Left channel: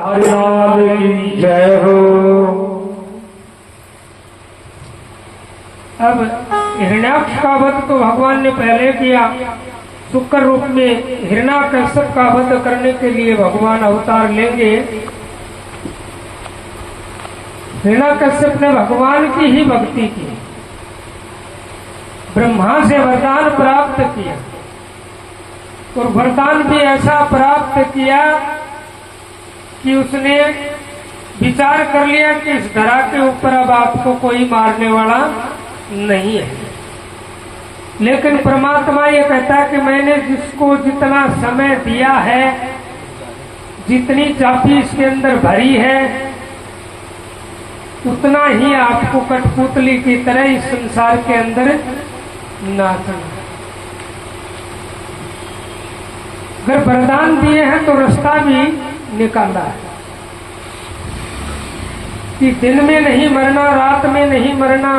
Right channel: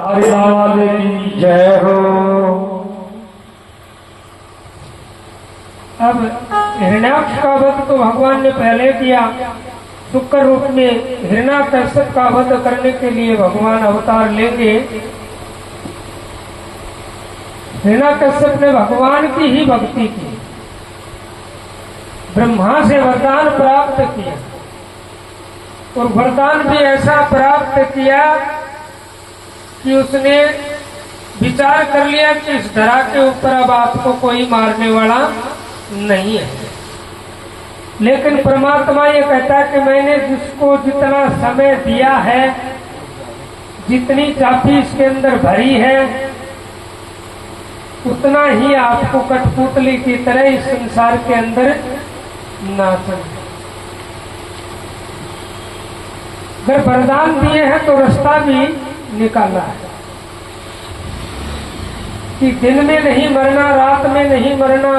हरिलाल की जय हो। अब हिरण्याक्ष का वध तो भगवान ने पहले किया। शुक्र रूप में हिरण्याकश्यप का वध करने के लिए भगवान अवतार लेंगे। हिरण्याकश्यप ने भगवान की ही भक्ति की, ब्रह्मा से वरदान प्राप्त किया और वरदान भी ऐसा प्राप्त किया कि उसने विचार कर लिया कि इस धरा के ऊपर अब आपको कोई मारने वाला नहीं है। लेकिन परमात्मा ये कहता है कि मैंने जिसको जितना समय दिया है, जितनी चाबी इसके अंदर भरी है, उतना ही आपको कठपुतली की तरह इस संसार के अंदर नाचना। अगर वरदान दिए हैं तो रास्ता भी निकाला है कि दिन में नहीं मरना, रात में नहीं मरना,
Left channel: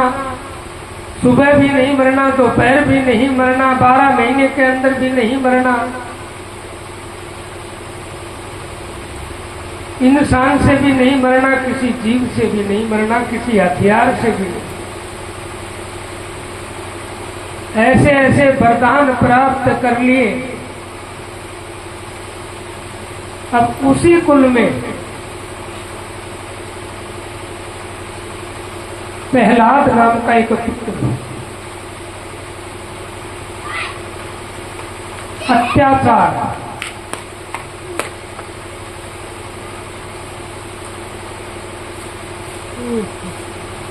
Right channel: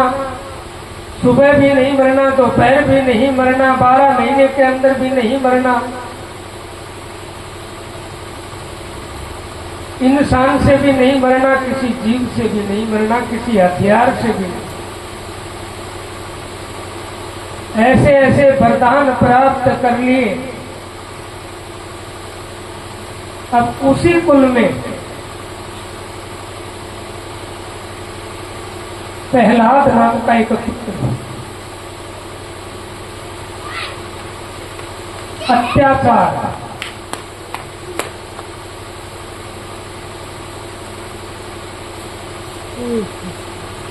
सुबह भी नहीं मरना, दोपहर भी नहीं मरना, 12 महीने के अंदर भी नहीं मरना, इंसान से भी नहीं मरना, किसी जीव से भी नहीं मरना, किसी हथियार से भी नहीं। ऐसे ऐसे वरदान प्राप्त कर लिए। अब उसी कुल में प्रहलाद नाम का एक पुत्र है।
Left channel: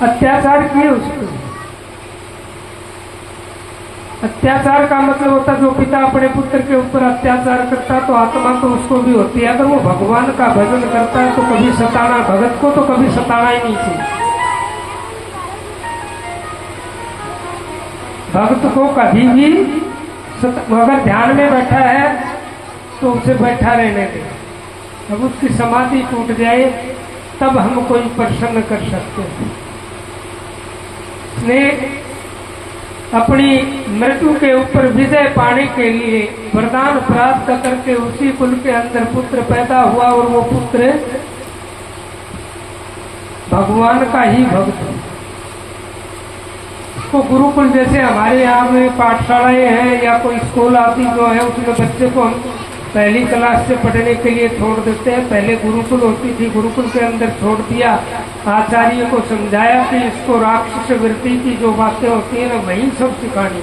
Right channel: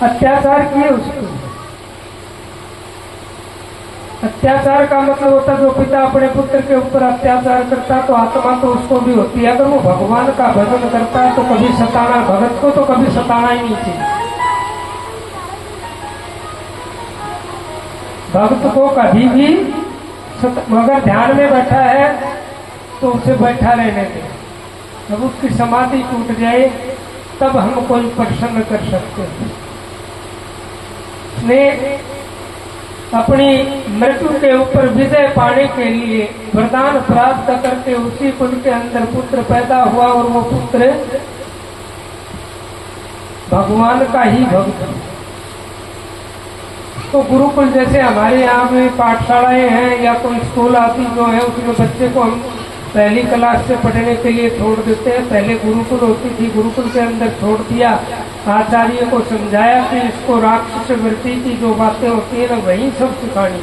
अत्याचार किए उसको। अत्याचार का मतलब होता है जो पिता अपने पुत्र के ऊपर अत्याचार करता तो आत्मा तो उसको भी होती है। अगर वो भगवान का भजन करता है तो कभी सताना, भगत को तो कभी सताना ही नहीं चाहिए। भक्त को कभी भी मगर ध्यान में बैठा है तो उसे बैठा रहने दे। अब उसकी समाधि टूट जाए तब हम कोई प्रसन्न कर सकते हैं। ने अपनी मृत्यु के ऊपर विजय पाने के लिए वरदान प्राप्त करके उसी कुल के अंदर पुत्र पैदा हुआ और वो पुत्र भगवान का ही भक्त। तो गुरुकुल जैसे हमारे यहाँ में पाठशालाएं हैं या कोई स्कूल आदि जो है उसमें बच्चे को हम पहली क्लास से पढ़ने के लिए छोड़ देते हैं। पहले गुरुकुल होती थी, गुरुकुल के अंदर छोड़ दिया। आचार्य को समझाया कि इसको राक्षस वृत्ति की जो बातें होती है ना वही सब सिखानी,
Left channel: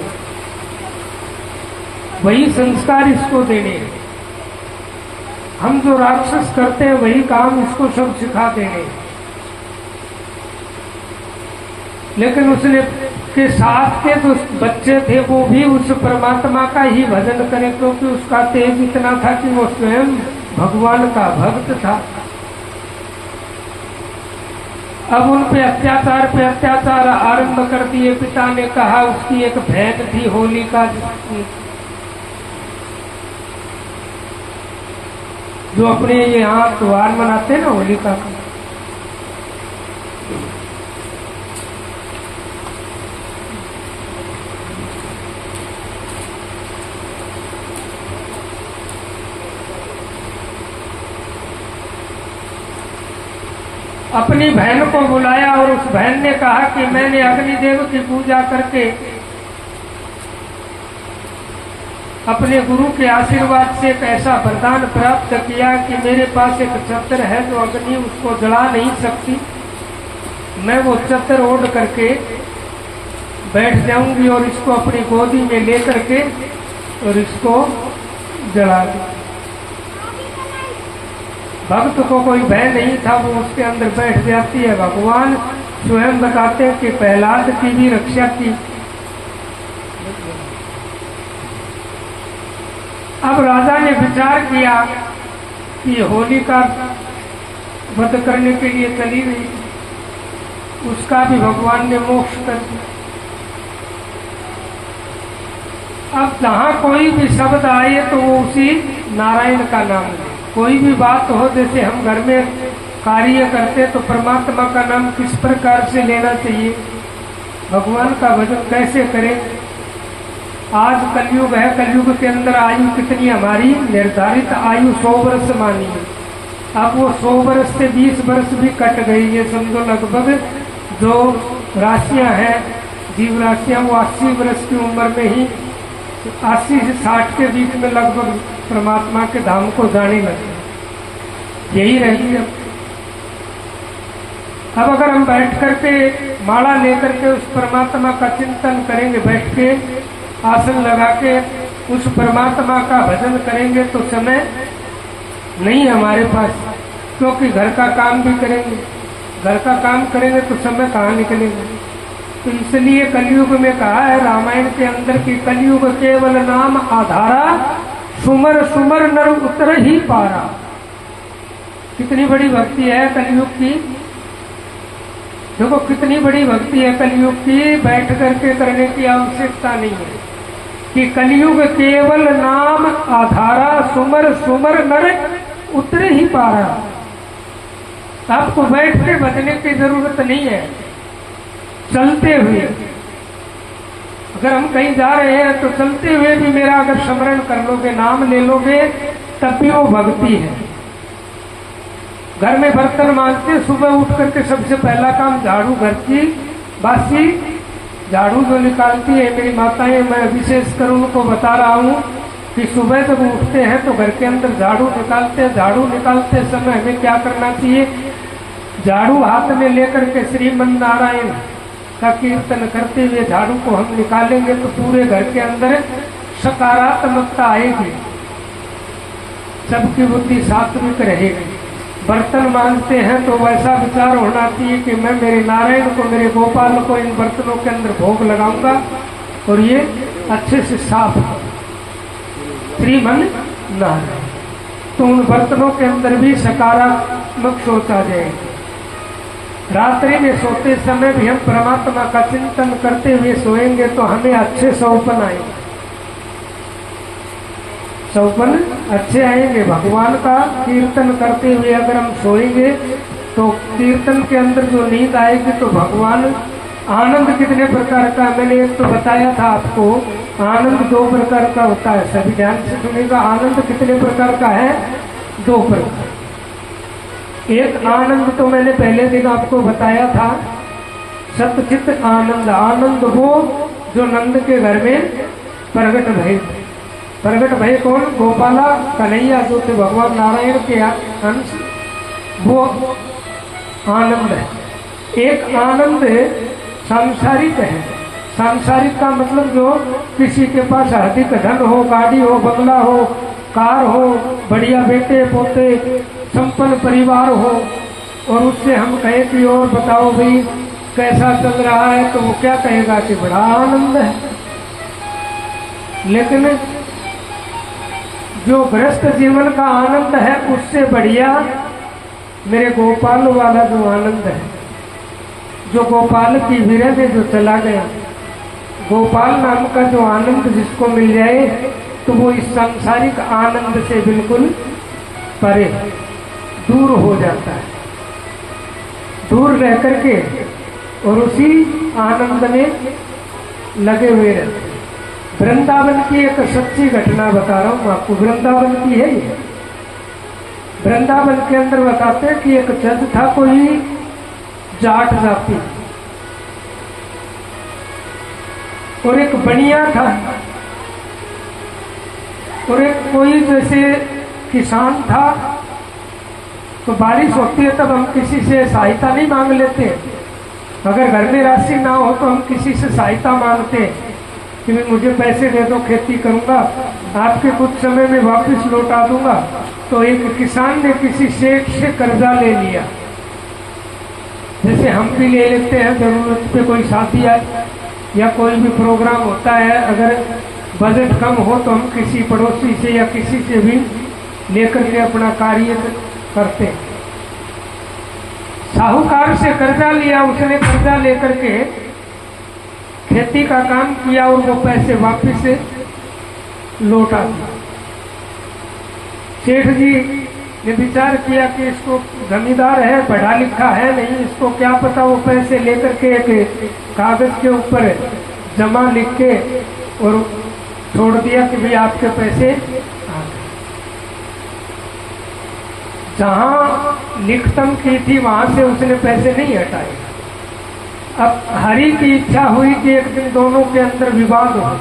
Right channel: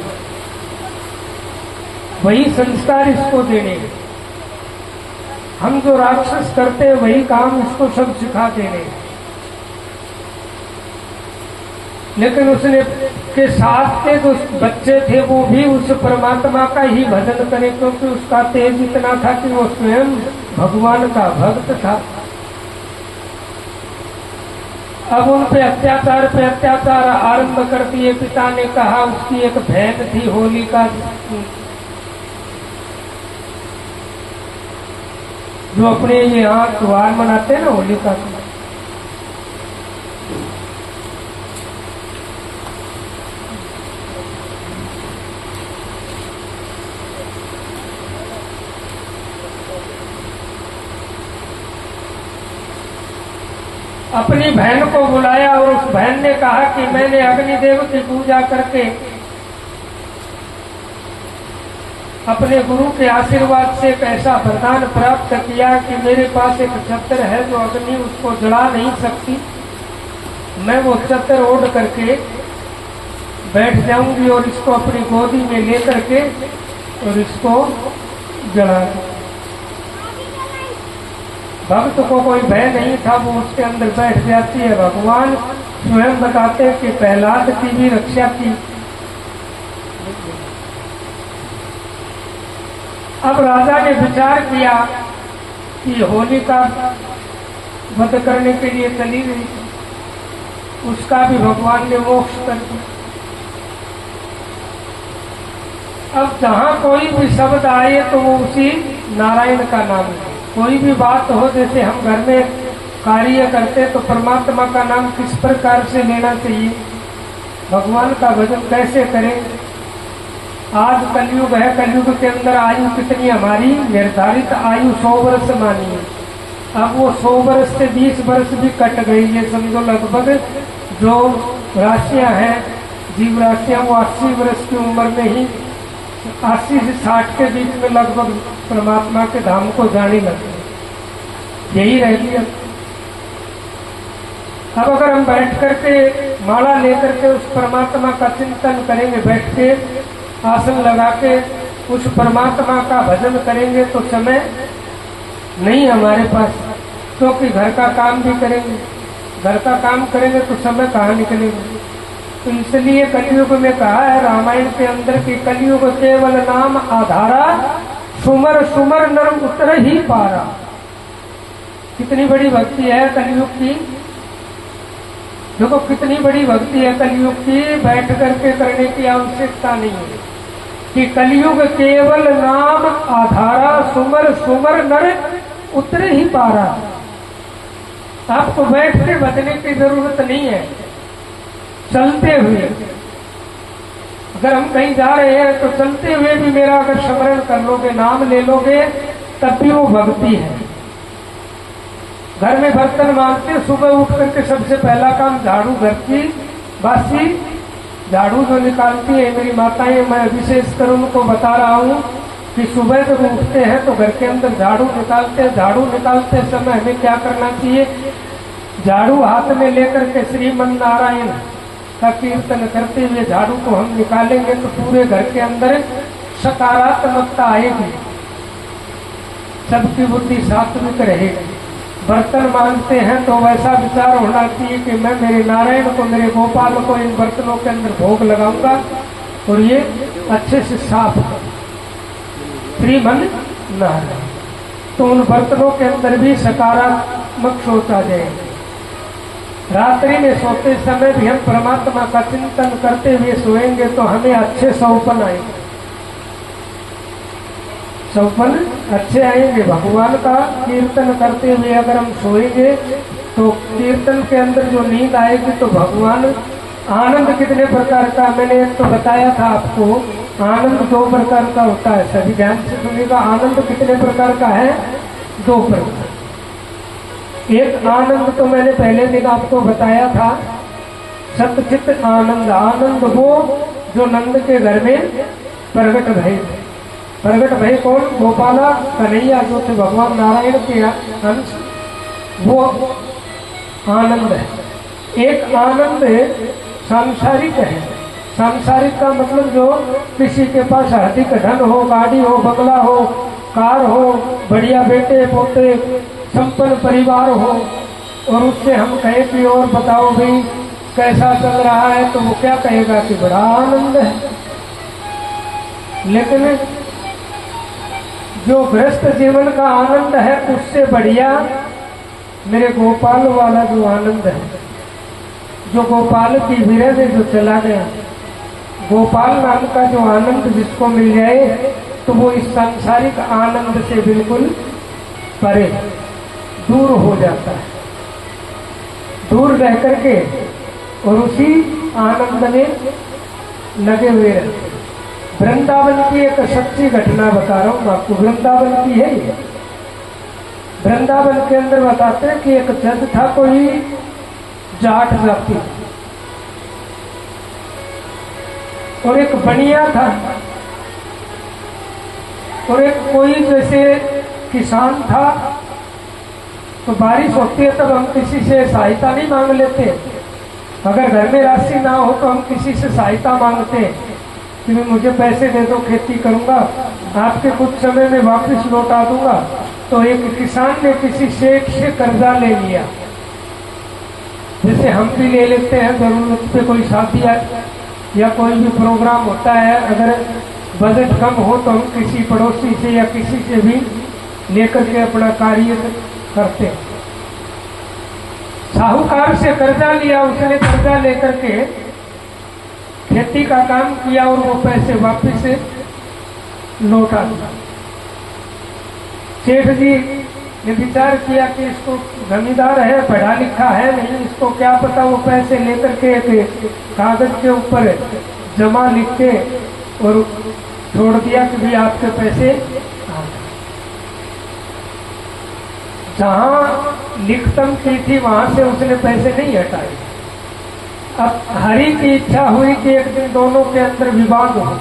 वही संस्कार इसको देने। हम जो राक्षस करते हैं वही काम इसको सब सिखा देने। लेकिन उसने के साथ के जो बच्चे थे वो भी उस परमात्मा का ही भजन करें, क्योंकि उसका तेज इतना था कि वो स्वयं भगवान का भक्त था। अब उन पे अत्याचार आरंभ कर दिए। पिता ने कहा, उसकी एक बहन थी होलिका, जो अपने यहाँ त्योहार मनाते हैं ना होलिका का, अपनी बहन को बुलाया और उस बहन ने कहा कि मैंने अग्निदेव की पूजा करके अपने गुरु के आशीर्वाद से एक ऐसा वरदान प्राप्त किया कि मेरे पास एक चतर है जो अग्नि उसको जला नहीं सकती। मैं वो चतर ओढ़ करके बैठ जाऊंगी और इसको अपनी गोदी में लेकर के और इसको जला दूंगी। भक्त को कोई भय नहीं था, वो उसके अंदर बैठ जाती है। भगवान स्वयं बताते हैं कि प्रहलाद की भी रक्षा की। अब राजा ने विचार किया कि होलिका वध करने के लिए चली गई, उसका भी भगवान ने मोक्ष कर दिया। अब जहां कोई भी शब्द आए तो वो उसी नारायण का नाम है। कोई भी बात हो, जैसे हम घर में कार्य करते तो परमात्मा का नाम किस प्रकार से लेना चाहिए, भगवान का भजन कैसे करें। आज कलयुग है, कलयुग के अंदर आयु कितनी हमारी निर्धारित आयु 100 वर्ष मानी है। अब वो 100 वर्ष से 20 वर्ष भी कट गई, ये समझो लगभग जो राशियां हैं, जीव राशियां, वो 80 वर्ष की उम्र में ही 80 से 60 के बीच में लगभग परमात्मा के धाम को जाने लगे। यही रह गई। अब अगर हम बैठ करके माला लेकर के उस परमात्मा का चिंतन करेंगे, बैठ के आसन लगा के उस परमात्मा का भजन करेंगे तो समय नहीं हमारे पास, क्योंकि घर का काम भी करेंगे, घर का काम करेंगे तो समय कहाँ निकलेगा। तो इसलिए कलयुग में कहा है रामायण के अंदर की कलयुग केवल नाम आधारा, सुमर सुमर नर उतर ही पारा। कितनी बड़ी भक्ति है कलयुग की, देखो कितनी बड़ी भक्ति है कलयुग की, बैठ करके करने की आवश्यकता नहीं है कि कलयुग केवल नाम आधारा, सुमर सुमर नर उतरे ही पारा। आपको बैठ के बचने की जरूरत नहीं है, चलते हुए, अगर हम कहीं जा रहे हैं तो चलते हुए भी मेरा अगर स्मरण कर लोगे, नाम ले लोगे, तब भी वो भक्ति है। घर में बर्तन मांजते, सुबह उठ करके सबसे पहला काम झाड़ू, घर की बासी झाड़ू जो निकालती है मेरी माताएं, मैं विशेष कर उनको बता रहा हूँ कि सुबह जब उठते हैं तो घर के अंदर झाड़ू निकालते हैं। झाड़ू निकालते समय हमें क्या करना चाहिए, झाड़ू हाथ में लेकर के श्रीमन नारायण का कीर्तन करते हुए झाड़ू को हम निकालेंगे तो पूरे घर के अंदर सकारात्मकता आएगी, सबकी बुद्धि सात्विक रहेगी। बर्तन मांजते हैं तो वैसा विचार होना चाहिए कि मैं मेरे नारायण को, मेरे गोपाल को इन बर्तनों के अंदर भोग लगाऊंगा और ये अच्छे से साफ कर श्रीमन नारायण। तो उन बर्तनों के अंदर भी सकारात्मक सोच आ जाएगी। रात्रि में सोते समय भी हम परमात्मा का चिंतन करते हुए सोएंगे तो हमें अच्छे सौपन आएंगे, सौपन अच्छे आएंगे। भगवान का कीर्तन करते हुए अगर हम सोएंगे तो कीर्तन के अंदर जो नींद आएगी तो भगवान, आनंद कितने प्रकार का, मैंने तो बताया था आपको, आनंद 2 प्रकार का होता है, सभी ध्यान से सुनिएगा। आनंद कितने प्रकार का है, 2 प्रकार। एक आनंद तो मैंने पहले दिन आपको बताया था, सतचित आनंद। आनंद वो जो नंद के घर में प्रगट भय, प्रगट भय कौन, गोपाला कन्हैया जो थे भगवान नारायण के अंश, वो आनंद है। एक आनंद सांसारिक है, सांसारिक का मतलब जो किसी के पास अधिक धन हो, गाड़ी हो, बंगला हो, कार हो, बढ़िया बेटे पोते, संपन्न परिवार हो, और उससे हम कहें कि और बताओ भाई कैसा चल रहा है, तो वो क्या कहेगा कि बड़ा आनंद है। लेकिन जो गृहस्थ जीवन का आनंद है उससे बढ़िया मेरे गोपाल वाला जो आनंद है, जो गोपाल की विरह में जो चला गया, गोपाल नाम का जो आनंद जिसको मिल जाए तो वो इस सांसारिक आनंद से बिल्कुल परे, दूर हो जाता है, दूर रह करके और उसी आनंद में लगे हुए रहते। वृंदावन की एक सच्ची घटना बता रहा हूँ आपको, वृंदावन की है ये। वृंदावन के अंदर बताते हैं कि एक जज था, कोई जाट जाति, और एक बनिया था, और एक कोई जैसे किसान था। तो बारिश होती है तब हम किसी से सहायता नहीं मांग लेते, अगर घर में राशि ना हो तो हम किसी से सहायता मांगते कि मुझे पैसे दे दो, खेती करूंगा, आपके कुछ समय में वापस लौटा दूंगा। तो एक किसान ने किसी सेठ से कर्जा ले लिया, जैसे हम भी ले लेते हैं जरूरत पे, कोई शादी है या कोई भी प्रोग्राम होता है, अगर बजट कम हो तो हम किसी पड़ोसी से या किसी से भी लेकर के अपना कार्य करते हैं। साहूकार से कर्जा लिया, उसने कर्जा लेकर के खेती का काम किया और वो पैसे वापस लौटा दिया। सेठ जी ने विचार किया कि इसको जमींदार है, पढ़ा लिखा है नहीं, इसको क्या पता, वो पैसे लेकर के एक कागज के ऊपर जमा लिख के और छोड़ दिया कि भाई आपके पैसे। जहां लिखतम की थी वहां से उसने पैसे नहीं हटाए। अब हरि की इच्छा हुई कि एक दिन दोनों के अंदर विवाद हो।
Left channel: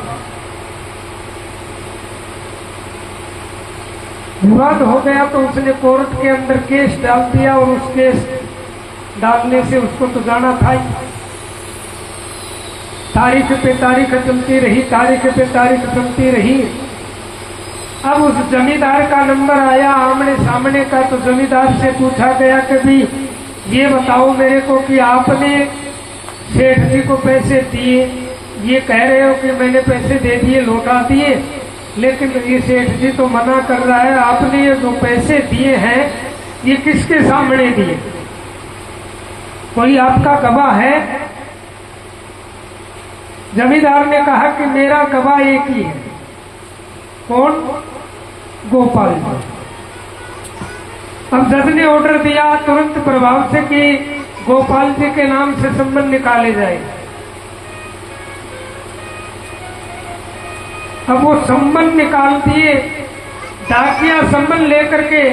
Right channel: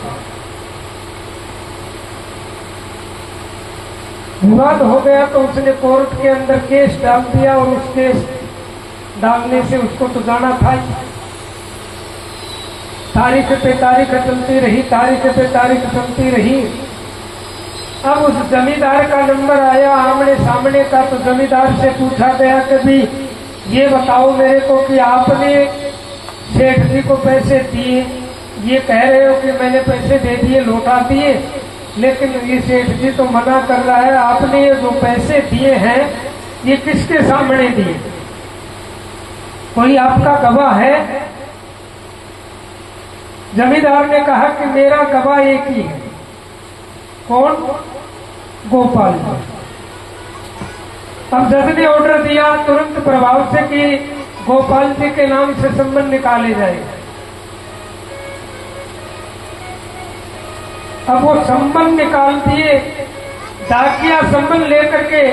विवाद हो गया तो उसने कोर्ट के अंदर केस डाल दिया, और उस केस डालने से उसको तो जाना था ही। तारीख पे तारीख चलती रही, तारीख पे तारीख चलती रही। अब उस जमींदार का नंबर आया आमने सामने का, तो जमींदार से पूछा गया कि भी ये बताओ मेरे को कि आपने सेठ जी को पैसे दिए, ये कह रहे हो कि मैंने पैसे दे दिए, लौटा दिए, लेकिन ये सेठ जी तो मना कर रहा है। आपने ये जो पैसे दिए हैं ये किसके सामने दिए? कोई आपका गवाह है? जमींदार ने कहा कि मेरा गवाह एक ही है। कौन? गोपाल जी। अब जज ने ऑर्डर दिया तुरंत प्रभाव से कि गोपाल जी के नाम से संबंध निकाले जाए। अब वो संबंध निकाल दिए, डाकिया संबंध लेकर के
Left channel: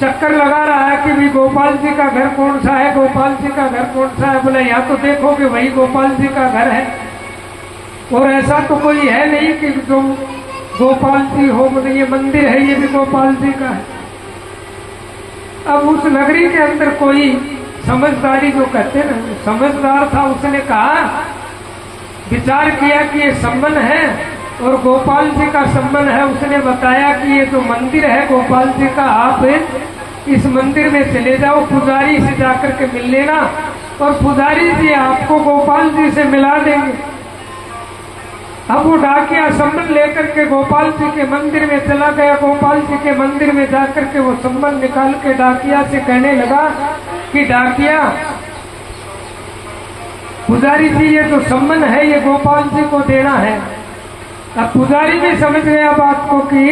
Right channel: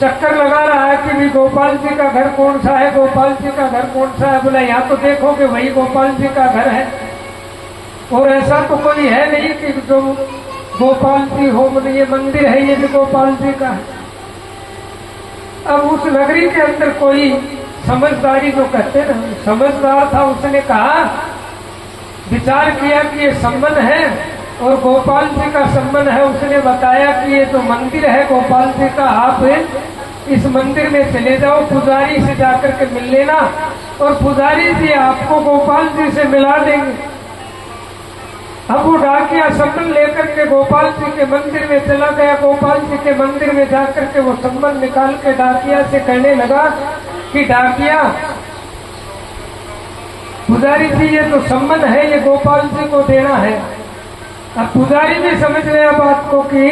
चक्कर लगा रहा है कि भी गोपाल जी का घर कौन सा है, गोपाल जी का घर कौन सा है। बोला यहाँ तो देखो कि वही गोपाल जी का घर है, और ऐसा तो कोई है नहीं कि जो गोपाल जी हो, बोले ये मंदिर है, ये भी गोपाल जी का है। अब उस नगरी के अंदर कोई समझदारी जो कहते ना, समझदार था, उसने कहा, विचार किया कि ये संबंध है और गोपाल जी का संबंध है। उसने बताया कि ये जो मंदिर है गोपाल जी का, आप इस मंदिर में चले जाओ, पुजारी से जाकर के मिल लेना, और पुजारी जी आपको गोपाल जी से मिला देंगे। अब वो डाकिया संबंध लेकर के गोपाल जी के मंदिर में चला गया। गोपाल जी के मंदिर में जाकर के वो संबंध निकाल के डाकिया से कहने लगा कि डाकिया, पुजारी जी ये जो संबंध है ये गोपाल जी को देना है। अब पुजारी भी समझ गया बात को कि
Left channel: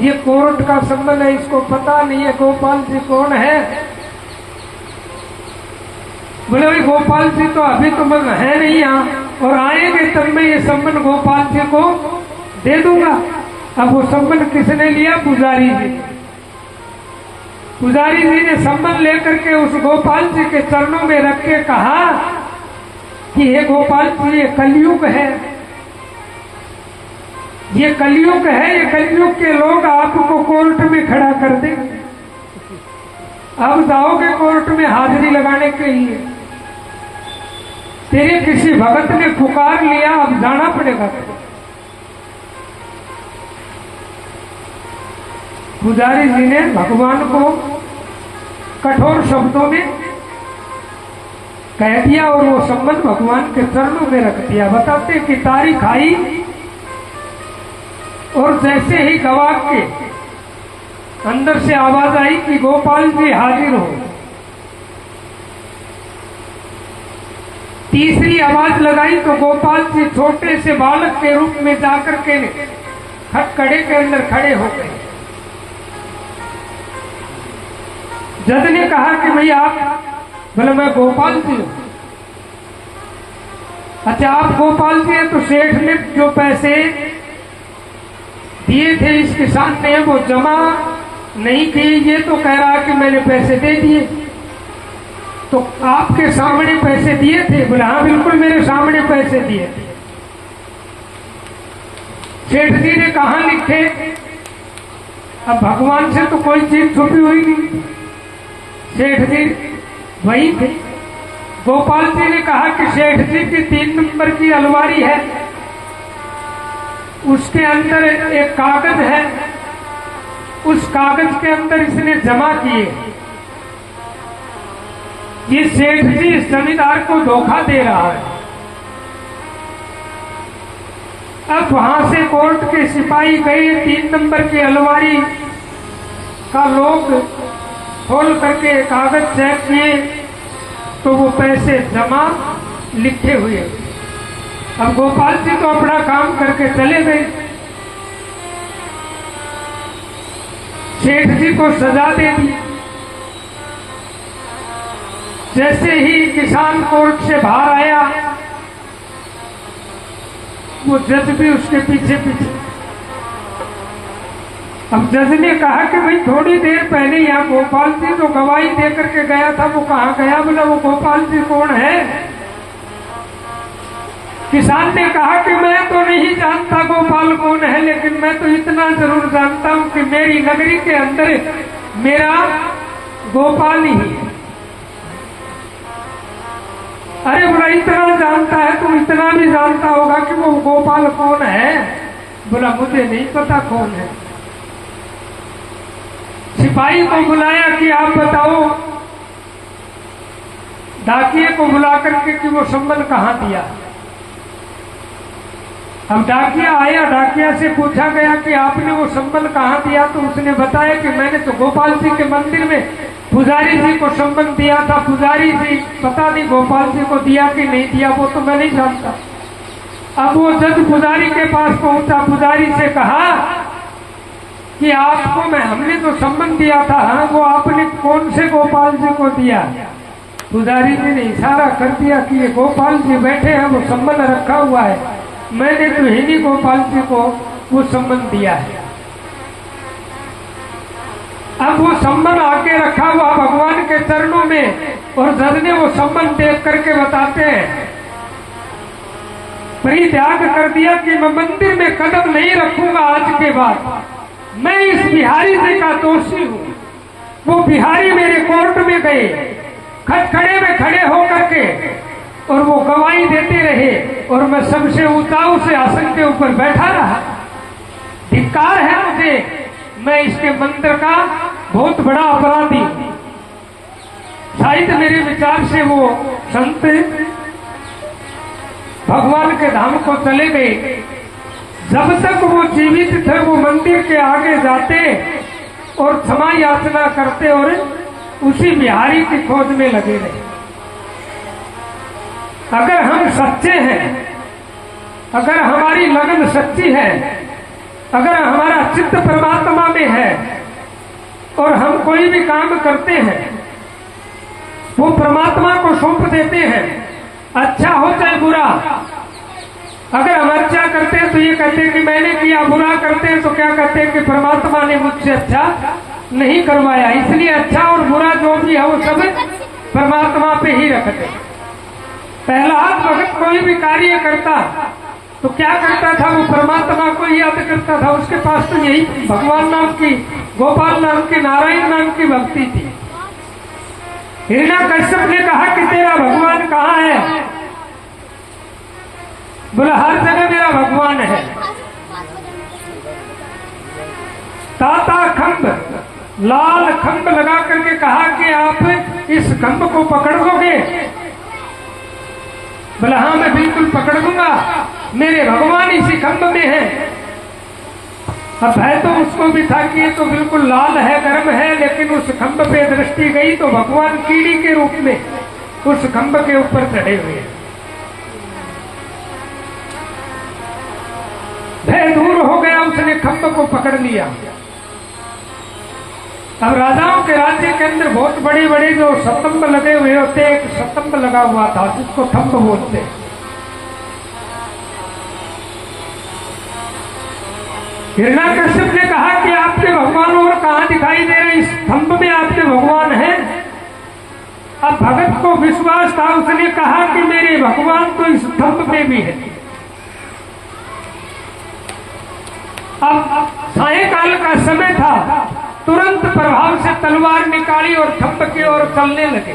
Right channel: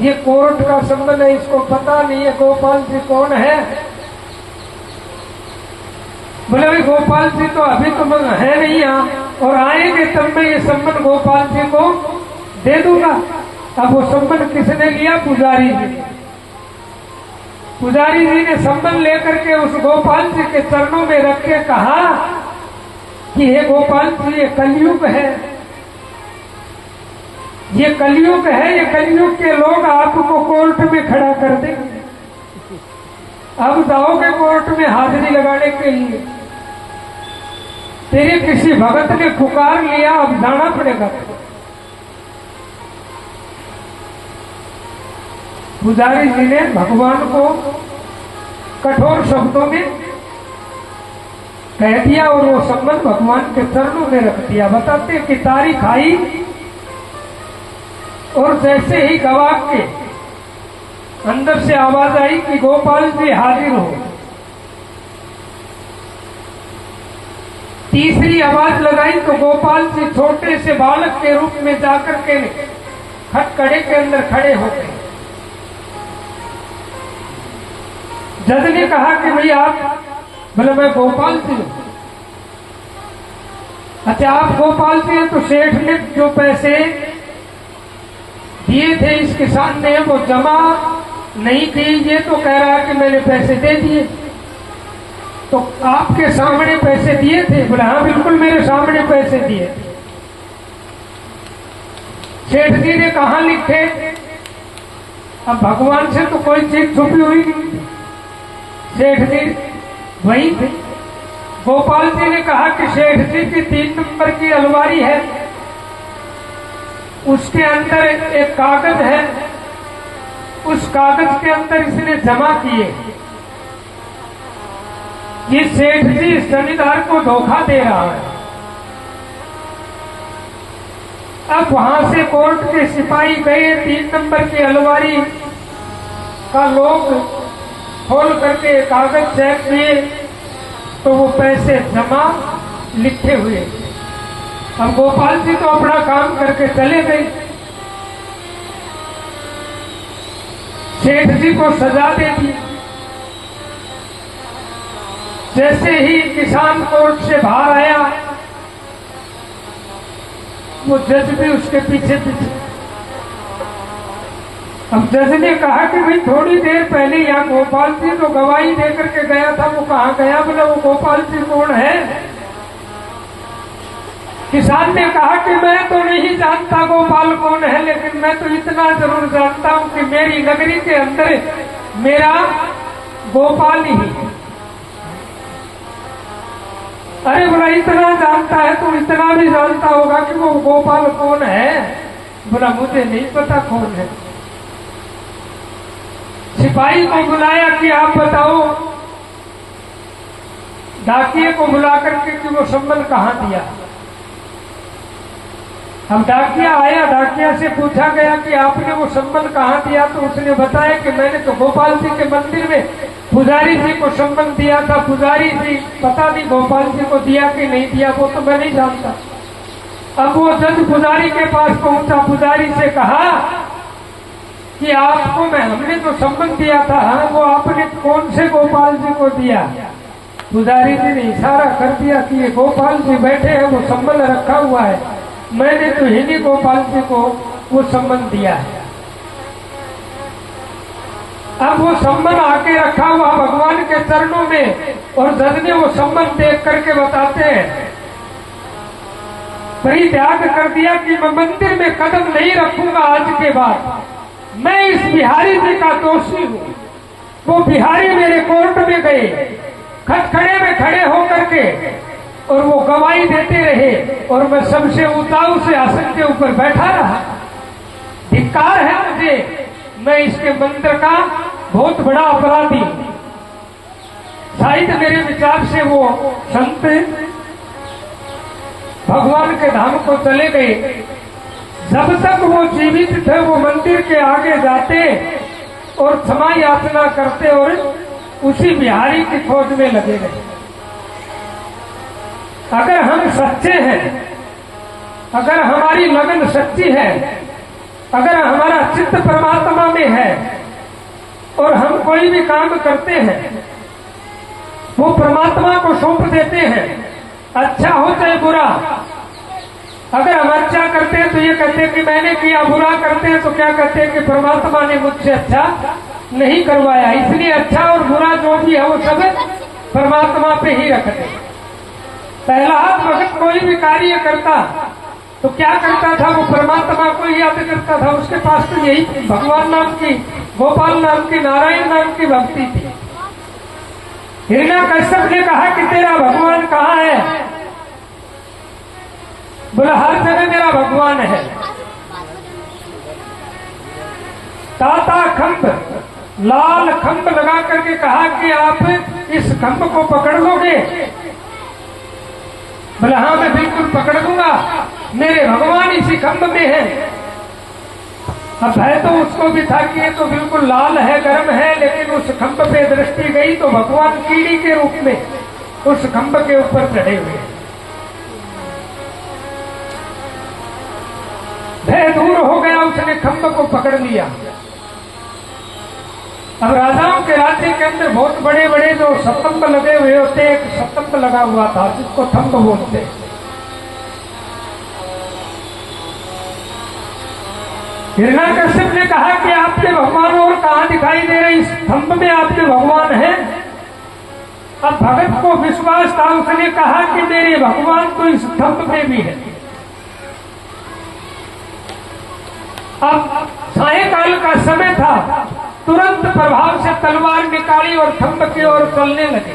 ये कोर्ट का संबंध है, इसको पता नहीं है गोपाल जी कौन है। बोले गोपाल जी तो अभी तो है नहीं यहाँ, और आएंगे तब मैं ये संबंध गोपाल जी को दे दूंगा। अब वो संबंध किसने लिया? पुजारी जी। पुजारी जी ने संबंध लेकर के उस गोपाल जी के चरणों में रख के कहा कि हे गोपाल जी, ये कलयुग है, ये कलयुग है, ये कलयुग के लोग आपको कोर्ट में खड़ा कर देंगे। अब जाओगे कोर्ट में हाजिरी लगाने के लिए, तेरे किसी भगत ने पुकार लिया, अब जाना पड़ेगा। पुजारी जी ने भगवान को कठोर शब्दों में कह दिया, और वो संबंध भगवान के चरणों में रख दिया। बताते कि तारीख आई, और जैसे ही गवाह के अंदर से आवाज आई कि गोपाल जी हाजिर हो, तीसरी आवाज लगाई तो गोपाल जी छोटे से बालक के रूप में जाकर के खटखड़े के अंदर खड़े हो गए। जज ने कहा कि भाई आप, बोले मैं गोपाल जी हूं। अच्छा आप गोपाल जी हैं, तो सेठ ने जो पैसे दिए थे इस किसान ने वो जमा नहीं किए, ये तो कह रहा है कि मैंने पैसे दे दिए। तो आपके सामने पैसे दिए थे? बोले हाँ बिल्कुल मेरे सामने पैसे दिए थे। सेठ जी ने कहा लिखे? अब भगवान से तो कोई चीज छुपी हुई नहीं, सेठ जी वही थे। गोपाल जी ने कहा कि सेठ जी की 3 नंबर की अलमारी है, उसके अंदर एक कागज है, उस कागज के अंदर इसने जमा किए। ये सेठ जी इस जमींदार को धोखा दे रहा है। अब वहां से कोर्ट के सिपाही गए, 3 नंबर की अलमारी का लोग खोल करके कागज चेक किए, तो वो पैसे जमा लिखे हुए। अब गोपाल जी तो अपना काम करके चले गए। सेठ जी को सजा दे दी। जैसे ही किसान कोर्ट से बाहर आया, वो जज भी उसके पीछे पीछे। अब जज ने कहा कि भाई थोड़ी देर पहले यहाँ गोपाल जी जो गवाही दे करके गया था वो कहाँ गया? बोला वो गोपाल जी कौन है? किसान ने कहा कि मैं तो नहीं जानता गोपाल कौन है, लेकिन मैं तो इतना जरूर जानता हूँ कि मेरी नगरी के अंदर मेरा गोपाल ही है। अरे बोला इतना जानता है तो इतना भी जानता होगा कि वो गोपाल कौन है? बोला मुझे नहीं पता कौन है। सिपाही को बुलाया कि आप बताओ, डाकिये को बुला करके कि वो संबल कहाँ दिया। अब डाकिया आया, डाकिया से पूछा गया कि आपने वो संबल कहाँ दिया? तो उसने बताया कि मैंने तो गोपाल जी के मंदिर में पुजारी जी को संबल दिया था। पुजारी जी पता नहीं गोपाल जी को दिया कि नहीं दिया, वो तो मैं नहीं जानता। अब वो जब पुजारी के पास पहुंचा, पुजारी से कहा कि आपको हमने तो संबल दिया था, हाँ, वो आपने कौन से गोपाल जी को दिया? पुजारी जी ने इशारा कर दिया कि ये गोपाल जी बैठे हैं, वो संबल रखा हुआ है, मैंने तो हिंदी गोपाल जी को वो संबल दिया है। अब वो संबल आके रखा हुआ भगवान के चरणों में, और जज ने वो संबल देख करके बताते हैं, परित्याग कर दिया कि मैं मंदिर में कदम नहीं रखूंगा आज के बाद। मैं इस बिहारी जी का दोषी हूँ। वो बिहारी मेरे कोर्ट में गए, खटखड़े में खड़े होकर के, और वो गवाही देते रहे, और मैं सबसे ऊंचाऊ से आसन के ऊपर बैठा रहा। धिक्कार है मुझे, मैं इसके मंदिर का बहुत बड़ा अपराधी हूँ। शायद मेरे विचार से वो संत भगवान के धाम को चले गए। जब तक वो जीवित थे वो मंदिर के आगे जाते और क्षमा याचना करते और उसी बिहारी की खोज में लगे रहे। अगर हम सच्चे हैं, अगर हमारी लगन सच्ची है, अगर हमारा चित्त परमात्मा में है और हम कोई भी काम करते हैं वो परमात्मा को सौंप देते हैं, अच्छा हो चाहे बुरा। अगर हम अच्छा करते हैं तो ये कहते हैं कि मैंने किया, बुरा करते हैं तो क्या कहते हैं कि परमात्मा ने मुझसे अच्छा नहीं करवाया, इसलिए अच्छा और बुरा जो भी है वो सब परमात्मा पे ही रखते हैं। पहला भगत कोई भी कार्य करता तो क्या करता था? वो परमात्मा को ही याद करता था। उसके पास तो यही भगवान नाम की, गोपाल नाम की, नारायण नाम की भक्ति थी। हिरण्यकश्यप ने कहा कि तेरा भगवान कहाँ है? बोला हर जगह मेरा भगवान है। ताता खंभ, लाल खंभ लगा करके कहा कि आप इस खंभ को पकड़ लोगे? बोला हाँ मैं बिल्कुल पकड़ लूंगा, मेरे भगवान इसी खंभ में है। अब है तो उसको भी था कि ये तो बिल्कुल लाल है, गर्म है, लेकिन उस खंभ पे दृष्टि गई तो भगवान कीड़ी के रूप में उस खंभ के ऊपर चढ़े हुए। भय दूर हो गया, उसने खंभ को पकड़ लिया। अब राजाओं के राज्य के अंदर बहुत बड़े बड़े जो स्तंभ लगे हुए होते, एक स्तंभ लगा हुआ था जिसको थंभ बोलते। हिरण्यकश्यप ने कहा कि आपके भगवान और कहाँ दिखाई दे रहे? इस स्तंभ में आपके भगवान हैं। अब भगत को विश्वास था, उसने कहा कि मेरे भगवान तो इस स्तंभ में भी है। अब सायंकाल का समय था, तुरंत प्रभाव से तलवार निकाली और खंभ के ओर चलने लगे।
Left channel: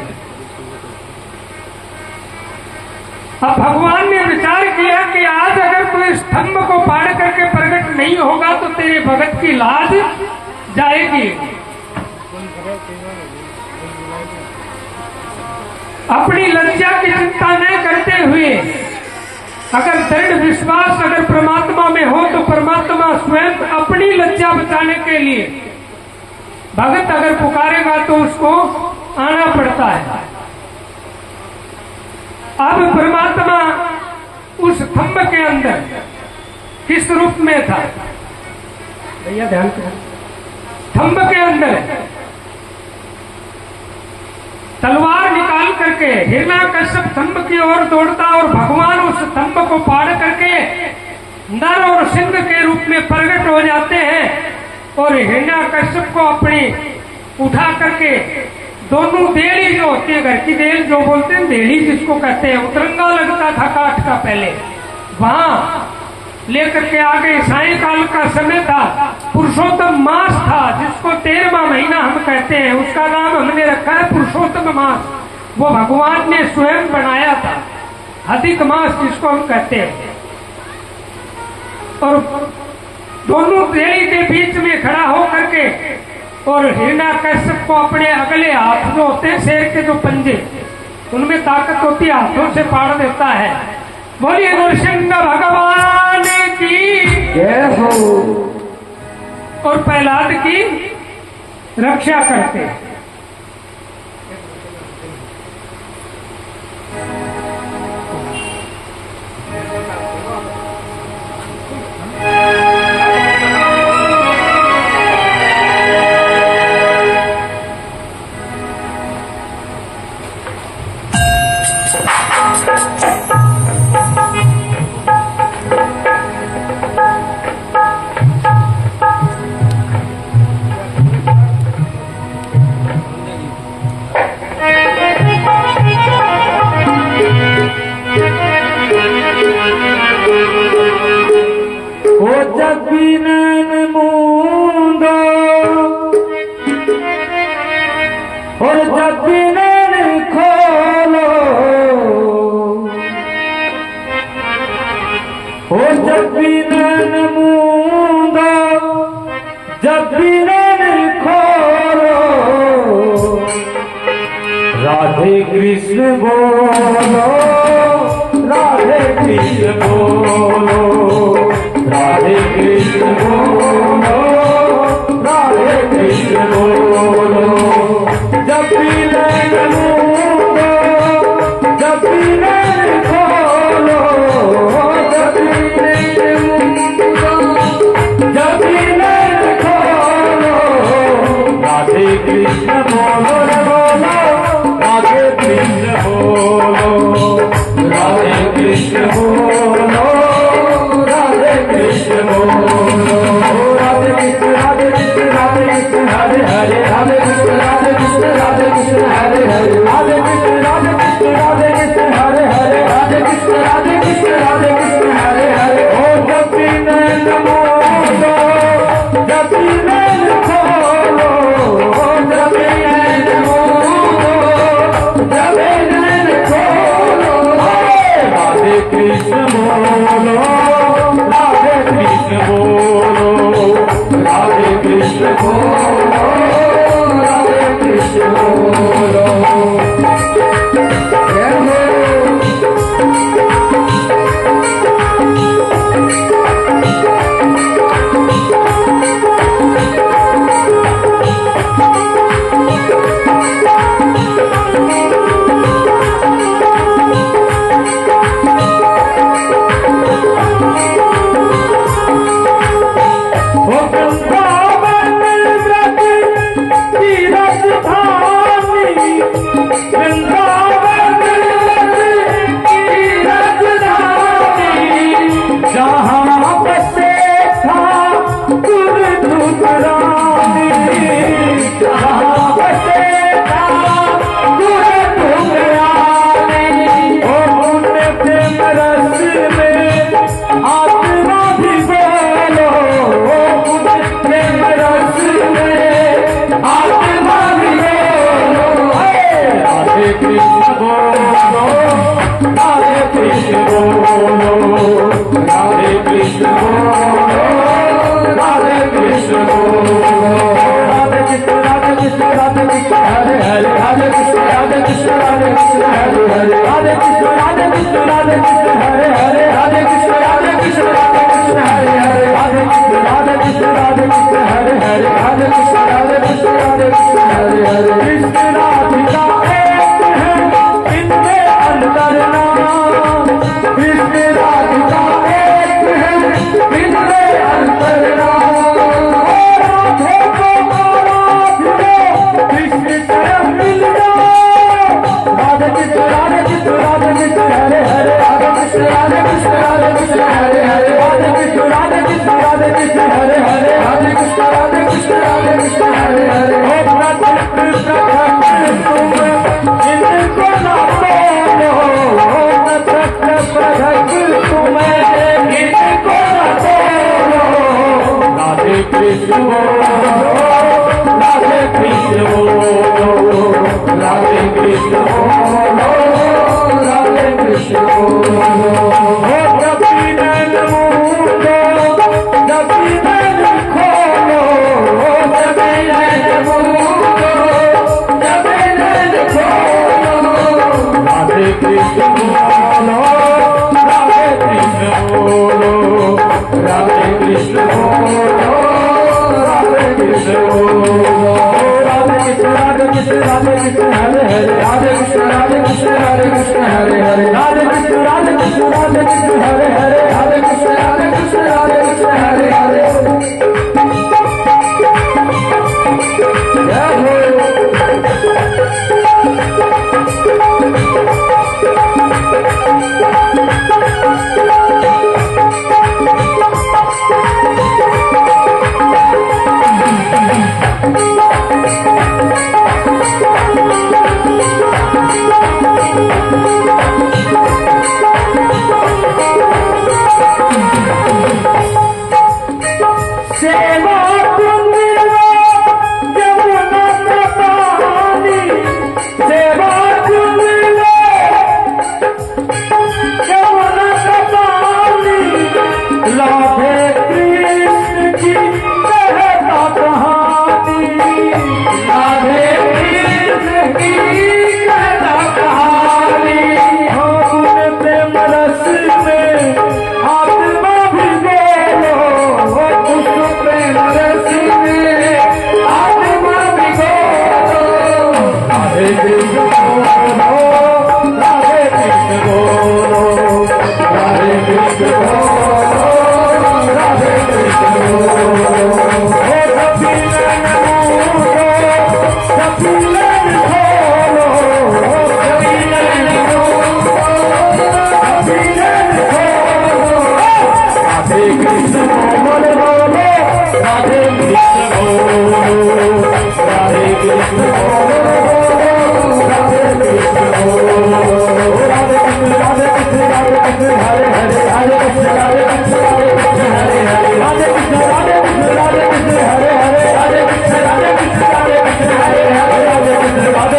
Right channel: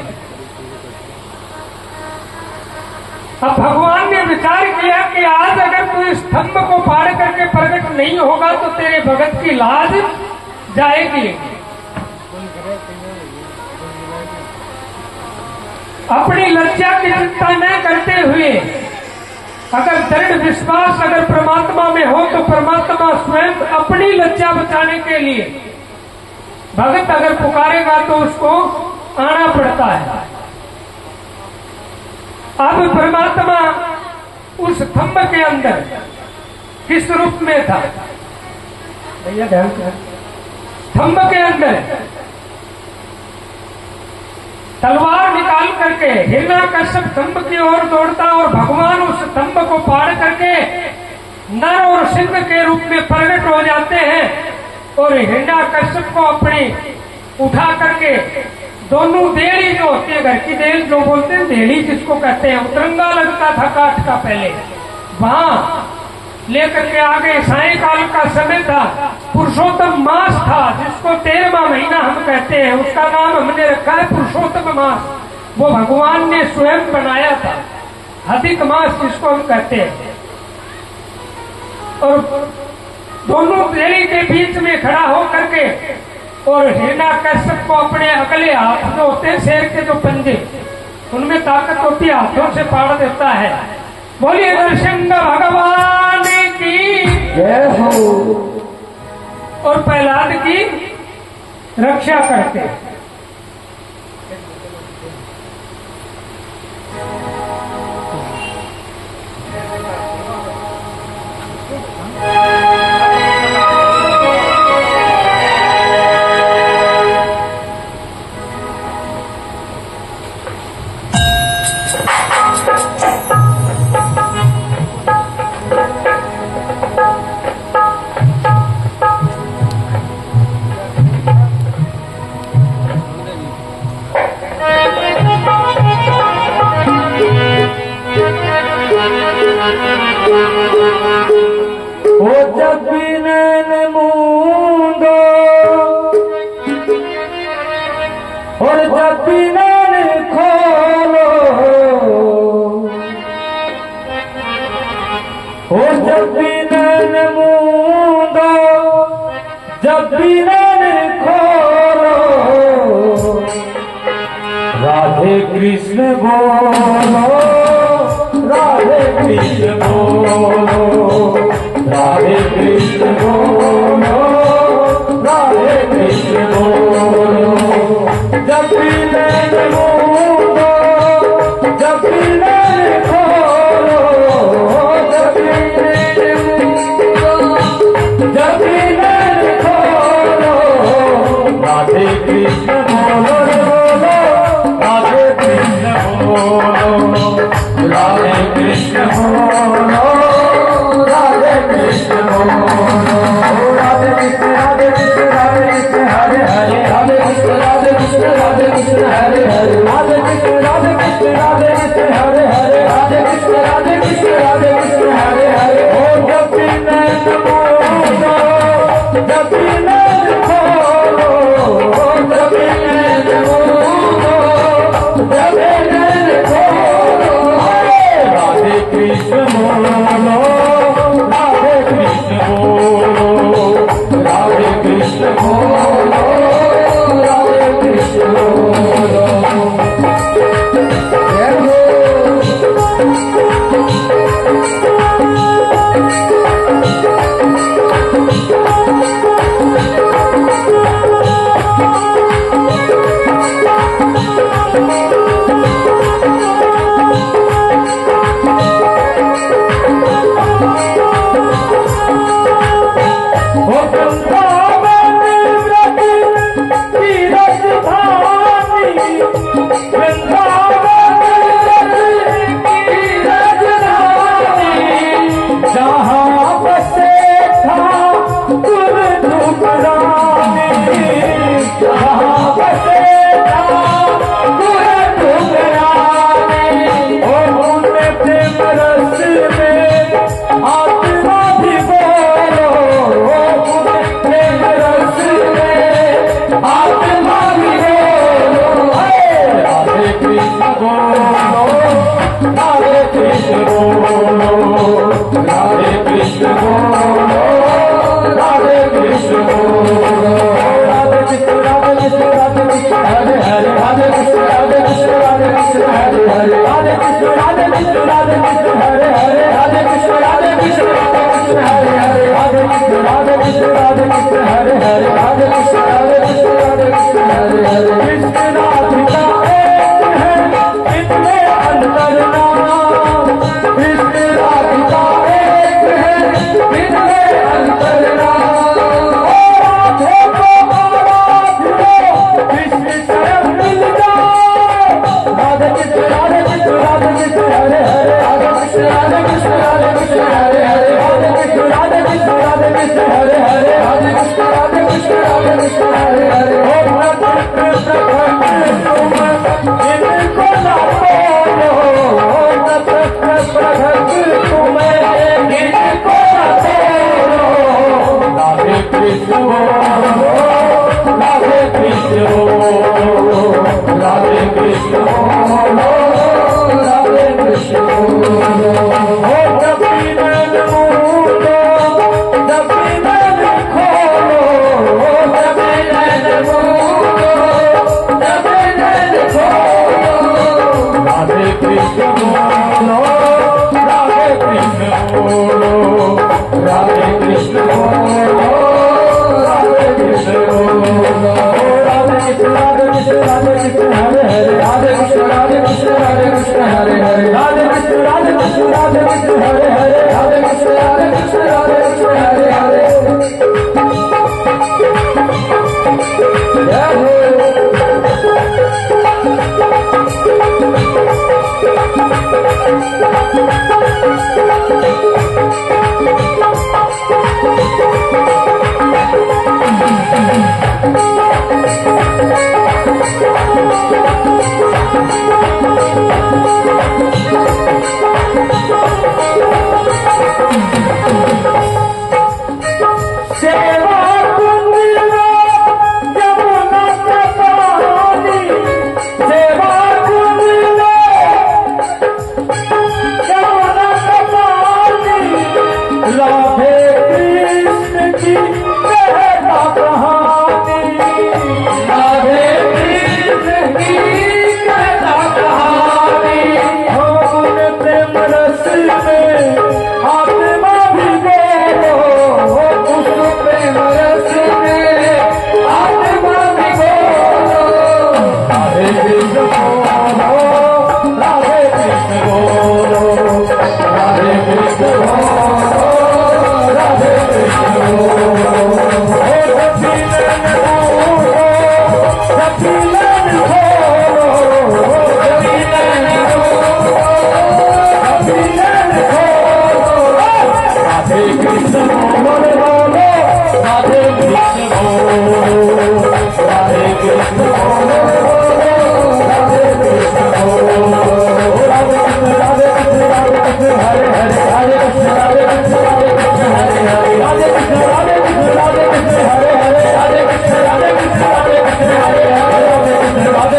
अब भगवान ने विचार किया कि आज अगर कोई स्तंभ को पार करके प्रकट नहीं होगा तो तेरे भगत की लाज जाएगी। अपनी लज्जा की चिंता न करते हुए, अगर दृढ़ विश्वास अगर परमात्मा में हो तो परमात्मा स्वयं अपनी लज्जा बचाने के लिए भगत अगर पुकारेगा तो उसको आना पड़ता है। अब परमात्मा उस खंभ के अंदर किस रूप में था? भैया ध्यान करो। खंभ के अंदर तलवार निकाल करके हिरण्यकश्यप खंभ की ओर दौड़ता और भगवान उस खंभ को पार करके नर और सिंह के रूप में प्रकट हो जाते हैं और हिरण्यकश्यप को अपनी उठा करके दोनों देली जो होती है, घर की देल जो बोलते हैं, देली जिसको कहते हैं, उतरंगा लगता था काठ का पहले, वहां लेकर के आगे सायंकाल का समय था। पुरुषोत्तम मास था जिसको 13वां महीना हम कहते हैं, उसका नाम हमने रखा है पुरुषोत्तम मास। वो भगवान ने स्वयं बनाया था, अधिक मास जिसको हम कहते हैं। और दोनों देवी के बीच में खड़ा होकर के और हिरण्यकश्यप को अपने अगले हाथ जो होते हैं, शेर के जो पंजे, उनमें ताकत होती है, हाथों से पाड़ देता है। बोलिए नरसिंह भगवान की जय हो। और प्रहलाद की रक्षा करते। जब भी नैन मूंदो और जब भी नैन खोलो, और जब भी नैन मूंदो, जब भी नैन खोलो, राधे कृष्ण बोलो, राधे कृष्ण बोलो, राधे कृष्ण बोलो, राधे कृष्ण बोलो। जब भी नैन मूंदो, जब भी नैन खोलो, जब भी नैन खोलो, राधे कृष्ण बोलो, बोलो राधे कृष्ण बोलो, राधे कृष्ण बोलो, राधे कृष्ण बोलो। राधे कृष्ण, राधे कृष्ण, राधे कृष्ण, हरे हरे, राधे कृष्ण, राधे कृष्ण, राधे कृष्ण, हरे हरे, राधे कृष्ण, राधे कृष्ण, राधे कृष्ण, हरे हरे, राधे कृष्ण, राधे कृष्ण, राधे कृष्ण, हरे हरे। ओ जब भी नैन मूंदो, जब भी नैन खोलो, जब भी नैन मूंदो, जब भी नैन खोलो, राधे कृष्ण बोलो, राधे कृष्ण बोलो, राधे कृष्ण बोलो, राधे कृष्ण बोलो। जय हो। Hare Krishna, Hare Krishna, Hare Krishna, Hare Krishna, Hare Krishna, Hare Krishna, Hare Krishna, Hare Krishna Radhe Krishna Hare Hare हो भक्त कृष्ण भक्त तुम इनको ना बोलो भक्त भक्त तुम इनको ना बोलो राधे कृष्ण बोलो राधे कृष्ण बोलो राधे कृष्ण बोलो राधे कृष्ण बोलो हो जपी नैन मूलो जपी नैन खोलो जपी नैन मूलो जपी नैन खोलो राधे कृष्ण बोलो राधे कृष्ण बोलो राधे कृष्ण बोलो राधे कृष्ण बोलो राधे कृष्ण राधे कृष्ण हरे हरे राधे कृष्ण राधे कृष्ण राधे कृष्ण हरे हरे राधे कृष्ण राधे कृष्ण राधे कृष्ण हरे हरे राधे कृष्ण राधे कृष्ण राधे कृष्ण हरे हरे जय हो सेवा कुंदिया यमुना कहानी सेवा कुंदिया यमुना कहानी लाभे कृष्ण की कहता कहानी लाभे कृष्ण की कहता कहानी हो गुण प्रेम रस में आत्मा भी बोलो राधे कृष्ण बोलो राधे कृष्ण बोलो राधे कृष्ण बोलो राधे कृष्ण बोलो हो जपी नैन मूलो जपी नैन खोलो जपी नैन खोलो जपी नैन खोलो राधे कृष्ण बोलो राधे कृष्ण बोलो राधे कृष्ण बोलो राधे कृष्ण बोलो राधे कृष्ण राधे कृष्ण राधे कृष्ण हरे हरे राधे कृष्ण राधे कृष्ण राधे कृष्ण हरे हरे राधे कृष्ण राधे कृष्ण राधे कृष्ण हरे हरे राधे कृष्ण राधे कृष्ण राधे कृष्ण हरे हरे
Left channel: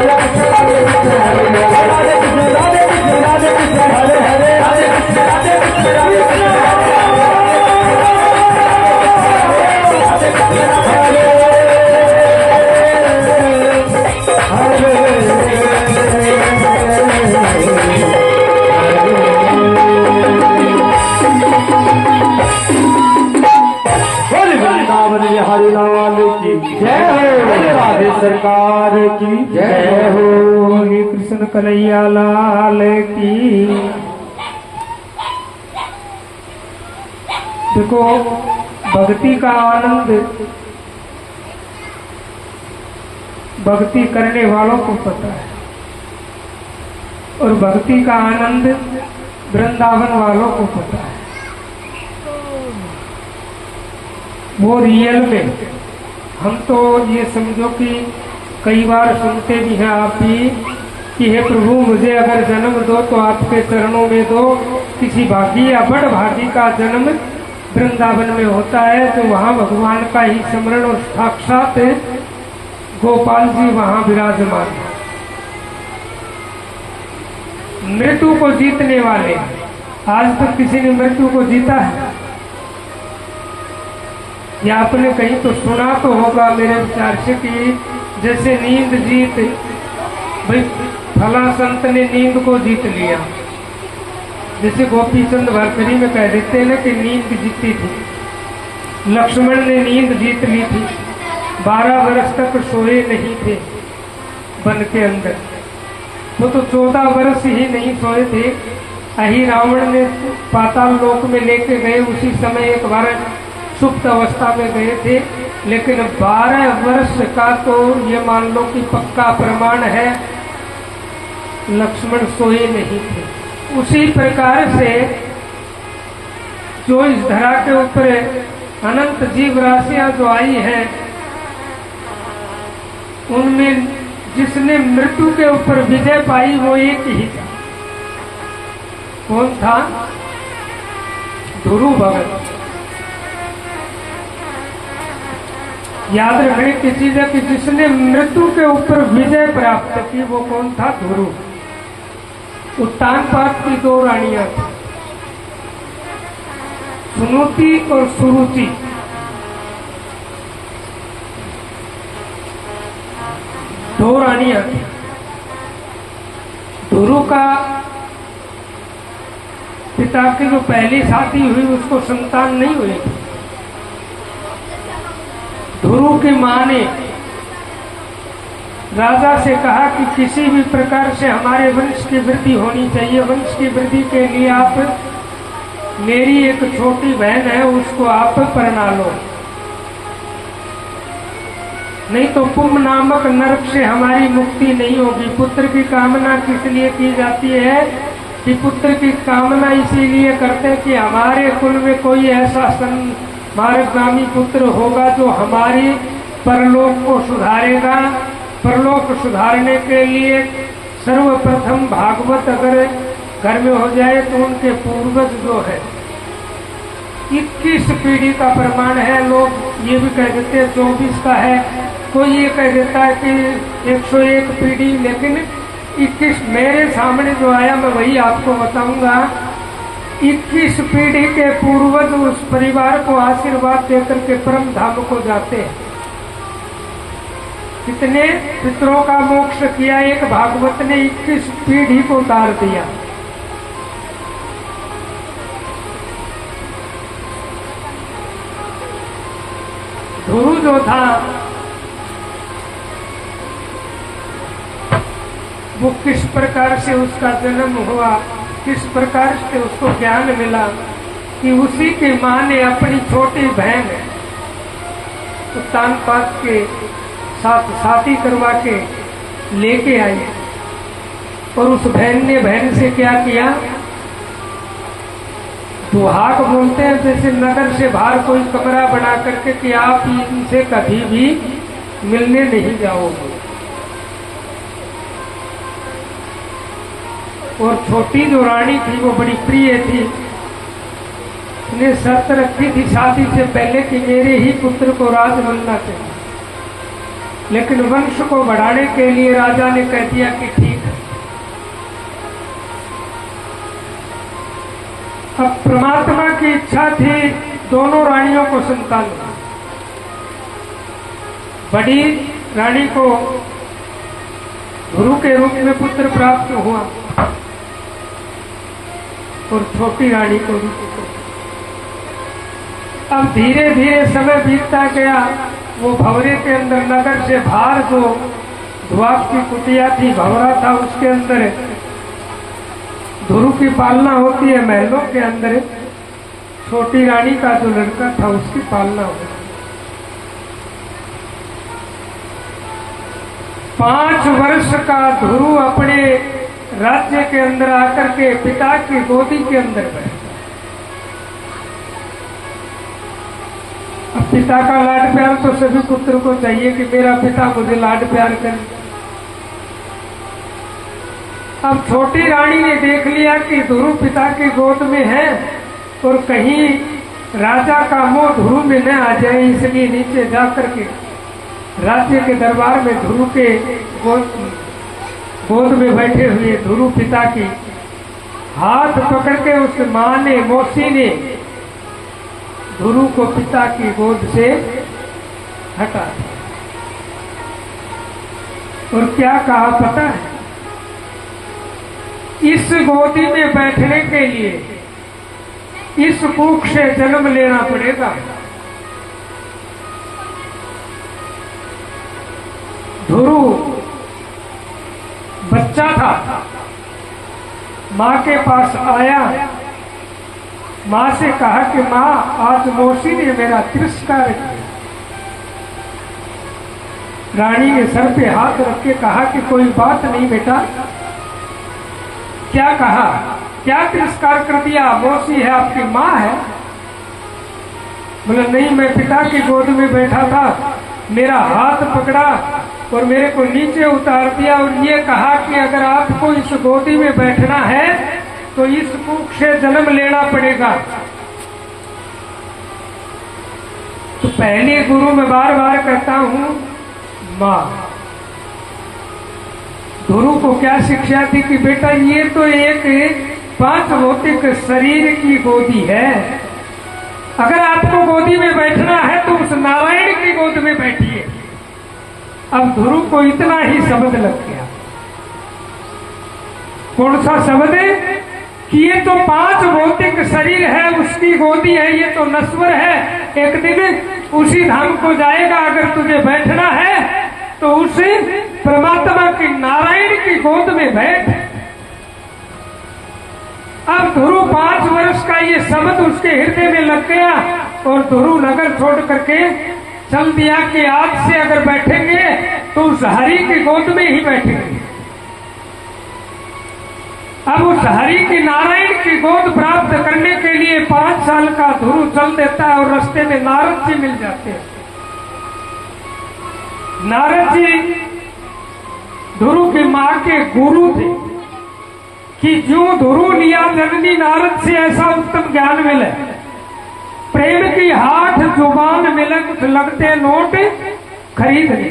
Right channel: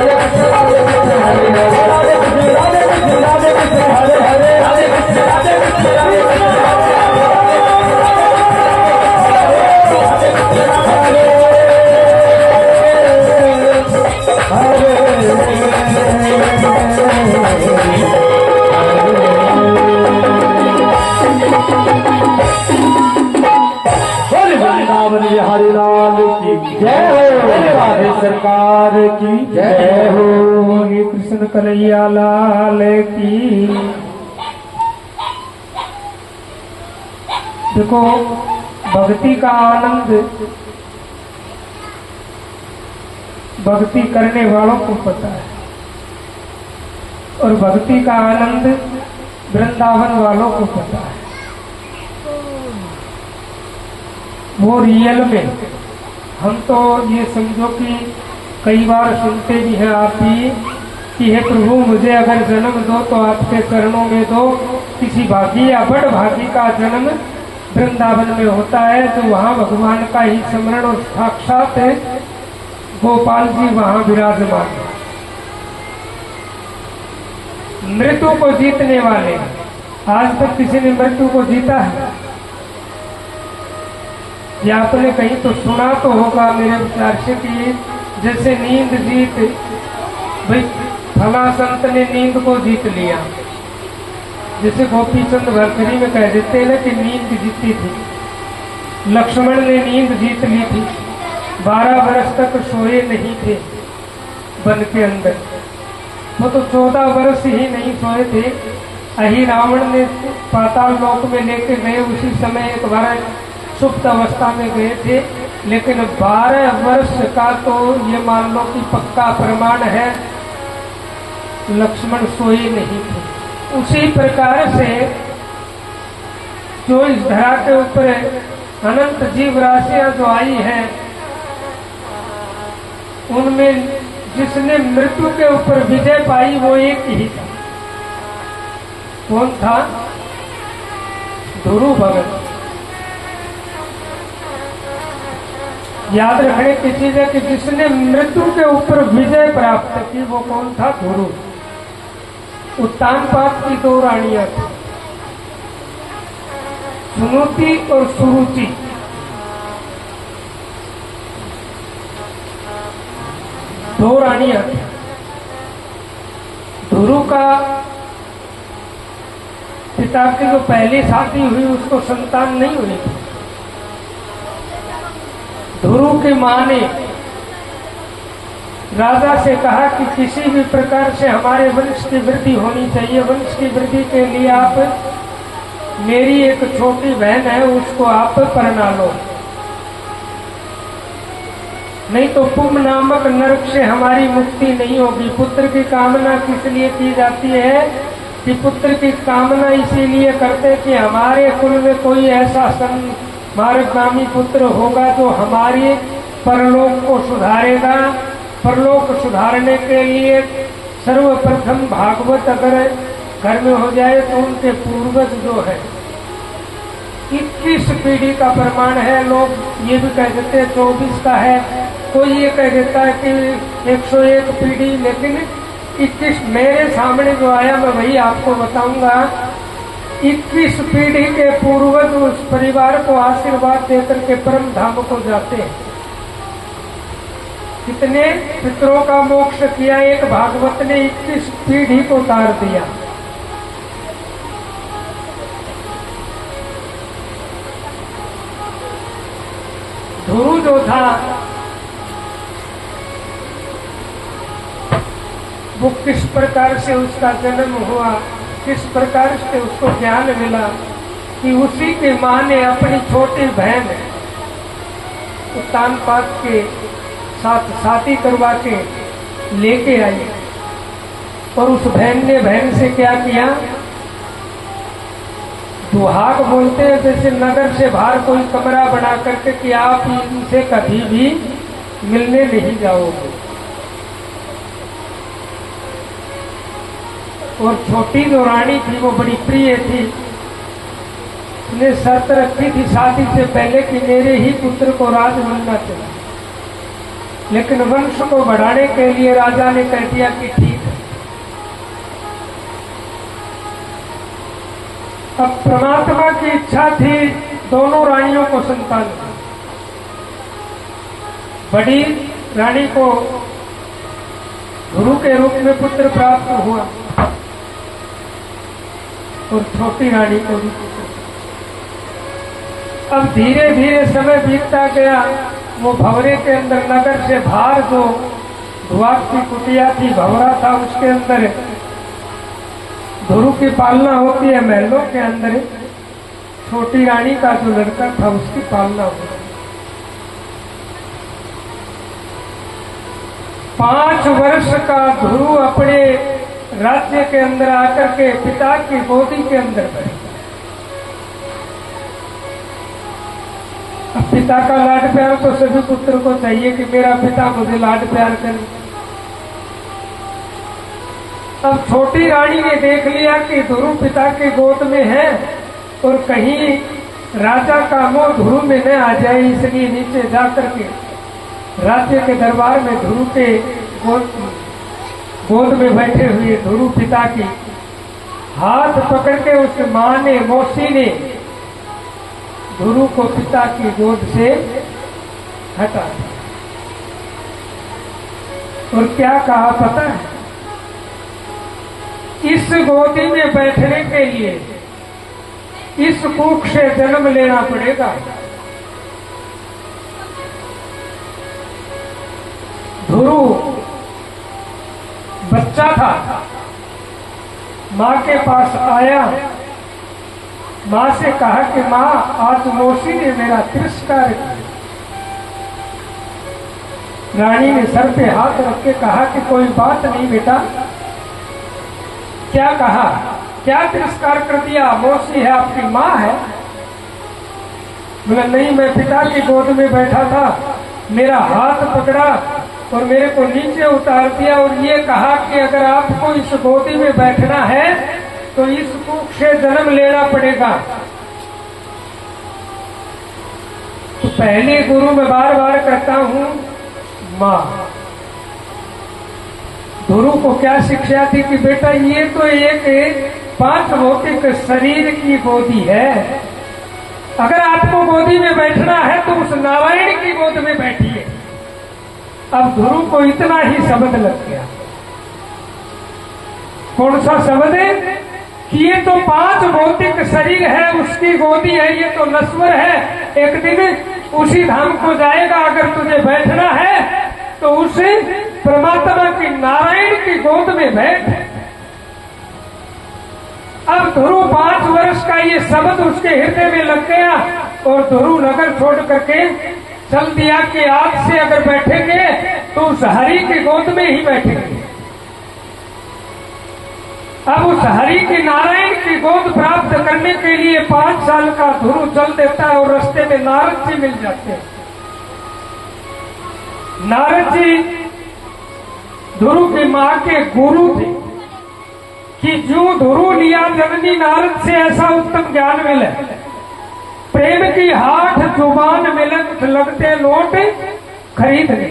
राधे कृष्ण राधे कृष्ण राधे कृष्ण हरे हरे राधे कृष्ण राधे कृष्ण राधे कृष्ण हरे हरे राधे कृष्ण राधे कृष्ण राधे कृष्ण हरे हरे राधे कृष्ण राधे कृष्ण राधे कृष्ण हरि लाल की जय हो राधे सरकार की जय हो श्री कृष्ण कन्हैया लाल की। देखो भक्ति का आनंद भक्ति करने वालों को पता है और भक्ति का आनंद वृंदावन वालों को पता है। वो रियल में हम तो ये समझो कि कई बार सुनते भी हैं आप भी कि हे प्रभु मुझे अगर जन्म दो तो आपके चरणों में दो। किसी भागी या बड़ भागी का जन्म वृंदावन में होता है तो वहाँ भगवान का ही स्मरण और साक्षात गोपाल जी वहाँ विराजमान है। मृत्यु को जीतने वाले आज तक किसी ने मृत्यु को जीता है या आपने कहीं तो सुना तो होगा मेरे विचार से कि जैसे नींद जीत भाई फला संत ने नींद को जीत लिया। जैसे गोपी चंद भरतरी में कह देते हैं ना कि नींद जीती थी। लक्ष्मण ने नींद जीत ली थी। 12 वर्ष तक सोए नहीं थे वन के अंदर। तो 14 वर्ष ही नहीं सोए थे। अही रावण ने पाताल लोक में लेके गए। उसी समय एक बार सुप्त अवस्था में गए थे, लेकिन 12 वर्ष का तो ये मान लो कि पक्का प्रमाण है लक्ष्मण सोए नहीं थे। उसी प्रकार से जो इस धरा के ऊपर अनंत जीव राशियां जो आई है, उनमें जिसने मृत्यु के ऊपर विजय पाई वो एक ही था। कौन था? ध्रुव भगत। याद रखने की चीज है कि जिसने मृत्यु के ऊपर विजय प्राप्त की वो कौन था? ध्रुव। उत्तानपाद की दो रानियां थी, सुनुति और सुरुचि। दो रानियां थी। ध्रुव का पिता की जो पहली शादी हुई उसको संतान नहीं हुई। ध्रुव की मां ने राजा से कहा कि किसी भी प्रकार से हमारे वंश की वृद्धि होनी चाहिए। वंश की वृद्धि के लिए आप मेरी एक छोटी बहन है उसको आप परणा लो, नहीं तो पुम नामक नरक से हमारी मुक्ति नहीं होगी। पुत्र की कामना किस लिए की जाती है कि पुत्र की कामना इसीलिए करते कि हमारे कुल में कोई ऐसा मार्गगामी पुत्र होगा जो हमारी परलोक को सुधारेगा। परलोक सुधारने के लिए सर्वप्रथम भागवत अगर घर में हो जाए तो उनके पूर्वज जो है 21 पीढ़ी का प्रमाण है। लोग ये भी कह देते हैं 24 का है, कोई ये कह देता है कि 101 पीढ़ी, लेकिन 21 मेरे सामने जो आया मैं वही आपको बताऊंगा। 21 पीढ़ी के पूर्वज उस परिवार को आशीर्वाद देकर के परम धाम को जाते हैं। कितने पितरों का मोक्ष किया एक भागवत ने, 21 पीढ़ी को उतार दिया। ध्रुव जो था वो किस प्रकार से उसका जन्म हुआ, किस प्रकार से उसको ज्ञान मिला कि उसी की मां ने अपनी छोटी बहन उत्तानपाद के साथ शादी करवा के लेके आई। और उस बहन ने बहन से क्या किया? दुहाक बोलते हैं, जैसे नगर से बाहर कोई कमरा बना करके कि आप इनसे कभी भी मिलने नहीं जाओगे। और छोटी जो रानी थी वो बड़ी प्रिय थी, उसने शर्त रखी थी शादी से पहले कि मेरे ही पुत्र को राज बनना चाहिए। लेकिन वंश को बढ़ाने के लिए राजा ने कह दिया कि ठीक है। अब परमात्मा की इच्छा थी दोनों रानियों को संतान दी। बड़ी रानी को गुरु के रूप में पुत्र प्राप्त हुआ और छोटी रानी को भी पुत्र। अब धीरे धीरे समय बीतता गया। वो भंवरे के अंदर नगर से बाहर जो धुआक की कुटिया थी, भंवरा था, उसके अंदर ध्रुव की पालना होती है। महलों के अंदर छोटी रानी का जो लड़का था उसकी पालना होती है। 5 वर्ष का ध्रुव अपने राज्य के अंदर आकर के पिता की गोदी के अंदर बैठा। अब पिता का लाड प्यार तो सभी पुत्र को चाहिए कि मेरा पिता मुझे लाड प्यार करे। अब छोटी रानी ने देख लिया कि ध्रुव पिता की गोद में है और कहीं राजा का मोह ध्रुव में न आ जाए, इसलिए नीचे जाकर के राज्य के दरबार में ध्रुव के गोद में बैठे हुए ध्रुव पिता की हाथ पकड़ के उस मां ने, मौसी ने ध्रुव को पिता की गोद से हटा दिया। और क्या कहा पता है? इस गोदी में बैठने के लिए इस कुख से जन्म लेना पड़ेगा। ध्रुव बच्चा था, मां के पास आया, मां से कहा कि मां आज मौसी ने मेरा तिरस्कार किया। रानी ने सर पे हाथ रख के कहा कि कोई बात नहीं बेटा। क्या कहा? क्या तिरस्कार कर दिया? मौसी है, आपकी मां है। बोला नहीं, मैं पिता की गोद में बैठा था, मेरा हाथ पकड़ा और मेरे को नीचे उतार दिया और ये कहा कि अगर आपको इस गोदी में बैठना है तो इस कुख से जन्म लेना पड़ेगा। तो पहले गुरु में बार बार कहता हूं मां। गुरु को क्या शिक्षा थी कि बेटा ये तो एक 5 भौतिक शरीर की गोदी है, अगर आपको गोदी में बैठना है तो उस नारायण की गोद में बैठिए। अब गुरु को इतना ही शब्द लग गया। कौन सा शब्द है कि ये तो 5 भौतिक शरीर है, उसकी गोदी है, ये तो नश्वर है, एक दिन उसी धाम को जाएगा। अगर तुझे बैठना है तो उस परमात्मा की नारायण की गोद में बैठ। अब ध्रुव 5 वर्ष का ये शब्द उसके हृदय में लग गया और ध्रुव नगर छोड़ करके चल दिया कि आज से अगर बैठेंगे तो उस हरि की गोद में ही बैठेंगे। अब उस हरि की नारायण की गोद प्राप्त करने के लिए 5 साल का ध्रुव चल देता है और रास्ते में नारद जी मिल जाते हैं। नारद जी ध्रुव की मां के गुरु थे कि जो ध्रुव लिया जननी नारद से ऐसा उत्तम ज्ञान मिले। प्रेम की हाथ जुबान में लगते नोट खरीद ले।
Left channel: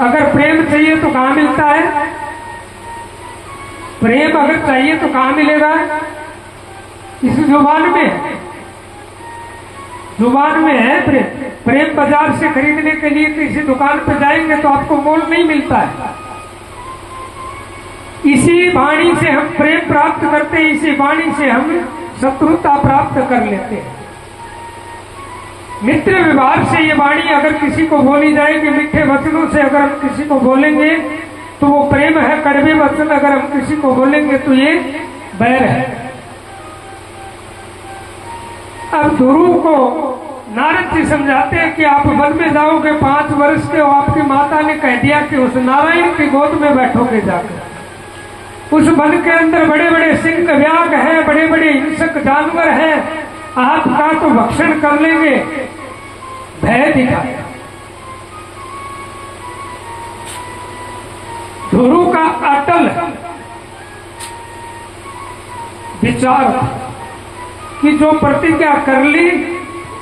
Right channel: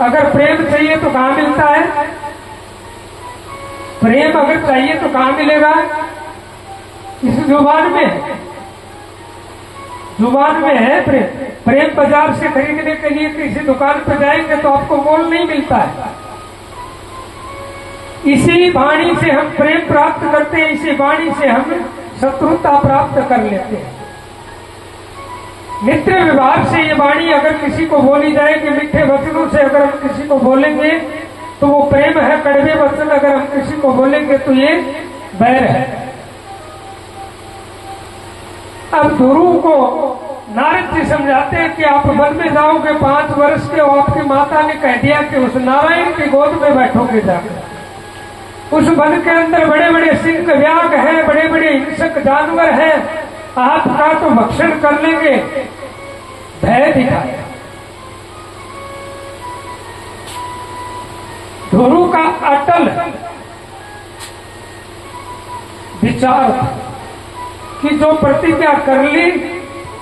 अगर प्रेम चाहिए तो कहां मिलता है? प्रेम अगर चाहिए तो कहां मिलेगा? इस जुबान में, जुबान में है प्रेम। प्रेम बाजार से खरीदने के लिए किसी दुकान पर जाएंगे तो आपको मोल नहीं मिलता है। इसी वाणी से हम प्रेम प्राप्त करते हैं, इसी वाणी से हम शत्रुता प्राप्त कर लेते हैं। मित्र विभाग से ये वाणी अगर किसी को बोली जाएगी, मीठे वचनों से अगर हम किसी को बोलेंगे तो वो प्रेम है। कड़वे वचन अगर हम किसी को बोलेंगे तो ये बैर है। अब गुरु को नारद जी समझाते हैं कि आप वन में जाओगे 5 वर्ष के, और आपकी माता ने कह दिया कि उस नारायण की गोद में बैठोगे जाकर। उस वन के अंदर बड़े बड़े सिंह व्याघ्र हैं, बड़े बड़े हिंसक जानवर हैं, आपका तो भक्षण कर लेंगे। भय दिखाया। गुरु का अटल विचार कि जो प्रतिज्ञा कर ली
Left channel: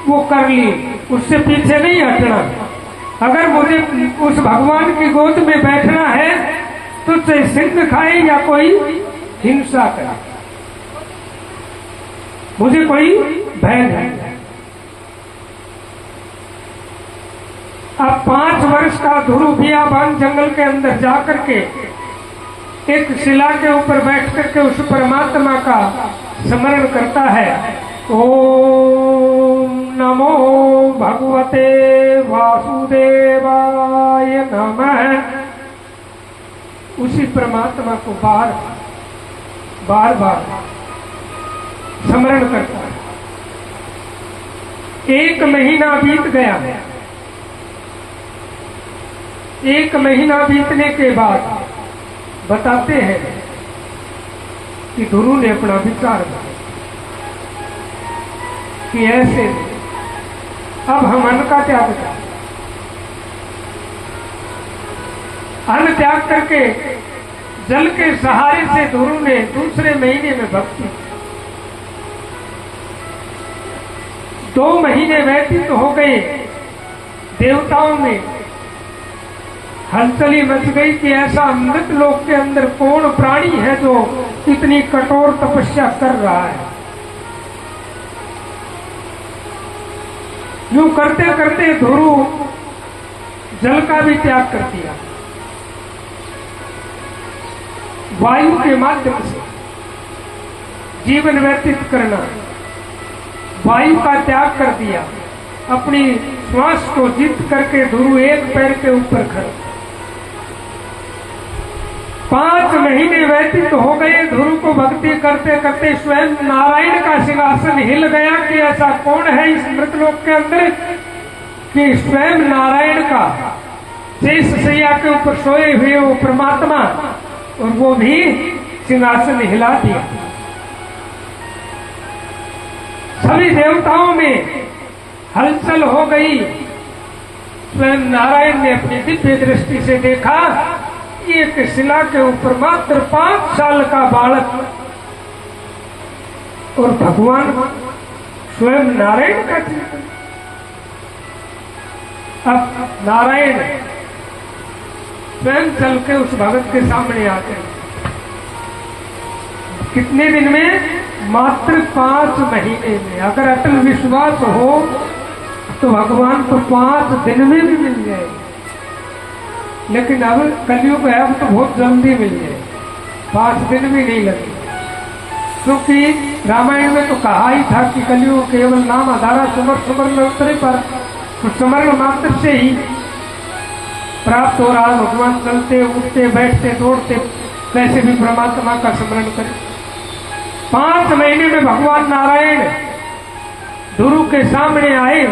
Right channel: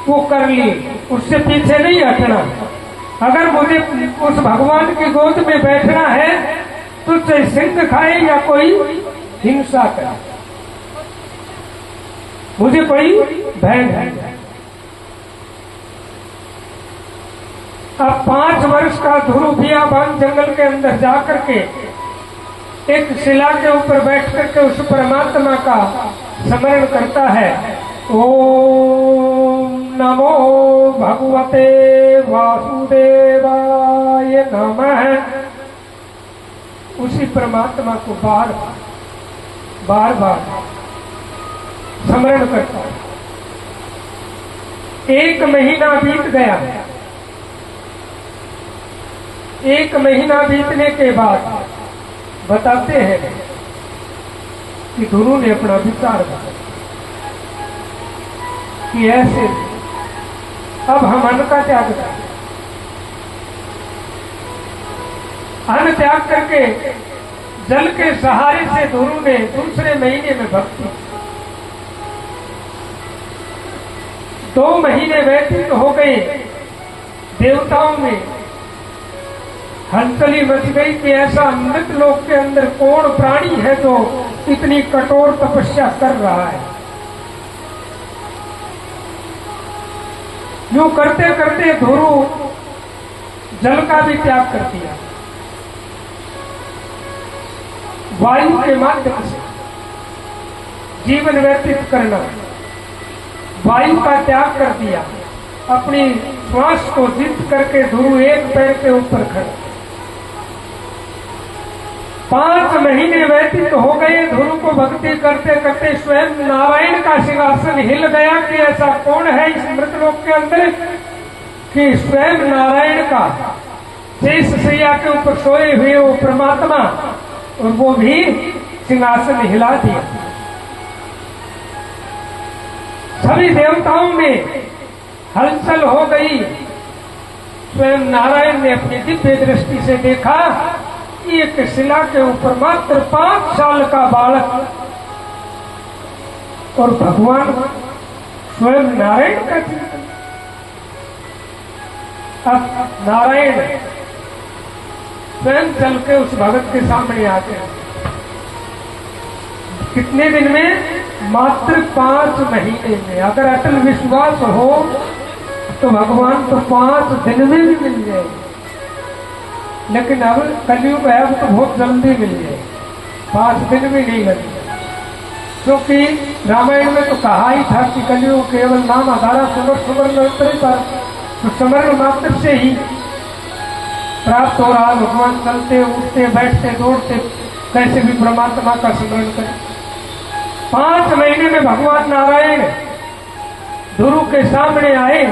वो कर ली, उससे पीछे नहीं हटना। अगर मुझे उस भगवान की गोद में बैठना है तो चाहे सिंह खाए या कोई हिंसा करे, मुझे कोई भय नहीं। अब 5 वर्ष का ध्रुव बियाबान जंगल के अंदर जाकर के एक शिला के ऊपर बैठ करके उस परमात्मा का स्मरण करता है। ओम नमो भगवते वासुदेवाय नमः। उसी परमात्मा को बार बार स्मरण करता है। 1 महीना बीत गया। 1 महीना बीतने के बाद बताते हैं कि गुरु ने अपना विचार बताया कि ऐसे अब हम अन्न का त्याग करें। अन्न त्याग करके जल के सहारे से गुरु ने दूसरे महीने में भक्ति। 2 महीने व्यतीत हो गए। देवताओं में हलचली मच गई कि ऐसा अमृत लोक के अंदर कौन प्राणी है जो इतनी कठोर तपस्या कर रहा है। यूं करते करते ध्रुव जल का भी त्याग कर दिया। वायु के माध्यम से जीवन व्यतीत करना, वायु का त्याग कर दिया। अपनी श्वास को जीत करके ध्रुव एक पैर के ऊपर खड़ा। 5 महीने व्यतीत हो गए। ध्रुव को भक्ति करते करते स्वयं नारायण का सिंहासन हिल गया कि ऐसा कौन है इस मृतलोक के अंदर कि स्वयं नारायण का शेष शैया के ऊपर सोए हुए वो परमात्मा, और वो भी सिंहासन हिला दिया। सभी देवताओं में हलचल हो गई। स्वयं नारायण ने अपनी दिव्य दृष्टि से देखा कि एक शिला के ऊपर मात्र 5 साल का बालक, और भगवान स्वयं नारायण का चिंतन। अब नारायण स्वयं चल के उस भगत के सामने आते हैं। कितने दिन में? मात्र 5 महीने में। अगर अटल विश्वास हो तो भगवान को 5 दिन में भी मिल जाए, लेकिन अब कलयुग है, अब तो बहुत जल्दी मिल जाए, 5 दिन भी नहीं लगे। क्योंकि रामायण में तो कहा ही था कि कलयुग केवल नाम आधारा सुमर मंत्र पर, तो समर मात्र से ही प्राप्त हो रहा। भगवान चलते उठते बैठते दौड़ते कैसे भी परमात्मा का स्मरण करें। 5 महीने में भगवान नारायण ध्रुव के सामने आए।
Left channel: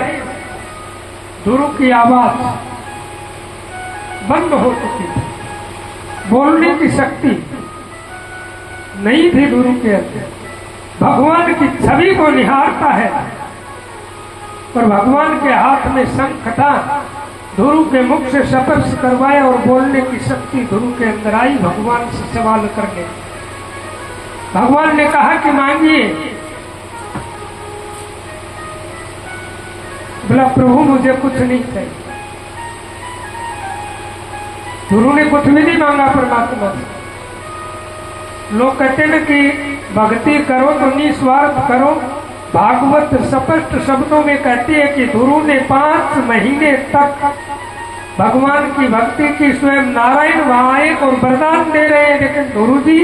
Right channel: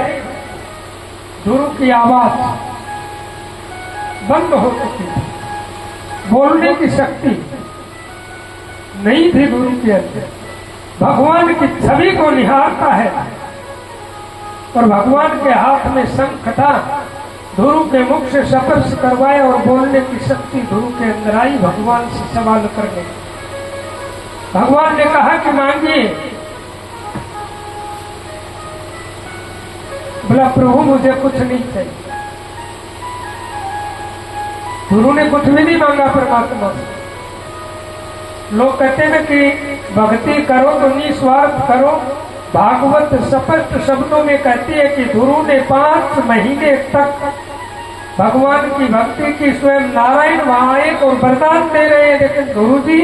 ध्रुव की आवाज बंद हो चुकी थी, बोलने की शक्ति नहीं थी ध्रुव के अंदर। भगवान की छवि को निहारता है और भगवान के हाथ में शंख था। ध्रुव के मुख से स्पर्श करवाया और बोलने की शक्ति ध्रुव के अंदर आई। भगवान से सवाल करने, भगवान ने कहा कि मांगिए। बोला प्रभु मुझे कुछ नहीं चाहिए। ध्रुव ने कुछ भी नहीं मांगा परमात्मा से। लोग कहते हैं कि भक्ति करो तो निस्वार्थ करो। भागवत स्पष्ट शब्दों में कहती है कि ध्रुव ने 5 महीने तक भगवान की भक्ति की। स्वयं नारायण वहां आए और वरदान दे रहे हैं, लेकिन ध्रुव जी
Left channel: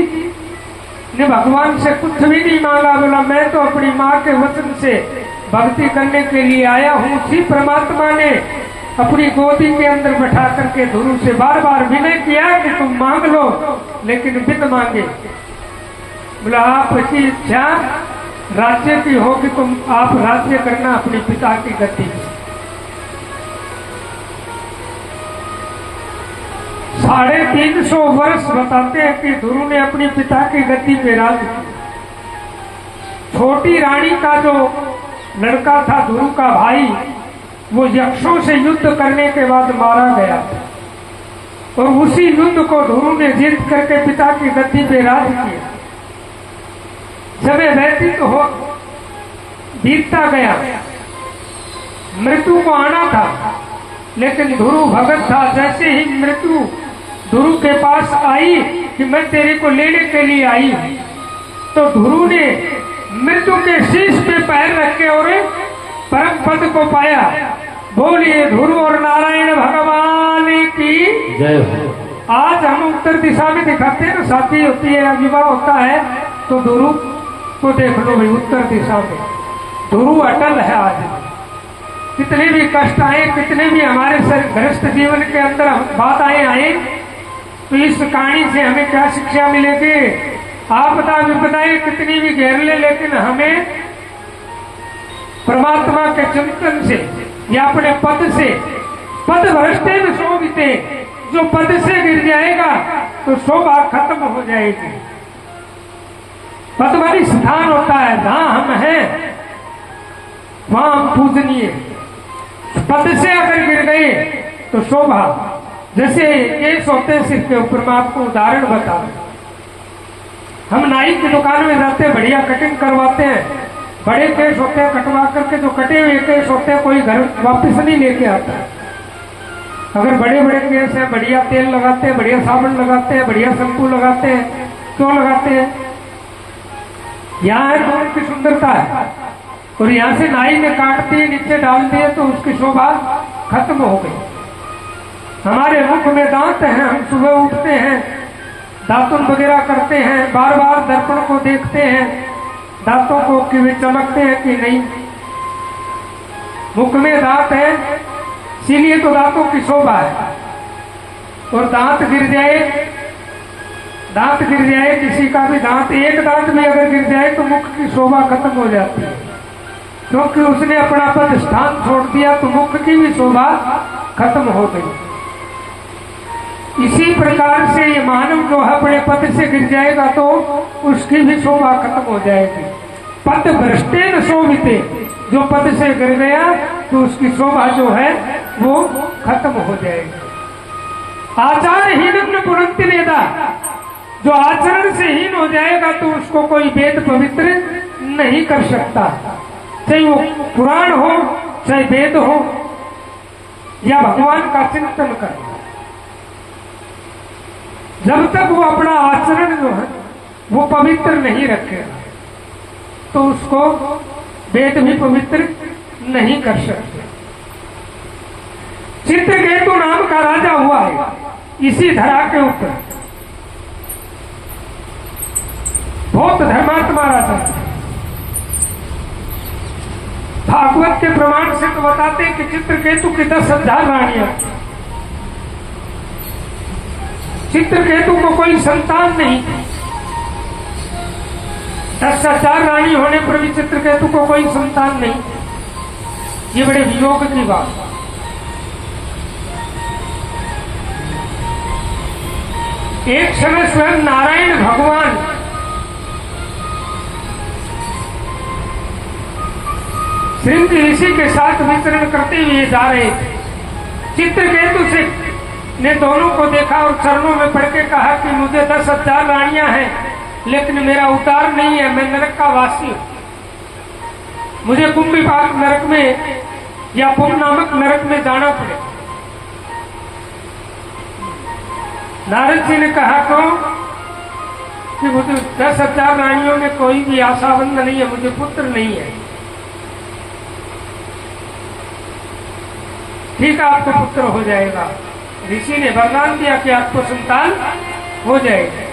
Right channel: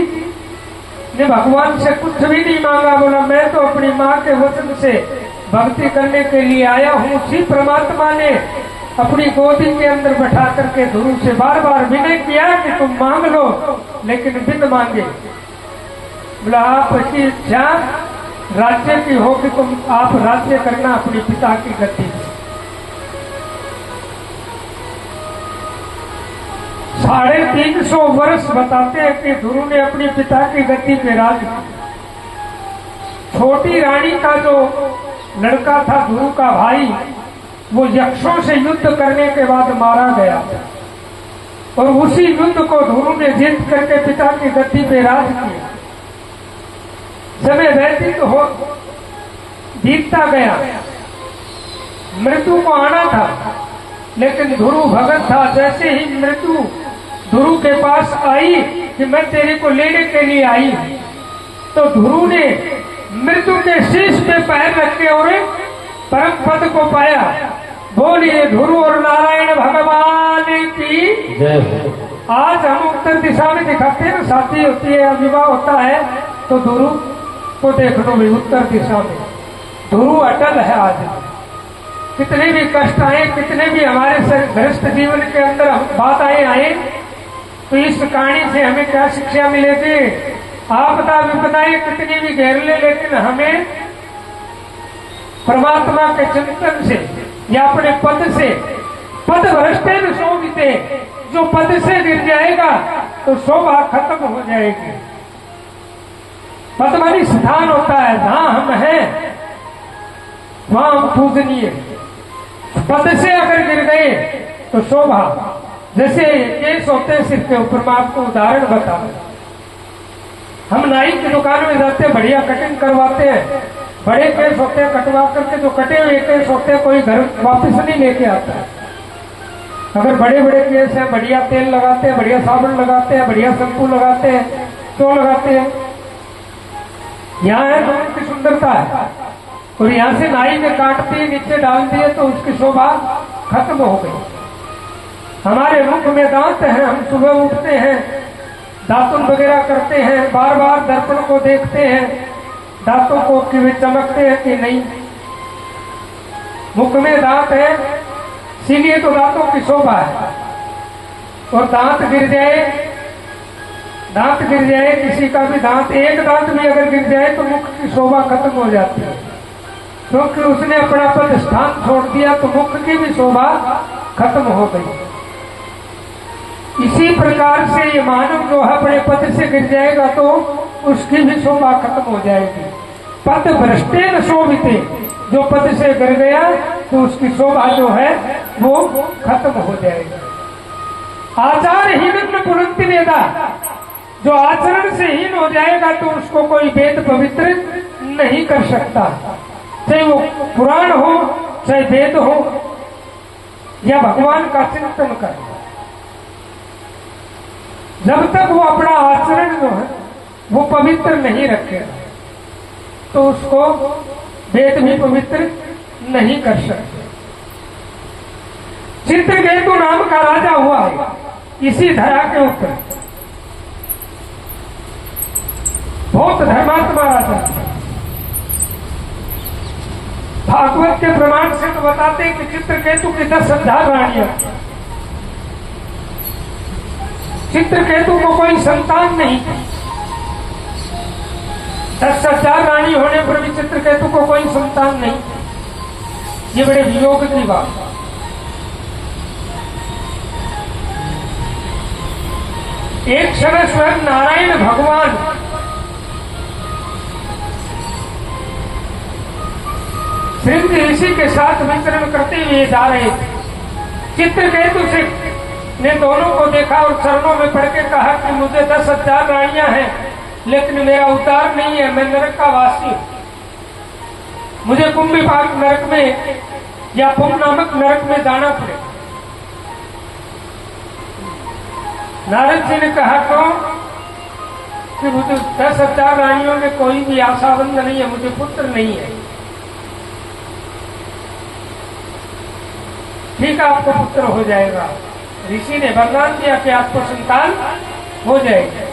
ने भगवान से कुछ भी नहीं मांगा। बोला मैं तो अपनी माँ के वचन से भक्ति करने के लिए आया हूँ। उसी परमात्मा ने अपनी गोदी के अंदर बैठा करके ध्रुव से बार बार विनय किया कि तुम मांग लो, लेकिन बिन मांगे। बोला आपकी इच्छा राज्य की हो कि तुम आप राज्य करना अपने पिता की गति। 350 वर्ष बताते हैं कि ध्रुव ने अपनी पिता की गति पे राज किया। छोटी रानी का जो लड़का था ध्रुव का भाई, वो यक्षों से युद्ध करने के बाद मारा गया और उसी युद्ध को ध्रुव ने जीत करके पिता की गद्दी पे राज किया। समय व्यतीत हो बीतता गया, मृत्यु को आना था, लेकिन ध्रुव भगत था। जैसे ही मृत्यु ध्रुव के पास आई कि मैं तेरे को लेने के लिए आई हूं, तो ध्रुव ने मृत्यु के शीश पे पैर रखे और परम पद को पाया। बोलिए ध्रुव और नारायण भगवान की जय। आज हम उत्तर दिशा में दिखाते हैं, शादी होती है या विवाह होता है तो ध्रुव को देख लो भाई, उत्तर दिशा में ध्रुव अटल है। आज कितने भी कष्ट आए, कितने भी हमारे गृहस्थ जीवन के अंदर बाधाएं आए, तो इस कहानी से हमें क्या शिक्षा मिलेगी? आपदा विपदाएं कितनी भी घेरले, लेकिन हमें परमात्मा के चिंतन से या अपने पद से, पद भ्रष्टे में शोभिते, जो पद से गिर जाएगा तो शोभा खत्म हो जाएगी। पद वाली स्थान होता है, जहां हम हैं वहां हम पूजनीय। पद से अगर गिर गए तो शोभा, जैसे केस होते हैं सिर के ऊपर। मैं आपको उदाहरण बता रहा हूं। हम नाई की दुकान में जाते हैं, बढ़िया कटिंग करवाते हैं, बड़े केस होते हैं, कटवा करके जो कटे हुए केस होते हैं कोई घर वापस नहीं लेके आता है। अगर बड़े बड़े केस हैं, बढ़िया तेल लगाते हैं, बढ़िया साबुन लगाते हैं, बढ़िया शैम्पू लगाते हैं, तो लगाते हैं। यहाँ है तो उनकी सुंदरता है, और यहाँ से नाई ने काट दिए, नीचे डाल दिए तो उसकी शोभा खत्म हो गई। हमारे मुख में दांत हैं, हम सुबह उठते हैं, दातुन वगैरह करते हैं, बार बार दर्पण को देखते हैं, दांतों को कि वे चमकते हैं कि नहीं। मुख में दांत है, इसीलिए तो दांतों की शोभा है। और दांत गिर जाए किसी का भी दांत, एक दांत भी अगर गिर जाए तो मुख की शोभा खत्म हो जाती है, क्योंकि उसने अपना पद स्थान छोड़ दिया, तो मुख की भी शोभा खत्म हो गई। इसी प्रकार से ये मानव जो है अपने पद से गिर जाएगा तो उसकी भी शोभा खत्म हो जाएगी। पद भ्रष्टे न शोभिते, जो पद से गिर गया तो उसकी शोभा जो है वो खत्म हो जाएगी। आचारहीन न पुनंति वेदा, जो आचरण से हीन हो जाएगा तो उसको कोई वेद पवित्र नहीं कर सकता, चाहे वो पुराण हो चाहे वेद हो या भगवान का चिंतन करे। जब तक वो अपना आचरण जो है वो पवित्र नहीं रखेगा तो उसको वेद भी पवित्र नहीं कर सकते। चित्रकेतु नाम का राजा हुआ है इसी धरा के ऊपर, बहुत धर्मात्मा राजा। भागवत के प्रमाण से बताते कि चित्रकेतु की 10,000 रानियां। चित्रकेतु को कोई संतान नहीं थी। 10,000 रानी होने पर भी चित्रकेतु को कोई संतान नहीं थी। ये बड़े वियोग की बात। एक समय स्वयं नारायण भगवान श्रृंगी ऋषि के साथ विचरण करते हुए जा रहे थे। चित्रकेतु से ने दोनों को देखा और चरणों में पड़ के कहा कि मुझे 10,000 रानियां हैं लेकिन मेरा उद्धार नहीं है, मैं नरक का वासी हूं। मुझे कुंभीपाक नरक में या पुर नामक नरक में जाना पड़े। नारद जी ने कहा कि मुझे 10,000 रानियों में कोई भी आशाबंद नहीं है, मुझे पुत्र नहीं है। ठीक है, आपका पुत्र हो जाएगा। ऋषि ने वरदान दिया कि आपको संतान हो जाएगी।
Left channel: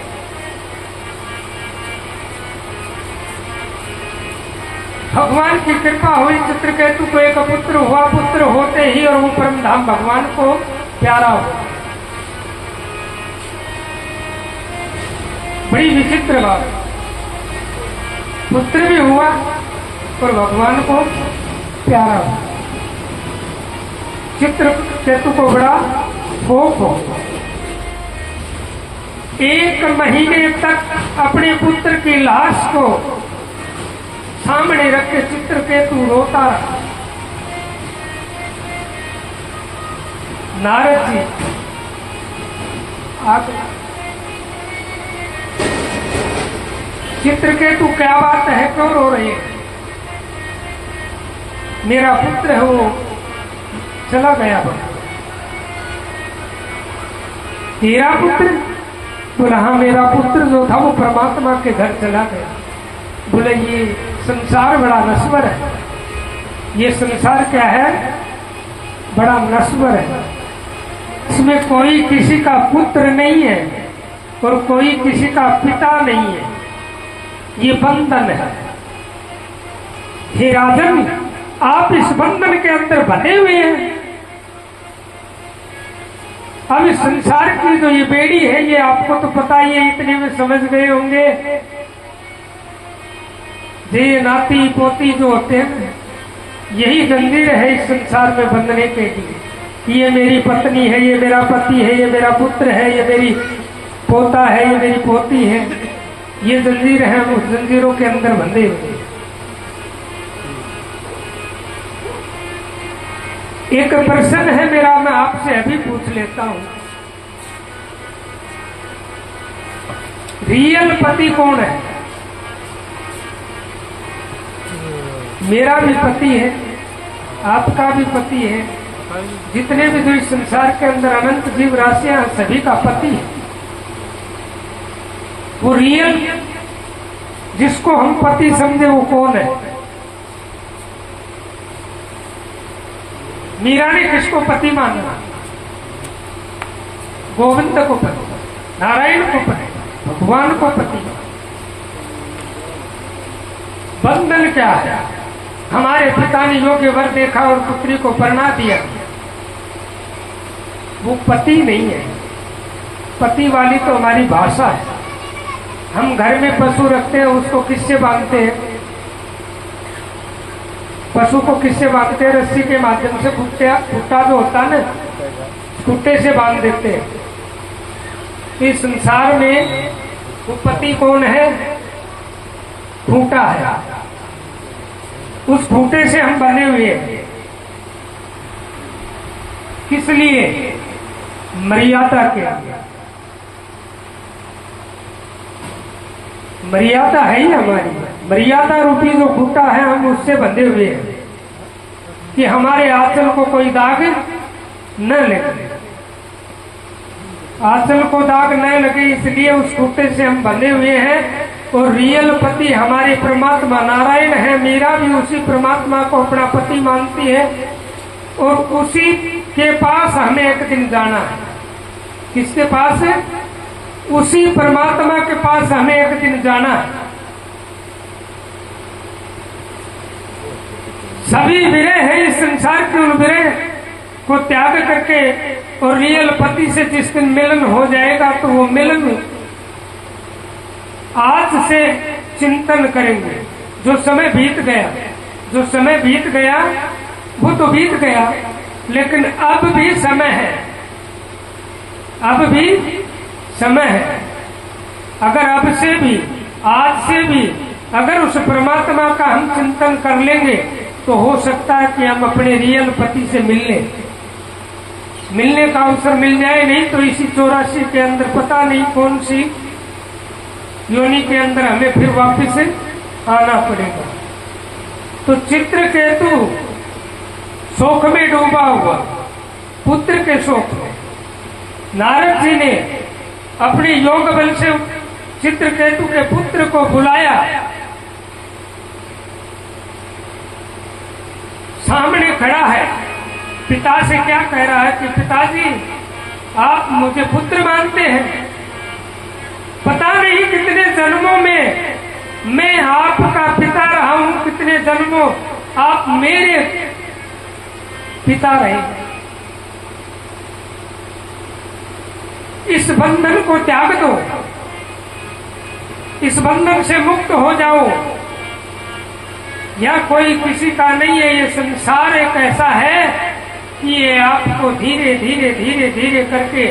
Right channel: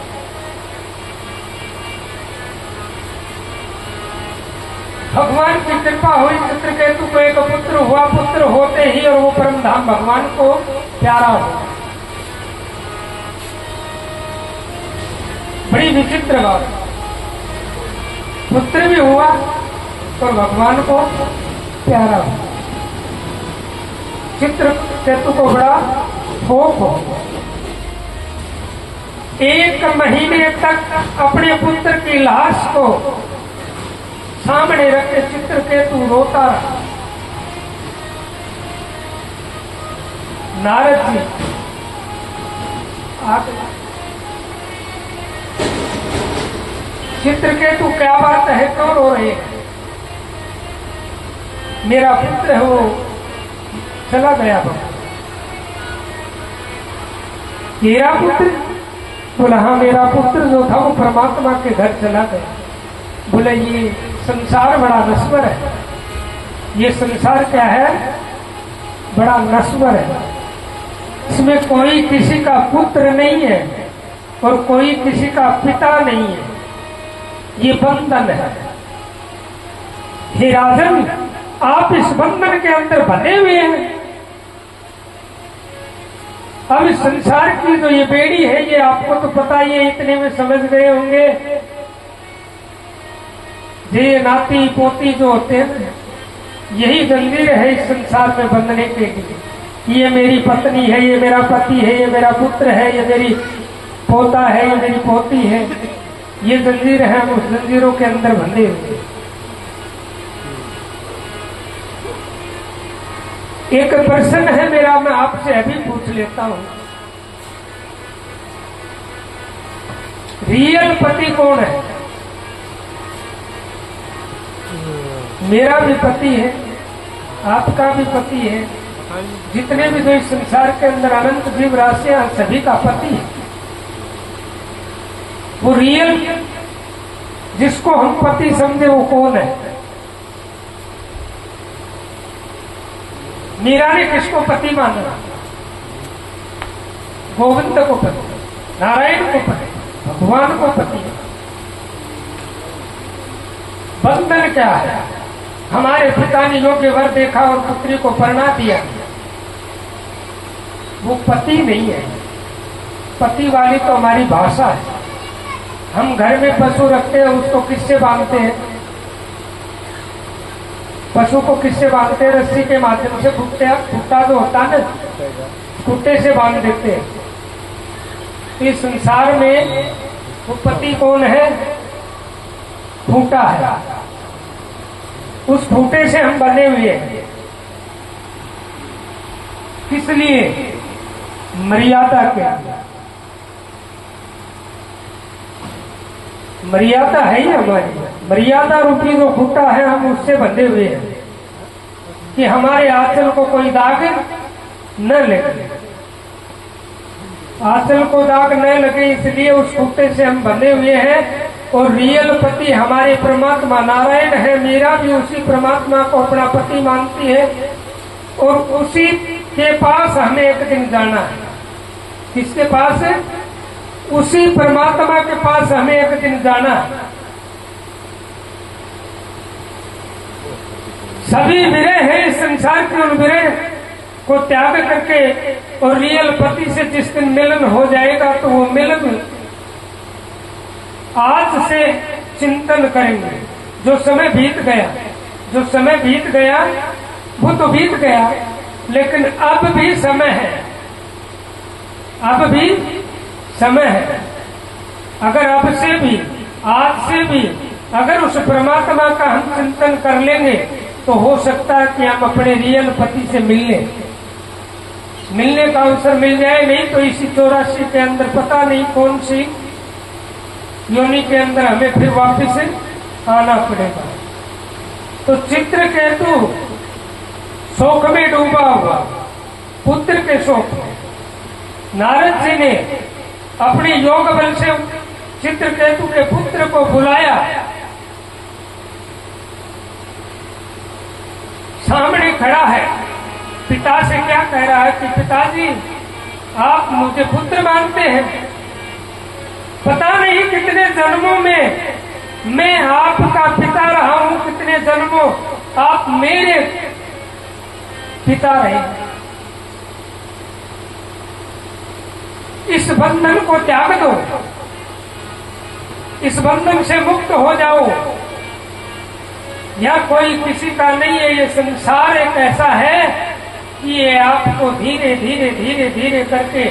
भगवान की कृपा हुई, चित्रकेतु को एक पुत्र हुआ। पुत्र होते ही और वो परम धाम भगवान को प्यारा हुआ। बड़ी विचित्र बात, पुत्र भी हुआ और भगवान को प्यारा हुआ। चित्रकेतु को बड़ा शोक हो। 1 महीने तक अपने पुत्र की लाश को सामने रख के चित्रकेतु रोता रहा। नारद जी चित्रकेतु क्या बात है, क्यों रो रहे हैं? मेरा पुत्र है वो चला गया। तेरा पुत्र? बोला हाँ, मेरा पुत्र जो था वो परमात्मा के घर चला गया। बोले ये संसार बड़ा नश्वर है। ये संसार क्या है? बड़ा नश्वर है। इसमें कोई किसी का पुत्र नहीं है और कोई किसी का पिता नहीं है। ये बंधन है। हे राजन, आप इस बंधन के अंदर बंधे हुए हैं। अब इस संसार की जो ये बेड़ी है, ये आपको तो पता ही है, इतने में समझ गए होंगे। ये नाती पोती जो होते हैं, यही जंजीर है इस संसार में बंधने के लिए। ये मेरी पत्नी है, ये मेरा पति है, ये मेरा पुत्र है, ये मेरी पोता है, ये मेरी पोती है। ये जंजीर है, उस जंजीरों के अंदर बंधे हुए। एक प्रश्न है मेरा, मैं आपसे अभी पूछ लेता हूं। रियल पति कौन है? मेरा भी पति है, आपका भी पति है, जितने भी जो इस संसार के अंदर अनंत जीव राशियां सभी का पति है। वो रियल जिसको हम पति समझे वो कौन है? मीरा ने किसको पति माना? गोविंद को पति, नारायण को पति, भगवान को पति। बंधन क्या है? हमारे पिता ने योग्य वर देखा और पुत्री को परणा दिया, वो पति नहीं है। पति वाली तो हमारी भाषा है। हम घर में पशु रखते हैं, उसको किससे बांधते हैं? पशु को किससे बांधते हैं? रस्सी के माध्यम से। कुत्ता जो होता है ना, कुत्ते से बांध देते हैं। इस संसार में वो पति कौन है? खूंटा है। उस खूंटे से हम बने हुए हैं। किस लिए? मर्यादा के लिए। मर्यादा है ही हमारी, मर्यादा रूपी जो खूंटा है हम उससे बंधे हुए हैं कि हमारे आंचल को कोई दाग न लगे, आंचल को दाग न लगे, इसलिए उस खूंटे से हम बंधे हुए हैं। और रियल पति हमारे परमात्मा नारायण है। मीरा भी उसी परमात्मा को अपना पति मानती है और उसी के पास हमें एक दिन जाना है। किसके पास है? उसी परमात्मा के पास हमें एक दिन जाना है। सभी विरह है इस संसार के, उन विरह को त्याग करके और रियल पति से जिस दिन मिलन हो जाएगा तो वो मिलन आज से चिंतन करेंगे। जो समय बीत गया, जो समय बीत गया वो तो बीत गया, लेकिन अब भी समय है, अब भी समय है। अगर अब से भी, आज से भी अगर उस परमात्मा का हम चिंतन कर लेंगे तो हो सकता है कि हम अपने रियल पति से मिलने का अवसर मिल जाए। नहीं तो इसी 84 के अंदर पता नहीं कौन सी योनि के अंदर हमें फिर वापिस आना पड़ेगा। तो चित्रकेतु शोक में डूबा हुआ, पुत्र के शोक में नारद जी ने अपनी योग बल से चित्रकेतु के पुत्र को बुलाया, सामने खड़ा है, पिता से क्या कह रहा है कि पिताजी आप मुझे पुत्र मानते हैं, पता नहीं कितने जन्मों में मैं आपका पिता रहा हूं, कितने जन्मों आप मेरे पिता रहे। इस बंधन को त्याग दो, इस बंधन से मुक्त हो जाओ। यह कोई किसी का नहीं है, ये संसार एक ऐसा है कि ये आपको धीरे धीरे धीरे धीरे करके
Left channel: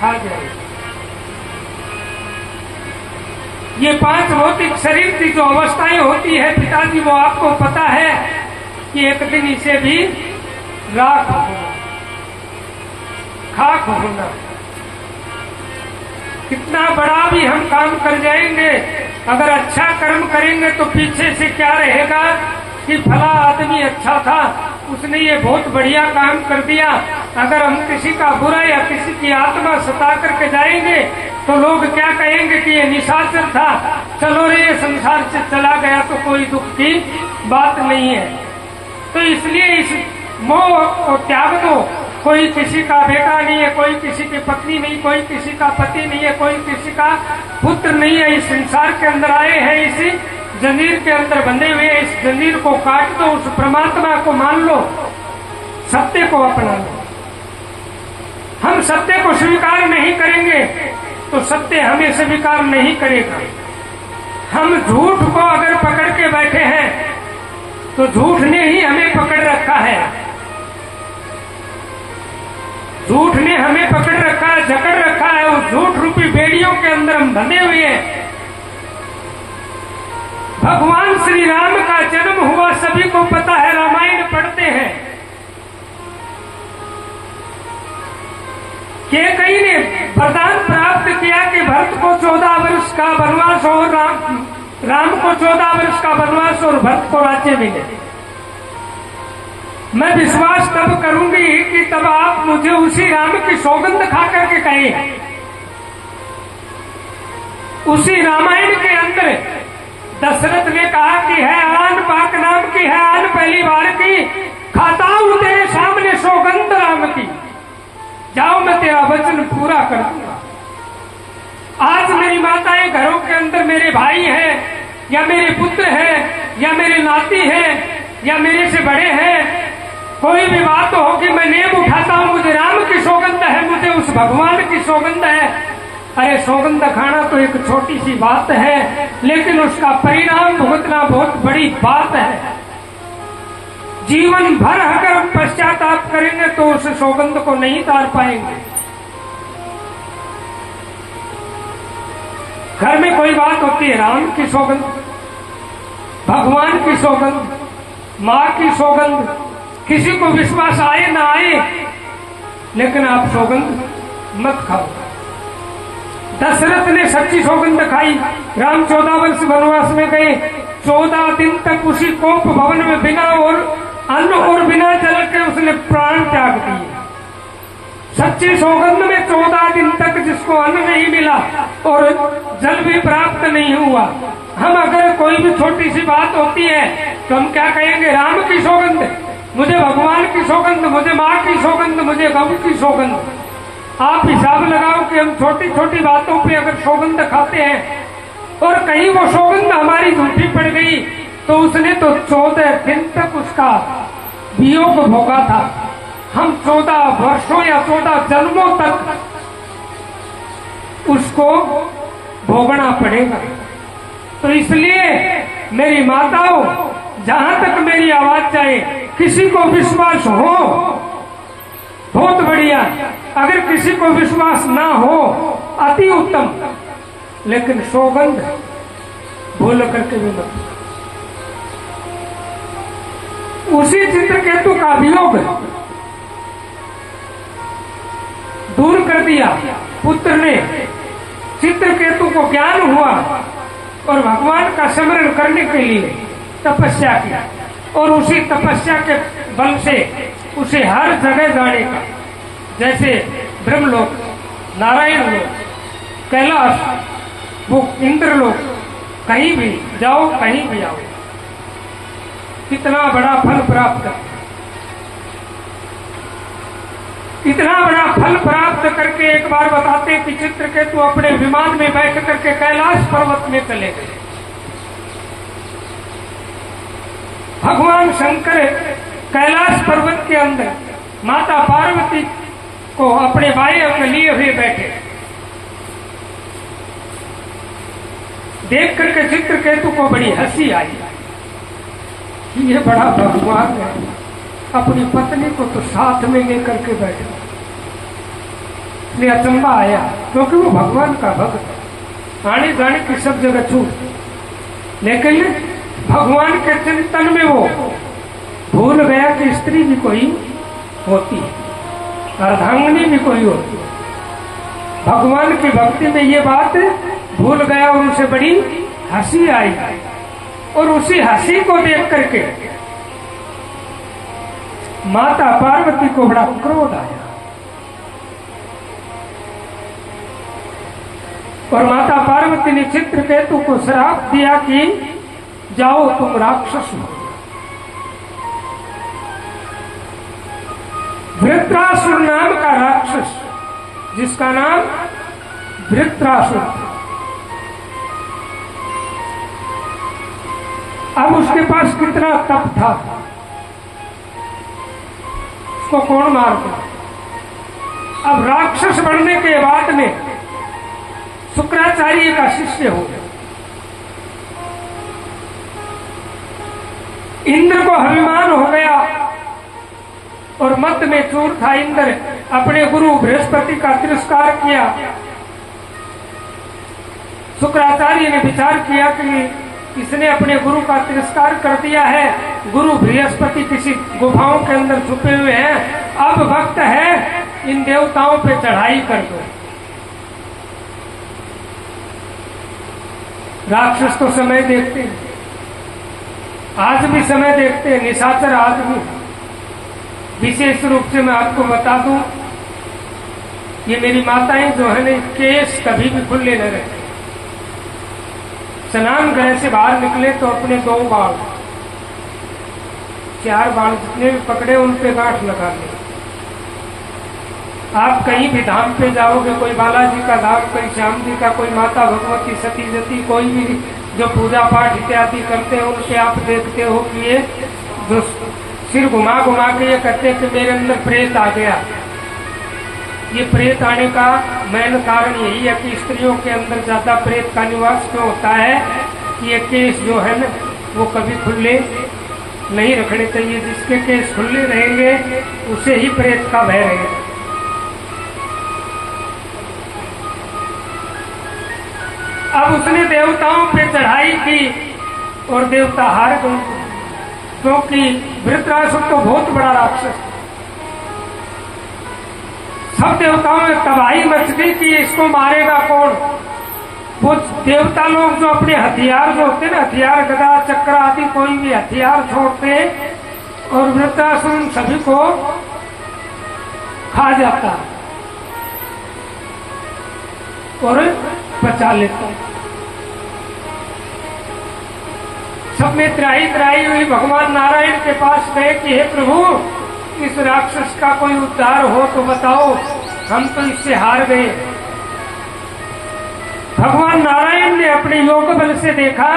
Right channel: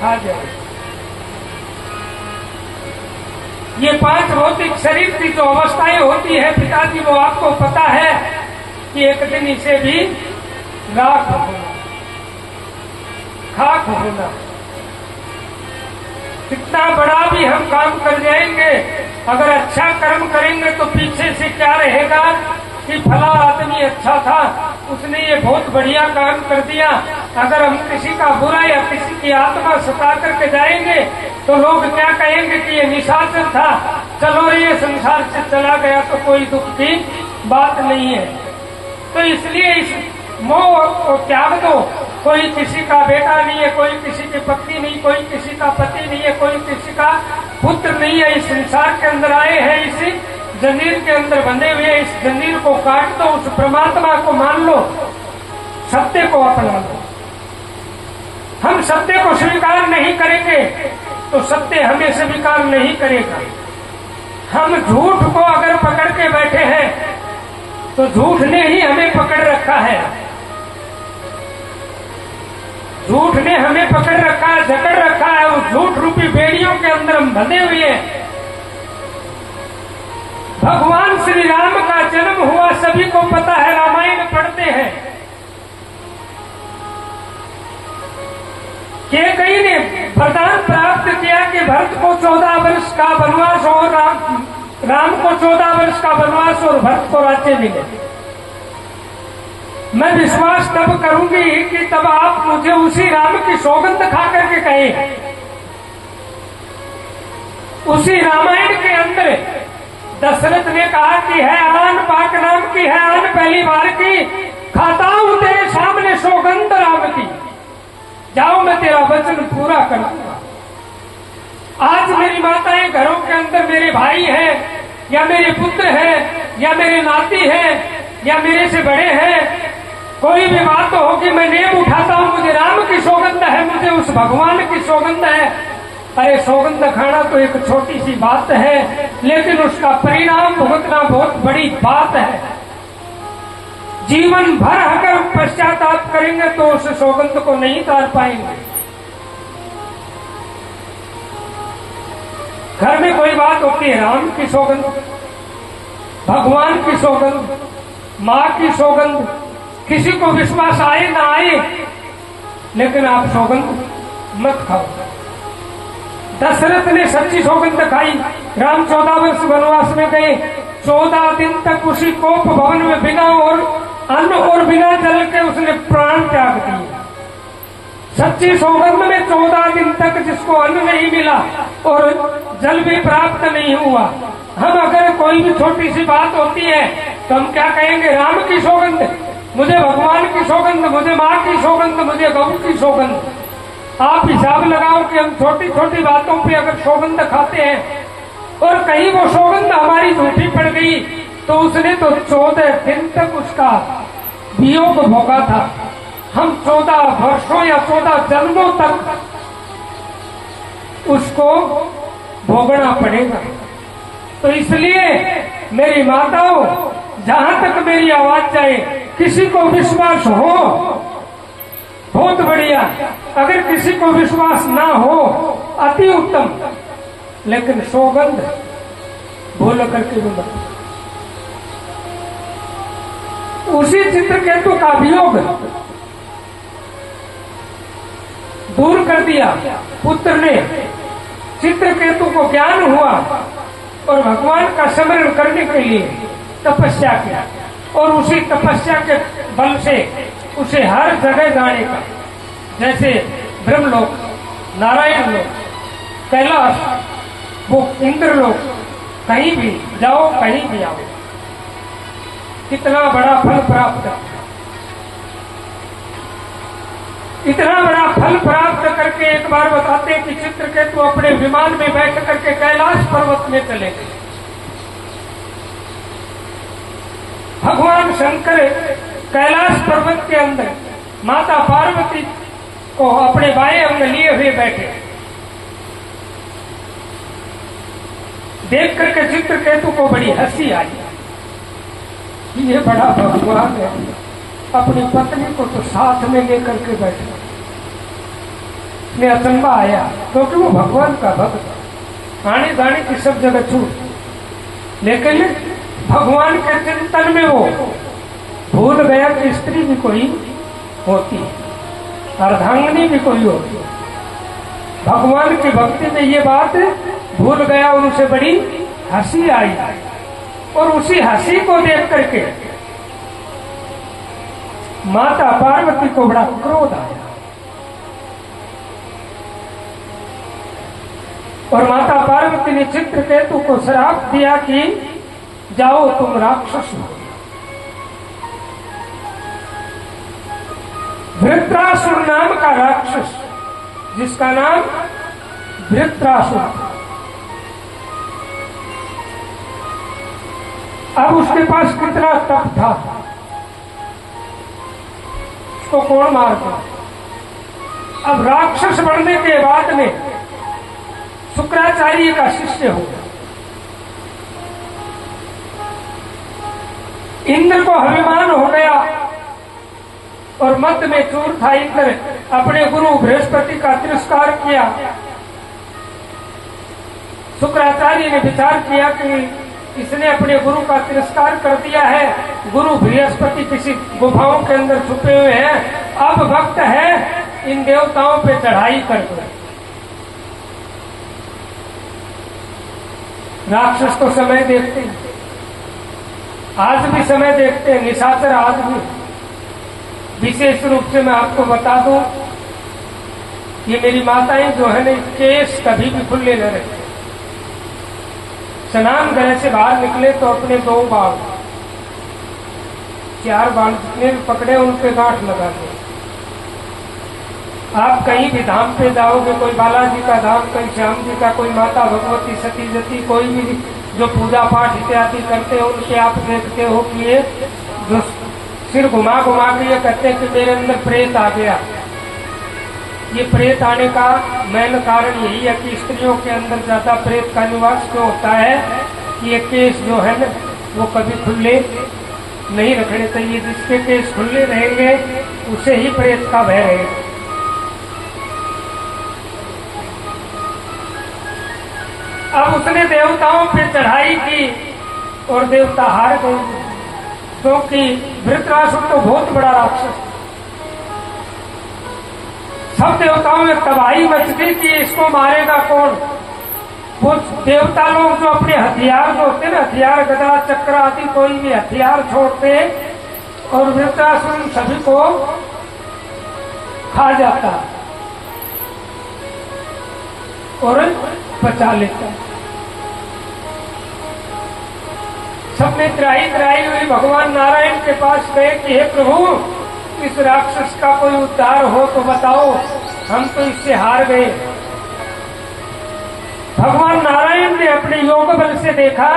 खा जाए। ये 5 भौतिक शरीर की जो अवस्थाएं होती है पिताजी, वो आपको पता है कि एक दिन इसे भी राख होना, खाक होना। कितना बड़ा भी हम काम कर जाएंगे, अगर अच्छा कर्म करेंगे तो पीछे से क्या रहेगा कि फला आदमी अच्छा था, उसने ये बहुत बढ़िया काम कर दिया। अगर हम किसी का बुरा या किसी की आत्मा सता करके जाएंगे तो लोग क्या कहेंगे कि ये निशाचर था, चलो रे ये संसार से चला गया तो कोई दुख की बात नहीं है। तो इसलिए इस मोह को त्याग दो। कोई किसी का बेटा नहीं है, कोई किसी की पत्नी नहीं, कोई किसी का पति नहीं है, कोई किसी का पुत्र नहीं है। इस संसार के अंदर आए हैं, इसी जंजीर के अंदर बंधे हुए, इस जंजीर को काट दो, उस परमात्मा को मान लो, सत्य को अपना लो। हम सत्य को स्वीकार नहीं करेंगे तो सत्य हमें स्वीकार नहीं करेगा। हम झूठ को अगर पकड़ के बैठे हैं तो झूठ ने ही हमें पकड़ रखा है, झूठ ने हमें पकड़ रखा है, जकड़ रखा है। उस झूठ रूपी बेड़ियों के अंदर हम बंधे हुए हैं। भगवान श्री राम का जन्म हुआ, सभी को पता है, रामायण पढ़ते हैं। कैकेयी ने वरदान प्राप्त किया कि भरत को 14 वर्ष का वनवास और राम को 14 वर्ष का वनवास और भरत को राज्य मिले। मैं विश्वास तब करूंगी कि तब आप मुझे उसी राम की सौगंध खा करके कहें। उसी रामायण के अंदर दशरथ ने कहा कि है आन पाक नाम की, है आन पहली बार की, खाता हूं तेरे सामने सौगंध राम की, जाओ मैं तेरा वचन पूरा कर दूंगा। आज मेरी माताएं घरों के अंदर मेरे भाई हैं या मेरे पुत्र हैं या मेरे नाती हैं या मेरे से बड़े हैं, कोई भी बात हो कि मैं नेम उठाता हूं, मुझे राम की सौगंध है, मुझे उस भगवान की सौगंध है। अरे सौगंध खाना तो एक छोटी सी बात है, लेकिन उसका परिणाम भुगतना बहुत बड़ी बात है। जीवन भर अगर पश्चाताप करेंगे तो उस सौगंध को नहीं तार पाएंगे। घर में कोई बात होती है, राम की सौगंध, भगवान की सौगंध, माँ की सौगंध, किसी को विश्वास आए ना आए, लेकिन आप सौगंध मत खाओ। दशरथ ने सच्ची सौगंध खाई। राम 14 वर्ष वनवास में गए, 14 दिन तक उसी कोप भवन में बिना और अन्न और बिना जल के उसने प्राण त्याग दिए। सच्ची सौगंध में 14 दिन तक जिसको अन्न नहीं मिला और जल भी प्राप्त नहीं हुआ, हम अगर कोई भी छोटी सी बात होती है तो हम क्या कहेंगे? राम की सौगंध, मुझे भगवान की सौगंध, मुझे माँ की सौगंध, मुझे गौ की सौगंध। आप हिसाब लगाओ कि हम छोटी छोटी बातों पे अगर सौगंध खाते हैं और कहीं वो सौगंध हमारी झूठी पड़ गई तो उसने तो 14 दिन तक उसका वियोग भोगा था। हम 14 वर्षों या 14 जन्मों तक उसको भोगना पड़ेगा। तो इसलिए मेरी माताओं, जहां तक मेरी आवाज जाए, किसी को विश्वास हो बहुत बढ़िया, अगर किसी को विश्वास ना हो अति उत्तम, लेकिन सौगंध भूल करके भी मत। उसी चित्रकेतु का वियोग दूर कर दिया पुत्र ने। चित्रकेतु को ज्ञान हुआ और भगवान का स्मरण करने के लिए तपस्या किया, और उसी तपस्या के बल से उसे हर जगह जाने का, जैसे ब्रह्मलोक, नारायण लोक, कैलाश, वो इंद्रलोक, कहीं भी जाओ, कहीं भी आओ, कितना बड़ा फल प्राप्त, इतना बड़ा फल प्राप्त करके एक बार बताते कि चित्रकेतु अपने विमान में बैठ करके कैलाश पर्वत में चले गए। भगवान शंकर कैलाश पर्वत के अंदर माता पार्वती को अपने बाएं अंग लिए हुए बैठे। देख करके चित्रकेतु को बड़ी हंसी आई। ये बड़ा भगवान है, अपनी पत्नी को तो साथ में लेकर के बैठा। ये अचंबा आया क्योंकि वो भगवान का भक्त है, आने जाने की सब जगह छूट, लेकिन भगवान के चिंतन में वो भूल गया कि स्त्री भी कोई होती है, अर्धांगिनी भी कोई होती है। भगवान की भक्ति में ये बात भूल गया और उसे बड़ी हंसी आई, और उसी हंसी को देख करके माता पार्वती को बड़ा क्रोध आया, और माता पार्वती ने चित्रकेतु को श्राप दिया कि जाओ तुम राक्षस हो। वृत्रासुर नाम का राक्षस, जिसका नाम वृत्रासुर, अब उसके पास कितना तप था, उसको कौन मारता। अब राक्षस बनने के बाद में शुक्राचार्य का शिष्य हो गया। इंद्र को अभिमान हो गया और मत में चूर था। इंद्र अपने गुरु बृहस्पति का तिरस्कार किया। शुक्राचार्य ने विचार किया कि इसने अपने गुरु का तिरस्कार कर दिया है, गुरु बृहस्पति किसी गुफाओं के अंदर छुपे हुए हैं, अब वक्त है इन देवताओं पे चढ़ाई कर दो। राक्षस को समय देखते हैं, आज भी समय देखते हैं, निशाचर आज भी। विशेष रूप से मैं आपको बता दूं, ये मेरी माताएं जो है ना, केस कभी भी खुले न रहते। स्नान गृह से बाहर निकले तो अपने 2 बाल 4 बाल जितने भी पकड़े उन पे गांठ लगा दे। आप कहीं भी धाम पे जाओगे, कोई बालाजी का धाम, कोई श्याम जी का, कोई माता भगवती, सती जती, कोई भी जो पूजा पाठ इत्यादि करते हैं, उनके आप देखते हो कि ये जो सिर घुमा घुमा के ये कहते हैं कि मेरे अंदर प्रेत आ गया। ये प्रेत आने का मेन कारण यही है कि स्त्रियों के अंदर ज्यादा प्रेत का निवास क्यों होता है कि ये केस जो है ना वो कभी खुले नहीं रखने चाहिए। जिसके केस खुले रहेंगे उसे ही प्रेत का भय रहेगा। अब उसने देवताओं पे चढ़ाई की और देवता हार गए। क्योंकि वृत्रासुर तो बहुत बड़ा राक्षस, सब देवताओं में तबाही मच गई कि इसको मारेगा कौन। वो देवता लोग जो अपने हथियार जो होते हैं ना, हथियार गदा चक्र आदि कोई भी हथियार छोड़ते और वृत्रासुर उन सभी को खा जाता है और बचा लेता है। सब में त्राही हुई भगवान नारायण के पास गए कि हे प्रभु, इस राक्षस का कोई उद्धार हो तो बताओ, हम तो इससे हार गए। भगवान नारायण ने अपने योग बल से देखा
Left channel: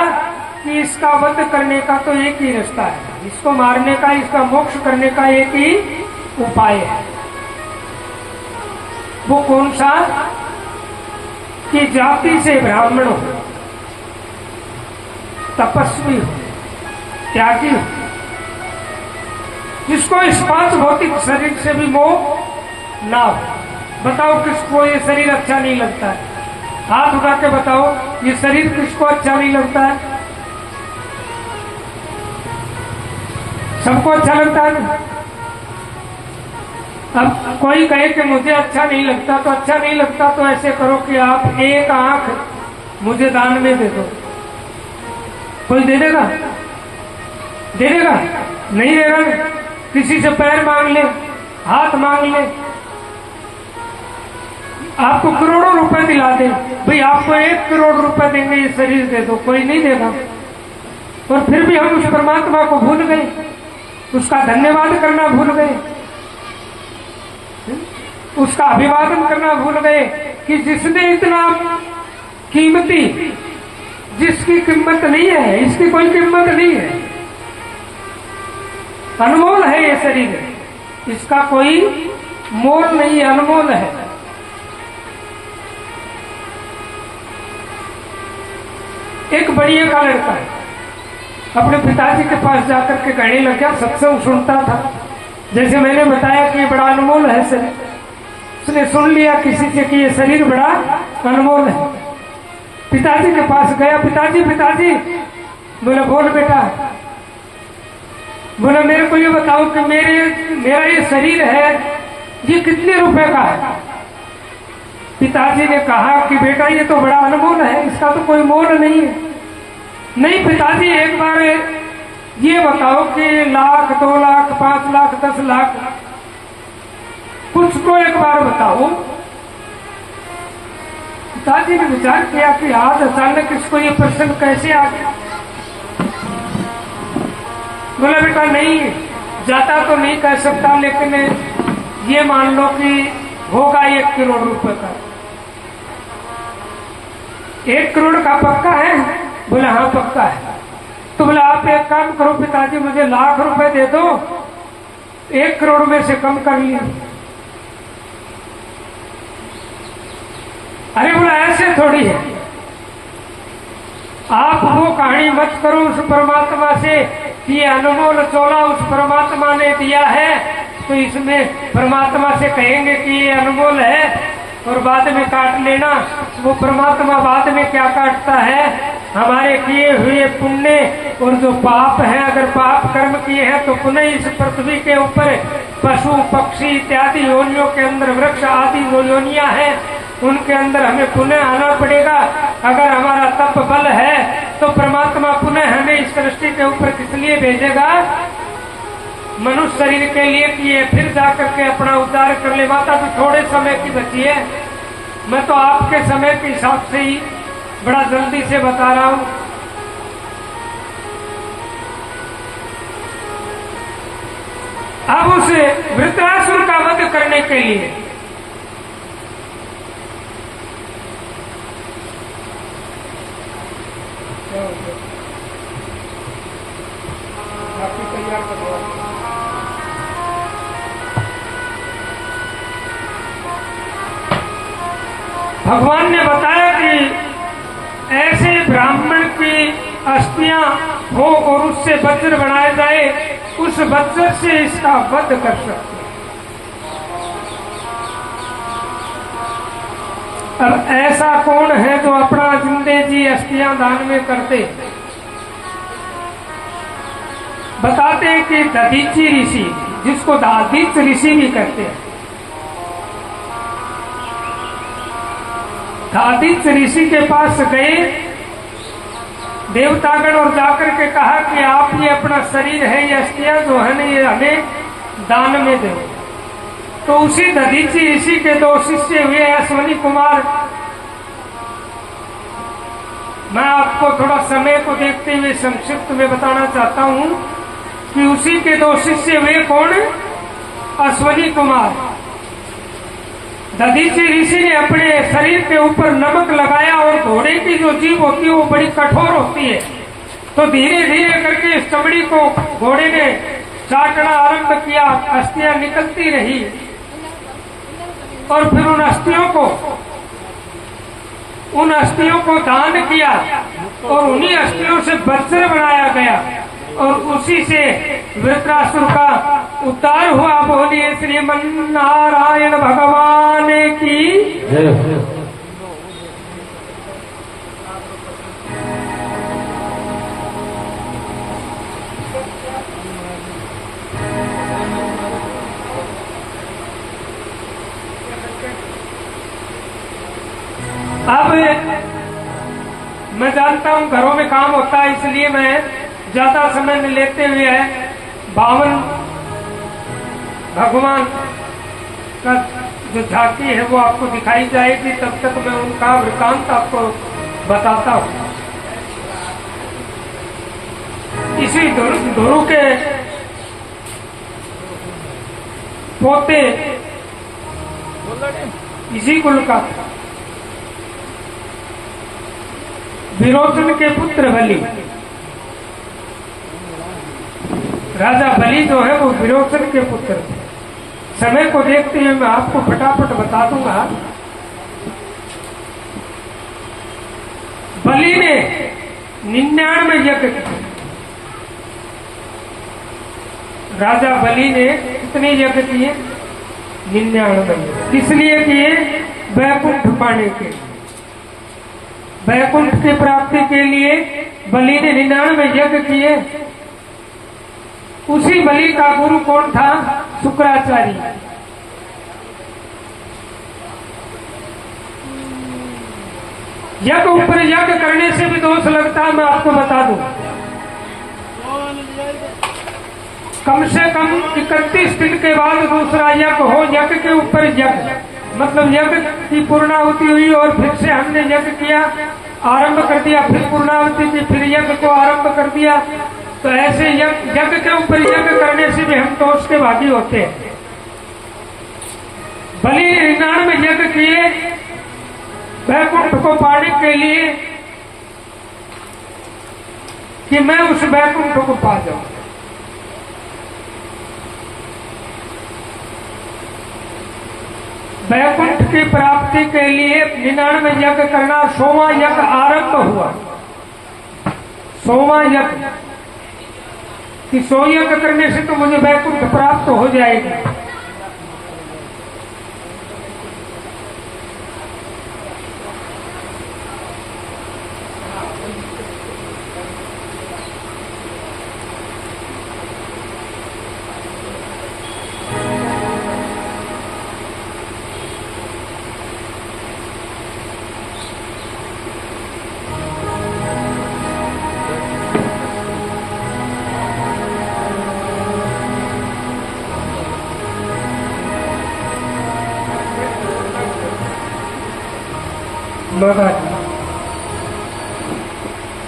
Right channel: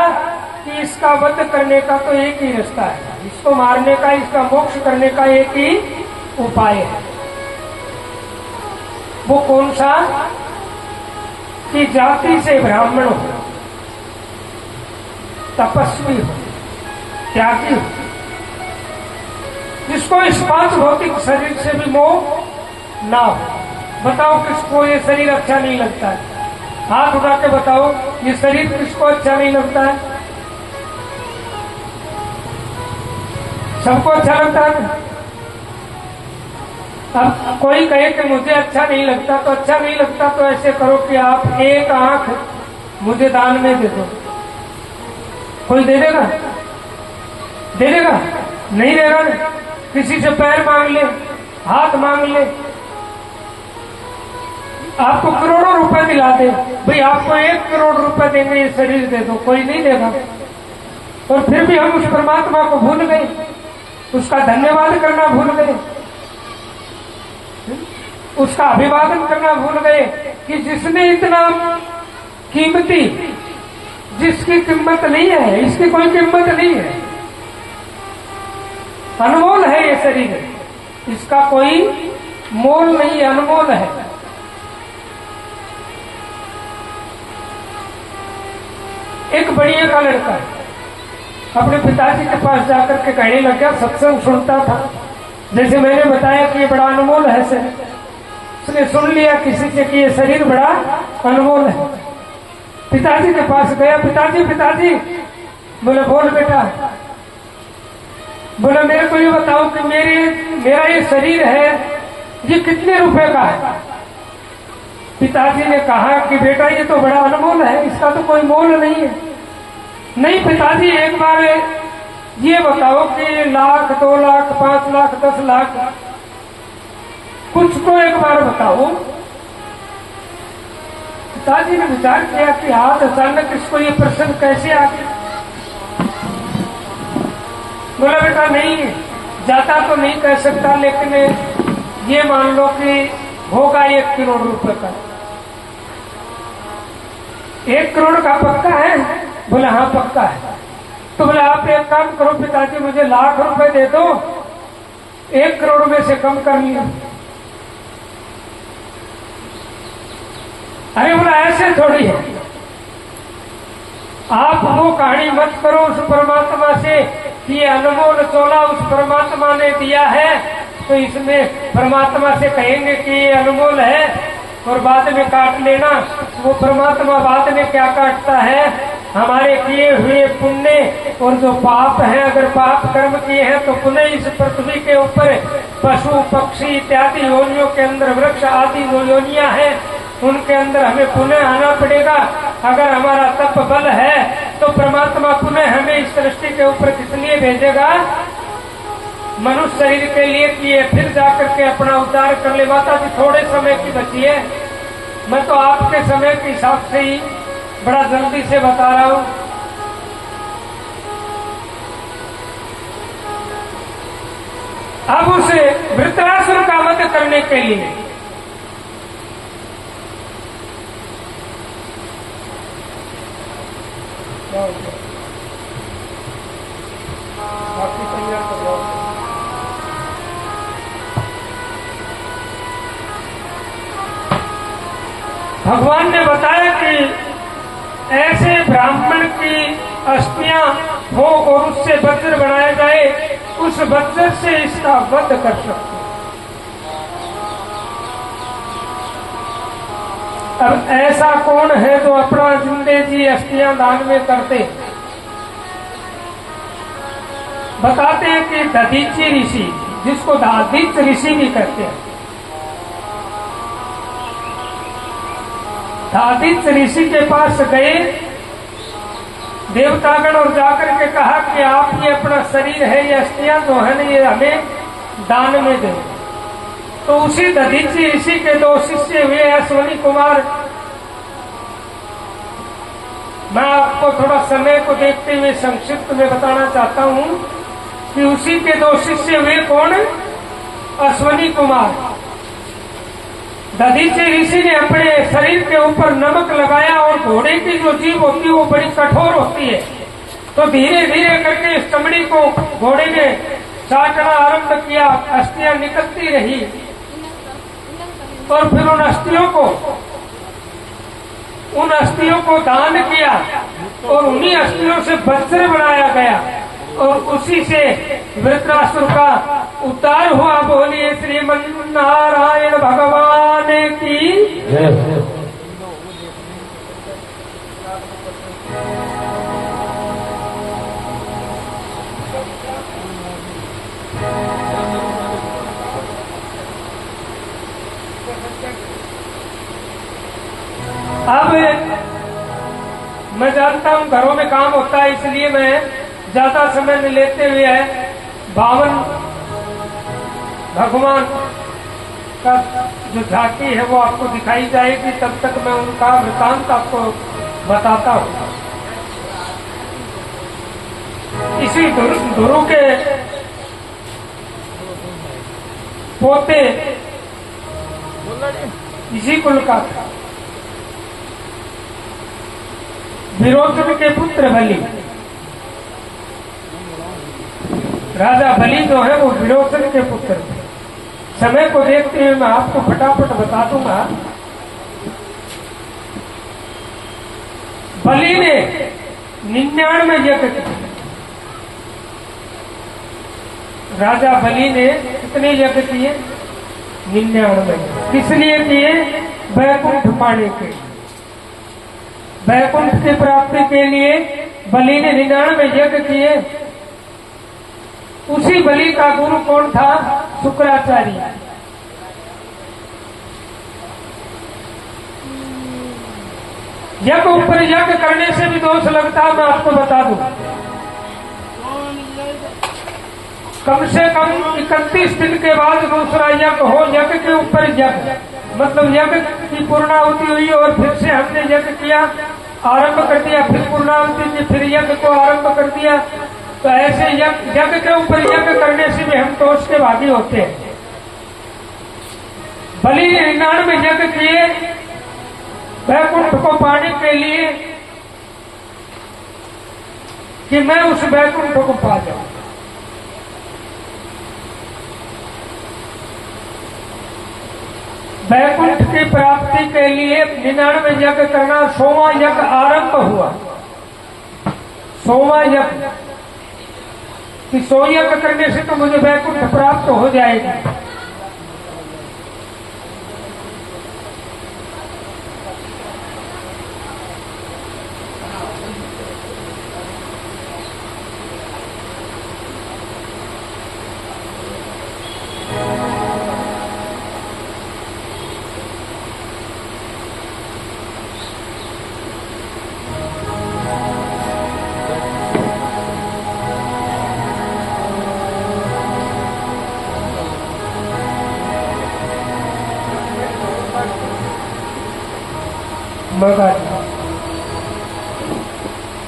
कि इसका वध करने का तो एक ही रास्ता है, इसको मारने का, इसका मोक्ष करने का एक ही उपाय है। वो कौन सा? कि जाति से ब्राह्मण हो, तपस्वी हो, त्यागी हो, जिसको इस पांच भौतिक शरीर से भी मोह ना हो। बताओ किसको ये शरीर अच्छा नहीं लगता है? हाथ उठा के बताओ, ये शरीर किसको अच्छा नहीं लगता है? सबको अच्छा लगता है। अब कोई कहे कि मुझे अच्छा नहीं लगता, तो अच्छा नहीं लगता तो ऐसे करो कि आप एक आंख मुझे दान में दे दो। कोई दे देगा? दे देगा? नहीं देगा। किसी से पैर मांग ले, हाथ मांग ले, आपको करोड़ों रुपए दिला दे, भाई आपको 1 करोड़ रुपए देंगे, ये शरीर दे दो, कोई नहीं देगा। और फिर भी हम उस परमात्मा को भूल गए, उसका धन्यवाद करना भूल गए, उसका अभिवादन करना भूल गए कि जिसने इतना कीमती, जिसकी कीमत नहीं है, इसकी कोई कीमत नहीं है, अनमोल है ये शरीर, इसका कोई मोल नहीं है, अनमोल है। एक बढ़िया का लड़का अपने पिताजी के पास जाकर के कहने लगा, सत्संग सुनता था, जैसे मैंने बताया कि ये बड़ा अनमोल है शरीर। उसने सुन लिया किसी से कि ये शरीर बड़ा अनमोल है। पिताजी के पास गया, पिताजी पिताजी, बोले बोल बेटा। बोले मेरे को ये बताओ कि मेरा ये शरीर है, ये कितने रुपए का है? पिताजी ने कहा कि बेटा ये तो बड़ा अनमोल है, इसका तो कोई मोल नहीं है। नहीं पिताजी, एक बार ये बताओ कि 1 लाख, 2 लाख, 5 लाख, 10 लाख, कुछ तो एक बार बताओ। पिताजी ने विचार किया कि आज अचानक इसको ये प्रश्न कैसे आ गया। बोला बेटा नहीं, जाता तो नहीं कह सकता, लेकिन ये मान लो कि होगा 1 करोड़ रुपए का। 1 करोड़ का पक्का है? बोला हाँ पक्का है। तो बोले आप एक काम करो पिताजी, मुझे 1 लाख रुपए दे दो, 1 करोड़ में से कम कर लिया। अरे बोला ऐसे थोड़ी है, आप वो कहानी मत करो उस परमात्मा से कि अनमोल चोला उस परमात्मा ने दिया है, तो इसमें परमात्मा से कहेंगे कि ये अनमोल है और बाद में काट लेना। वो परमात्मा बाद में क्या काटता है? हमारे किए हुए पुण्य और जो पाप है। अगर पाप कर्म किए हैं तो पुण्य इस पृथ्वी के ऊपर पशु पक्षी इत्यादि योनियों के अंदर, वृक्ष आदि योनियां हैं, उनके अंदर हमें पुनः आना पड़ेगा। अगर हमारा तप बल है तो परमात्मा पुनः हमें इस सृष्टि के ऊपर किस लिए भेजेगा? मनुष्य शरीर के लिए किए, फिर जाकर के अपना उद्धार कर ले। माता भी थोड़े समय की बची है, मैं तो आपके समय के हिसाब से ही बड़ा जल्दी से बता रहा हूं। अब उस वृत्रासुर का वध करने के लिए भगवान ने बताया कि ऐसे ब्राह्मण की अस्थियां हो और उससे वज्र बनाया जाए, उस वज्र से इसका वध कर सकते। अब ऐसा कौन है जो अपना जिंदे जी अस्थियां दान में करते? बताते हैं कि दधीची ऋषि, जिसको दादिच ऋषि भी कहते हैं, दादिच ऋषि के पास गए देवतागण और जाकर के कहा कि आप ये अपना शरीर है, ये अस्थियां जो है ये हमें दान में दे। तो उसी दधीची ऋषि के 2 शिष्य हुए अश्वनी कुमार। मैं आपको थोड़ा समय को देखते हुए संक्षिप्त में बताना चाहता हूं कि उसी के 2 शिष्य हुए कौन? अश्वनी कुमार। दधीची ऋषि ने अपने शरीर के ऊपर नमक लगाया और घोड़े की जो जीभ होती है वो बड़ी कठोर होती है, तो धीरे धीरे करके इस चमड़ी को घोड़े ने चाटना आरंभ किया। अस्थियां निकलती रही और फिर उन अस्थियों को दान किया और उन्हीं अस्थियों से वस्त्र बनाया गया और उसी से वृत्रासुर का उद्धार हुआ। बोलिए श्रीमन्नारायण भगवान की। अब मैं जानता हूं घरों में काम होता है, इसलिए मैं ज्यादा समय में लेते हुए है 52 भगवान का जो झांकी है वो आपको दिखाई जाएगी। तब तक मैं उनका वृत्तांत आपको बताता हूं। इसी धुरु के पोते इसी कुल का विरोचन के पुत्र बलि, राजा बलि जो है वो विरोचन के पुत्र। समय को देखते हुए मैं आपको फटाफट बता दूंगा। बलि ने 99 यज्ञ किए। राजा बलि ने कितने यज्ञ किए? 99। किस लिए किए? वैकुंठ पाने के लिए, वैकुंठ की प्राप्ति के लिए बलि ने 99 यज्ञ किए। उसी बलि का गुरु कौन था? शुक्राचार्य। यज्ञ ऊपर यज्ञ करने से भी दोष लगता है, मैं आपको बता दूं। कम से कम 31 दिन के बाद दूसरा यज्ञ हो। यज्ञ के ऊपर यज्ञ, मतलब यज्ञ की पूर्णाहुति हुई और फिर से हमने यज्ञ किया, आरंभ कर दिया, फिर पूर्णाहुति की, फिर यज्ञ को आरंभ कर दिया। तो ऐसे यज्ञ के ऊपर यज्ञ करने से भी हम दोष के भागी होते हैं। बलि ने 99 यज्ञ किए वैकुंठ को पाने के लिए कि मैं उस वैकुंठ को पा जाऊं। वैकुंठ की प्राप्ति के लिए 99 यज्ञ करना। 100वां यज्ञ आरंभ हुआ। 100वां यज्ञ कि 100 यज्ञ करने से तो मुझे वैकुंठ प्राप्त हो जाएगा।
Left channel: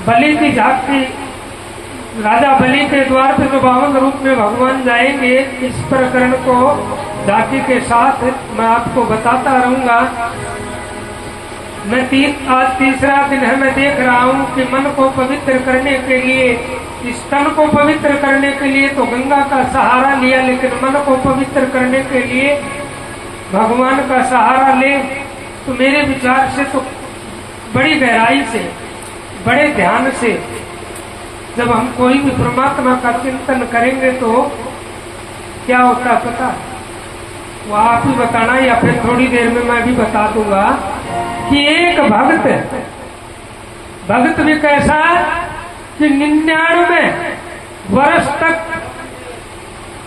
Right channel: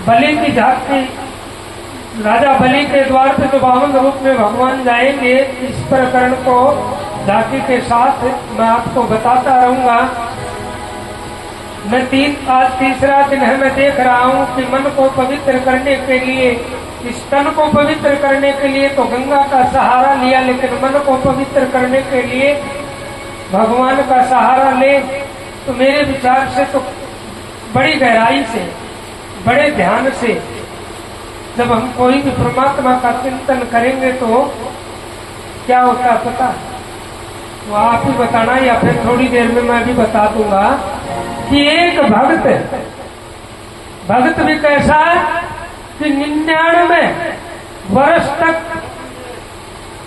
बलि की झांकी, राजा बलि के द्वार पर जो 52 रूप में भगवान जाएंगे, इस प्रकरण को झांकी के साथ मैं आपको बताता रहूंगा। मैं आज तीसरा दिन है, मैं देख रहा हूं कि मन को पवित्र करने के लिए, इस तन को पवित्र करने के लिए तो गंगा का सहारा लिया, लेकिन मन को पवित्र करने के लिए भगवान का सहारा ले। तो मेरे विचार से तो बड़ी गहराई से, बड़े ध्यान से जब हम कोई भी परमात्मा का चिंतन करेंगे तो क्या होता है पता? वो आप ही बताना या फिर थोड़ी देर में मैं भी बता दूंगा कि एक भक्त भी कैसा कि 99 वर्ष तक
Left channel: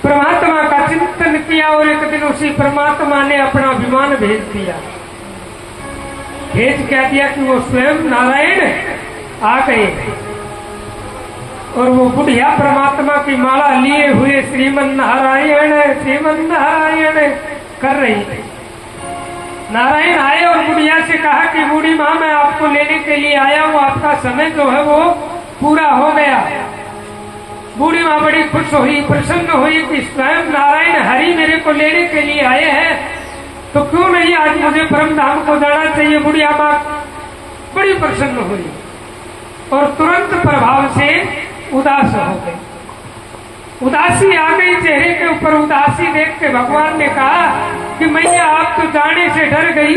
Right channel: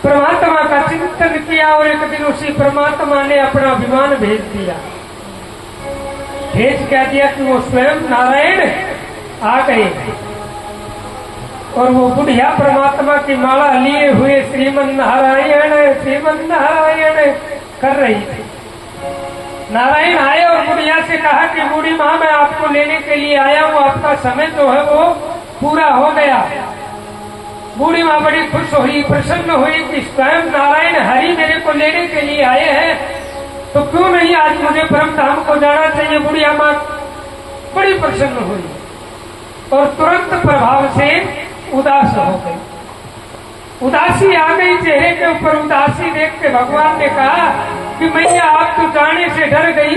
परमात्मा का चिंतन किया और एक दिन उसी परमात्मा ने अपना विमान भेज दिया। भेज क्या दिया कि वो स्वयं नारायण आ गए और वो बुढ़िया परमात्मा की माला लिए हुए श्रीमन नारायण कर रही थी। नारायण आए और बुढ़िया से कहा कि बूढ़ी माँ मैं आपको लेने के लिए आया हूँ, आपका समय जो है वो पूरा हो गया। बूढ़ी माँ बड़ी खुश हुई, प्रसन्न हुई कि स्वयं नारायण हरि मेरे को लेने के लिए आए हैं, तो क्यों नहीं आज मुझे परम धाम को जाना चाहिए। बुढ़िया माँ बड़ी प्रसन्न हुई और तुरंत प्रभाव से उदास हो गई। उदासी आ गई चेहरे के ऊपर। उदासी देख के भगवान ने कहा कि मैया आप तो जाने से डर गई।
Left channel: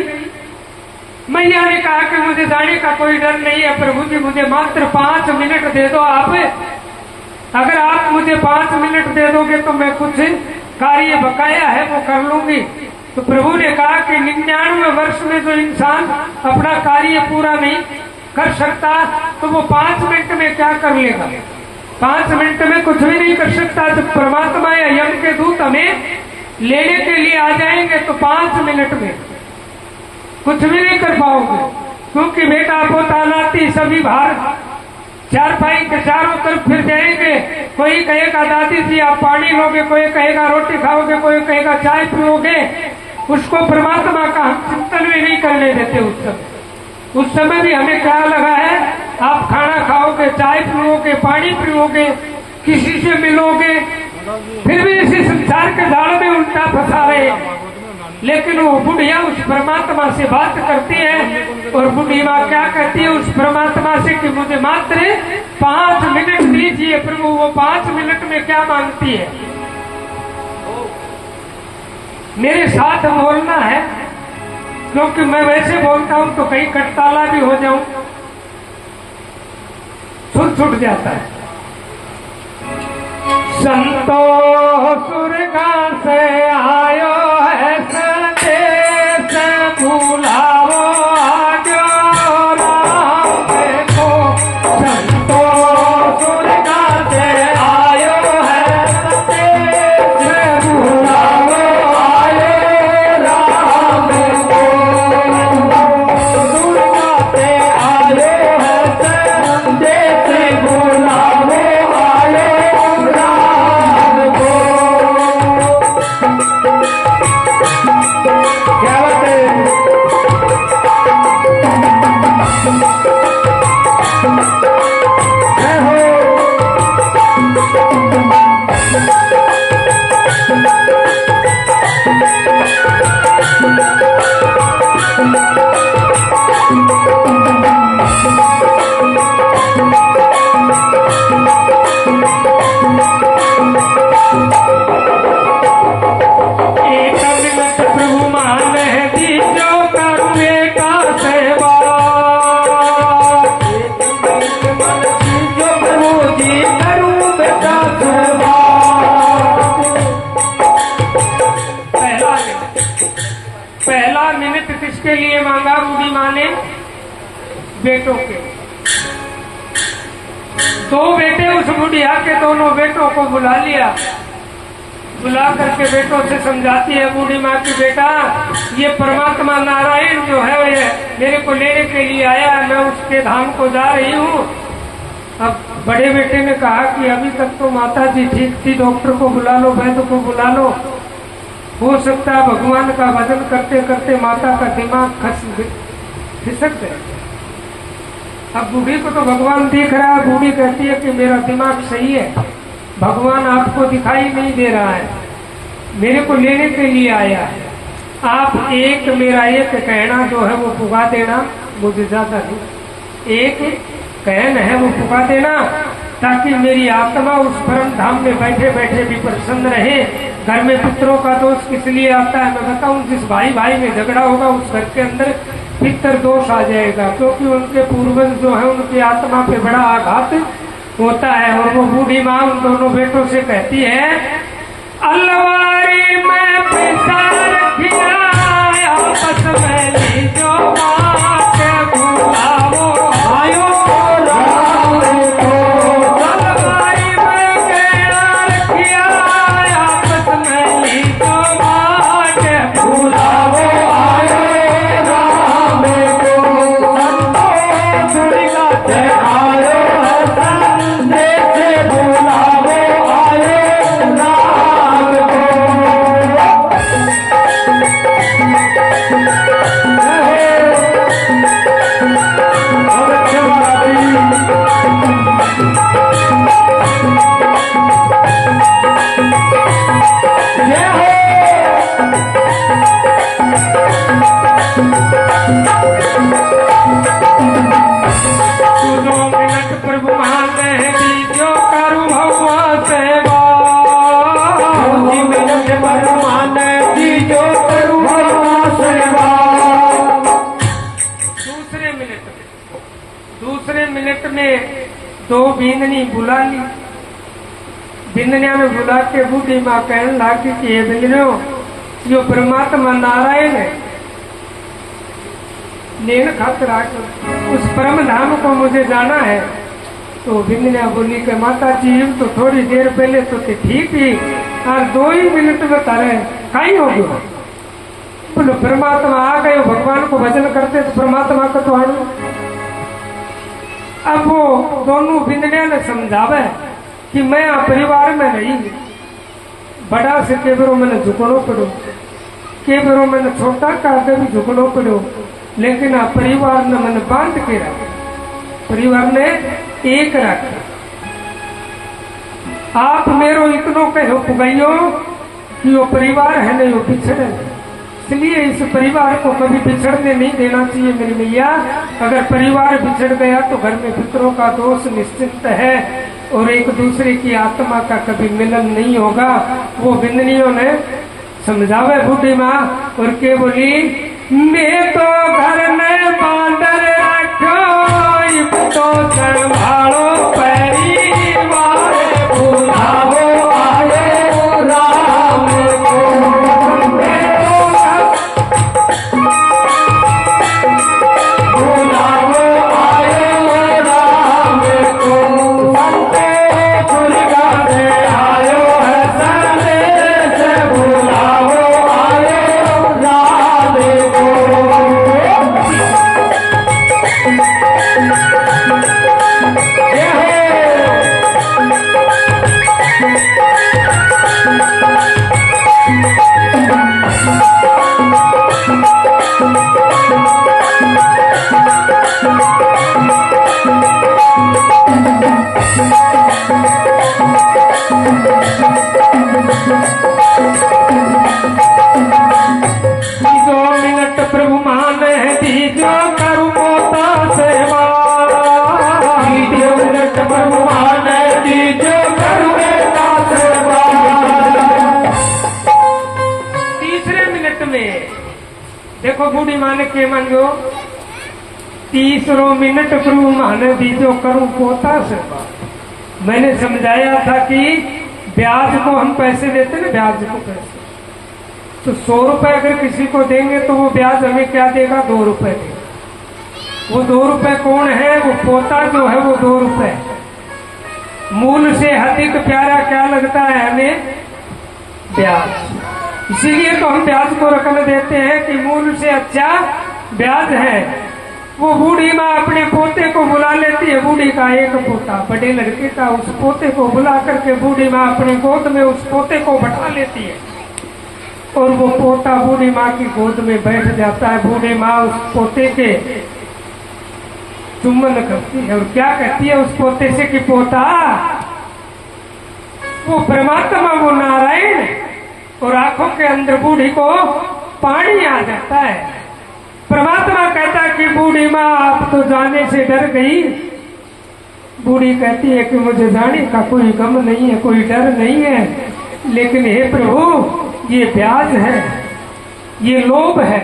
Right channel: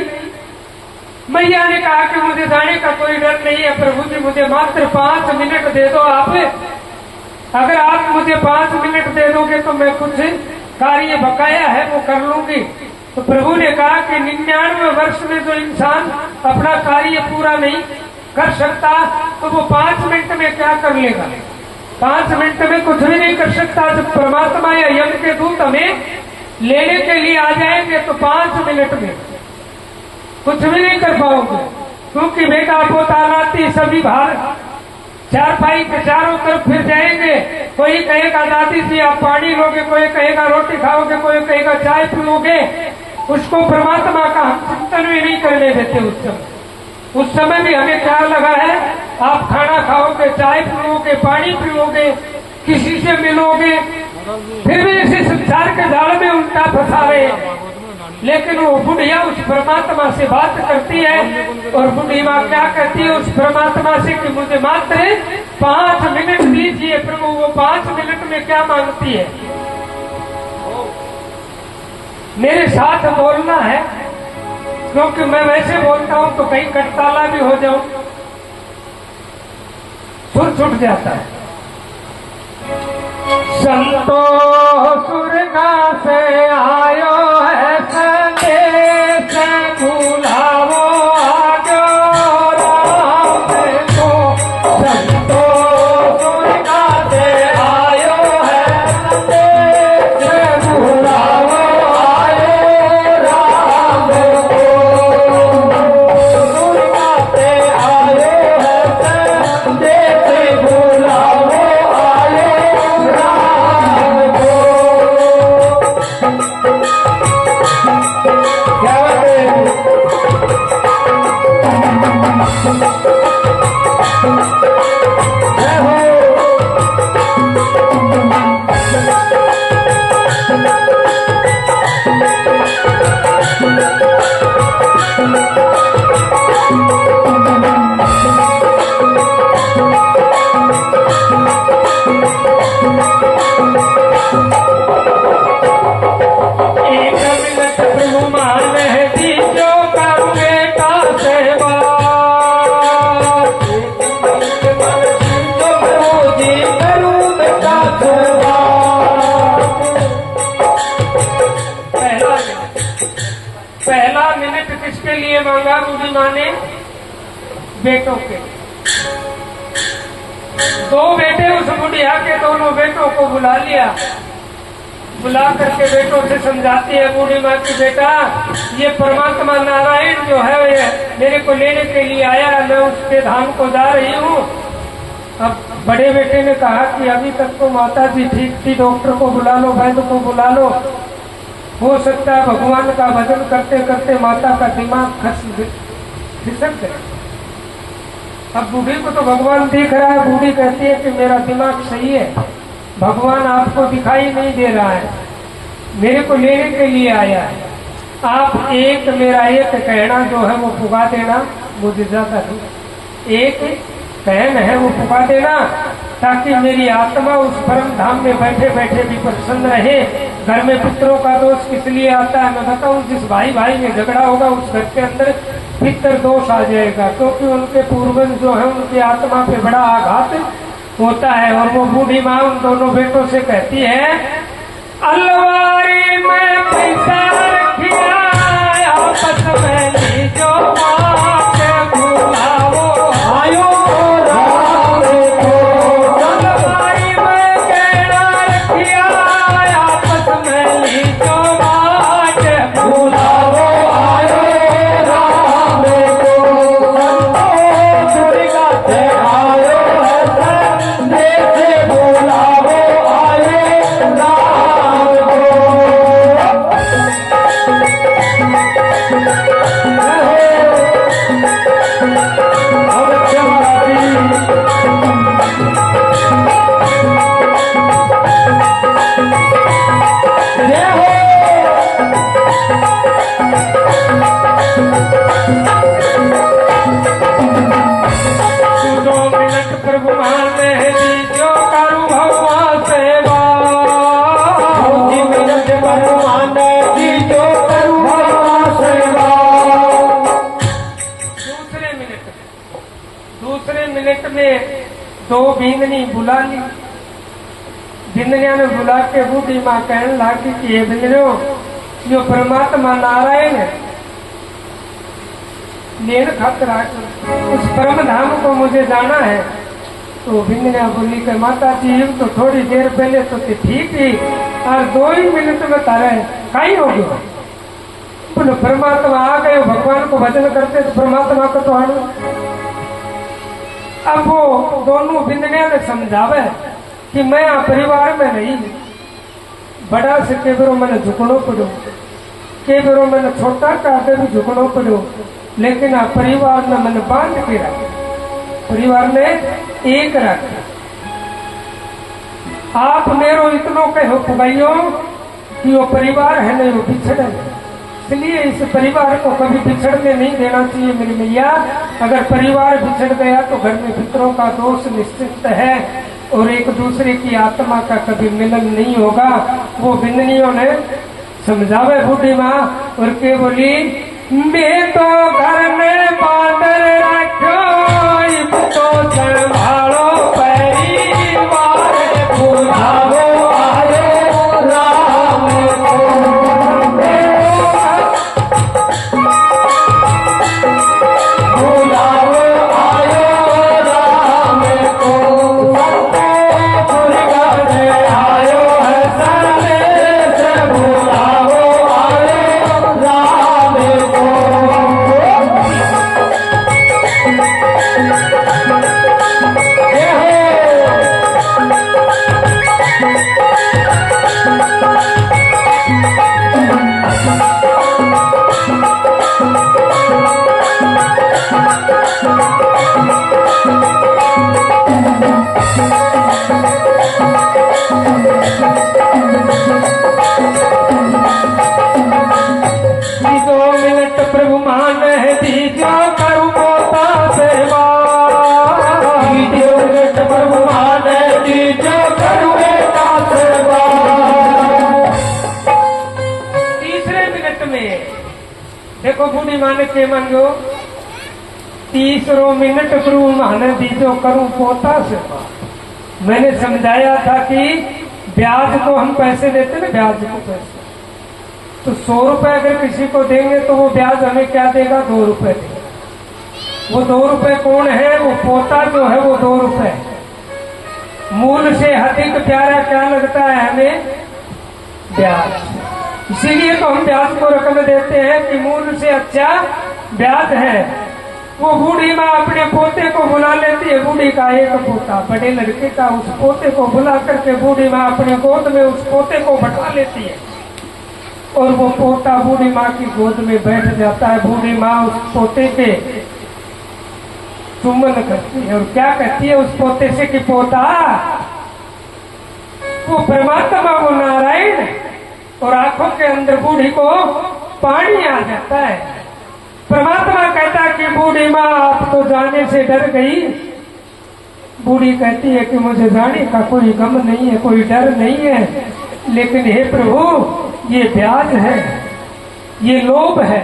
मैया ने कहा कि मुझे जाने का कोई डर नहीं है प्रभु जी, मुझे मात्र 5 मिनट दे दो आप। अगर आप मुझे 5 मिनट दे दोगे तो मैं कुछ कार्य बकाया है वो कर लूंगी। तो प्रभु ने कहा कि 99 वर्ष में जो इंसान अपना कार्य पूरा नहीं कर सकता तो वो 5 मिनट में क्या कर लेगा। 5 मिनट में कुछ भी नहीं कर सकता। जब परमात्मा या यम के दूत हमें लेने के लिए आ जाएंगे तो 5 मिनट में कुछ भी नहीं कर पाओगे, क्योंकि बेटा पोता नाती सभी बाहर चारपाई के चारों तरफ फिर जाएंगे। कोई कहेगा दादी जी आप पानी लोगे, कोई कहेगा रोटी खाओगे, कोई कहेगा चाय पियोगे। उसको परमात्मा का हम चिंतन में नहीं करने देते। उस समय भी हमें क्या लगा है, आप खाना खाओगे, चाय पियोगे, पानी पियोगे, किसी से मिलोगे, फिर भी इसी संसार के जाल में उल्टा फंसा रहे। लेकिन वो बुढ़िया उस परमात्मा से बात करती है और बुढ़िया क्या कहती है उस परमात्मा से कि मुझे मात्र 5 मिनट दीजिए प्रभु। वो 5 मिनट में क्या मांगती है, मेरे साथ बोलना है, क्योंकि मैं वैसे बोलता हूं तो कहीं कटताला भी हो जाऊं, सुर छूट जाता है। संतोष सुरगा से आयो है संदेश, बुलावो आजो राम को। संतोष सुरगा से आयो है संदेश, बुलावो आयो राम को। सुरगा से आयो है संदेश, बुलावो क्या बात है। पहला मिनट किसके लिए मांगा बूढ़ी माँ ने, बेटों के। 2 बेटे उस बुढ़िया के, दोनों बेटों को बुला लिया। बुला करके बेटों से समझाती है बूढ़ी माँ की बेटा ये परमात्मा नारायण जो है ये मेरे को लेने के लिए आया, मैं उसके धाम को जा रही हूँ। अब बड़े बेटे ने कहा कि अभी तक तो माता जी ठीक थी, डॉक्टर को बुला लो, वैद्य को बुला लो, हो सकता है भगवान का भजन करते करते माता का दिमाग खिसक गया। अब बूढ़ी को तो भगवान देख रहा है, बूढ़ी कहती है कि मेरा दिमाग सही है, भगवान आपको दिखाई नहीं दे रहा है, मेरे को लेने के लिए आया है। आप मेरा एक कहना जो है वो पुगा देना, मुझे ज्यादा नहीं, एक कहन है वो पुगा देना, ताकि मेरी आत्मा उस परम धाम में बैठे बैठे भी प्रसन्न रहे। घर में पितरों का दोष किस लिए आता है मैं बताऊं, जिस भाई भाई में झगड़ा होगा उस घर के अंदर पितर दोष आ जाएगा, क्योंकि उनके पूर्वज जो है उनकी आत्मा पे बड़ा आघात होता है। और वो बूढ़ी माँ उन दोनों बेटों से कहती है अलवारी में पैसा रखिया आपस में लीजो आयो राम को। अलवारी में में 2 बिंदनी बुला ली। बिंदनिया में बुला के बूढ़ी माँ कहने लगी कि ये बिंदनियों, जो परमात्मा नारायण है, लेन खातर उस परम धाम को मुझे जाना है। तो बिंदनिया बोली कि माता जी तो थोड़ी देर पहले तो ठीक ही, और 2 ही मिनट में तारे कहीं हो गए। बोलो परमात्मा आ गए, भगवान को भजन करते तो परमात्मा को तो आड़ो। अब वो दोनों बिंदनिया में समझावे कि मैं आ परिवार में नहीं, बड़ा से के बरो मैंने झुकनो पड़ो, के बरो मैंने छोटा काटे भी झुकनो पड़ो, लेकिन आ परिवार में मैंने बांध के रख, परिवार ने एक रख। आप मेरो इतनो कहो पुगाइयो कि वो परिवार है ना, वो बिछड़े, इसलिए इस परिवार को कभी बिछड़ने नहीं देना चाहिए मेरी मैया। अगर परिवार बिछड़ गया तो घर में पितरों का दोष निश्चित है और एक दूसरे की आत्मा का कभी मिलन नहीं होगा। वो बिंदनियों ने समझावे बूढ़ी माँ और के बोली, मैं तो घर में बांधर रखो, तो संभालो परिवार, बुलावो आए राम को। प्रभु मान दीजो करू मोता सेवा, प्रभु मान दीजो करू मोता सेवा। 3 मिनट में देखो बूढ़ी माँ ने के मांगो, 3 मिनट प्रभु मान दीजो करू पोता सेवा। मैंने समझाया था कि ब्याज को हम पैसे देते ना, ब्याज को पैसे, तो 100 रुपए अगर किसी को देंगे तो वो ब्याज हमें क्या देगा, 2 रुपए देगा। वो 2 रुपए कौन है, वो पोता जो है वो 2 रुपए। मूल से अधिक प्यारा क्या लगता है हमें, ब्याज। इसीलिए तो हम ब्याज को रकम देते हैं कि मूल से अच्छा ब्याज है। वो बूढ़ी माँ अपने पोते को बुला लेती है, बूढ़ी का एक पोता, बड़े लड़के का, उस पोते को बुला करके बूढ़ी माँ अपने गोद में उस पोते को बैठा लेती है और वो पोता बूढ़ी माँ की गोद में बैठ जाता है। बूढ़ी माँ उस पोते के चुम्बन करती है और क्या कहती है उस पोते से कि पोता, वो परमात्मा वो नारायण, और आंखों के अंदर बूढ़ी को पानी आ जाता है। परमात्मा कहता है कि बूढ़ी माँ आप तो जाने से डर गई। बूढ़ी कहती है कि मुझे जाने का कोई गम नहीं है, कोई डर नहीं है, लेकिन हे प्रभु ये ब्याज है, ये लोभ है,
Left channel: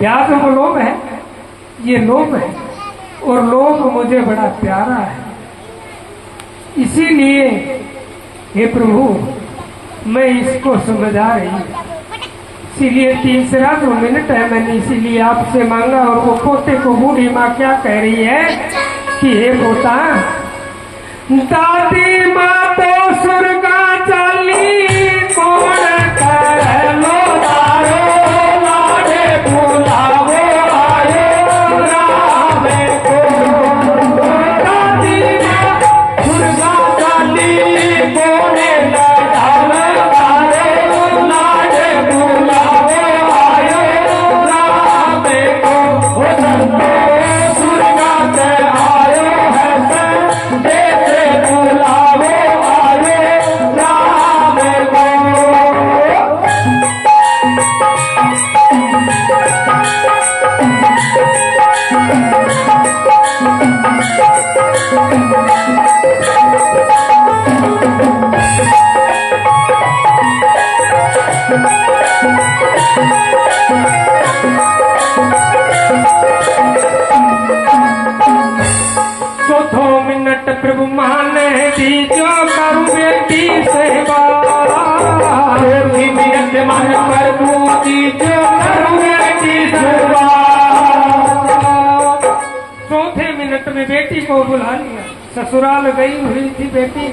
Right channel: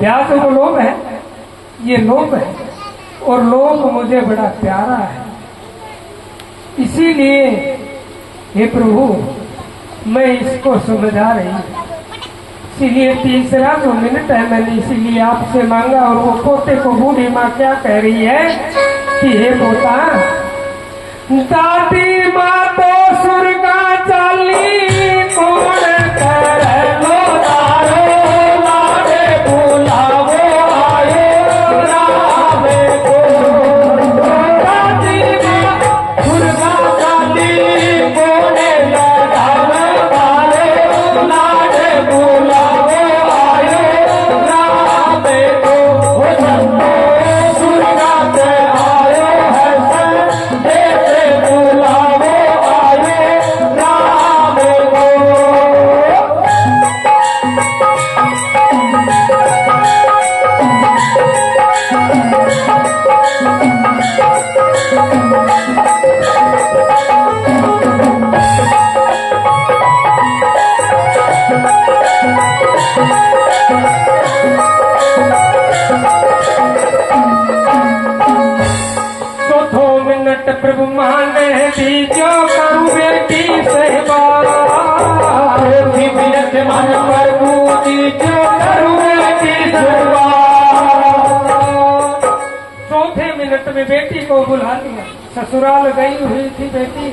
ब्याज तो लोभ है, ये लोभ है और लोभ मुझे बड़ा प्यारा है। इसीलिए हे प्रभु मैं इसको समझा रही हूँ। इसीलिए 3 मिनट है, मैंने इसीलिए आपसे मांगा। और वो पोते को बूढ़ी माँ क्या कह रही है कि हे पोता, दादी माँ तो सुर्गा चाली बोला प्रभु मान दीजो करूं बेटी सेवा नियत मन प्रभु दीजो करूं बेटी सेवा। चौथे मिनट में बेटी को बुला लिया। ससुराल गई हुई थी बेटी,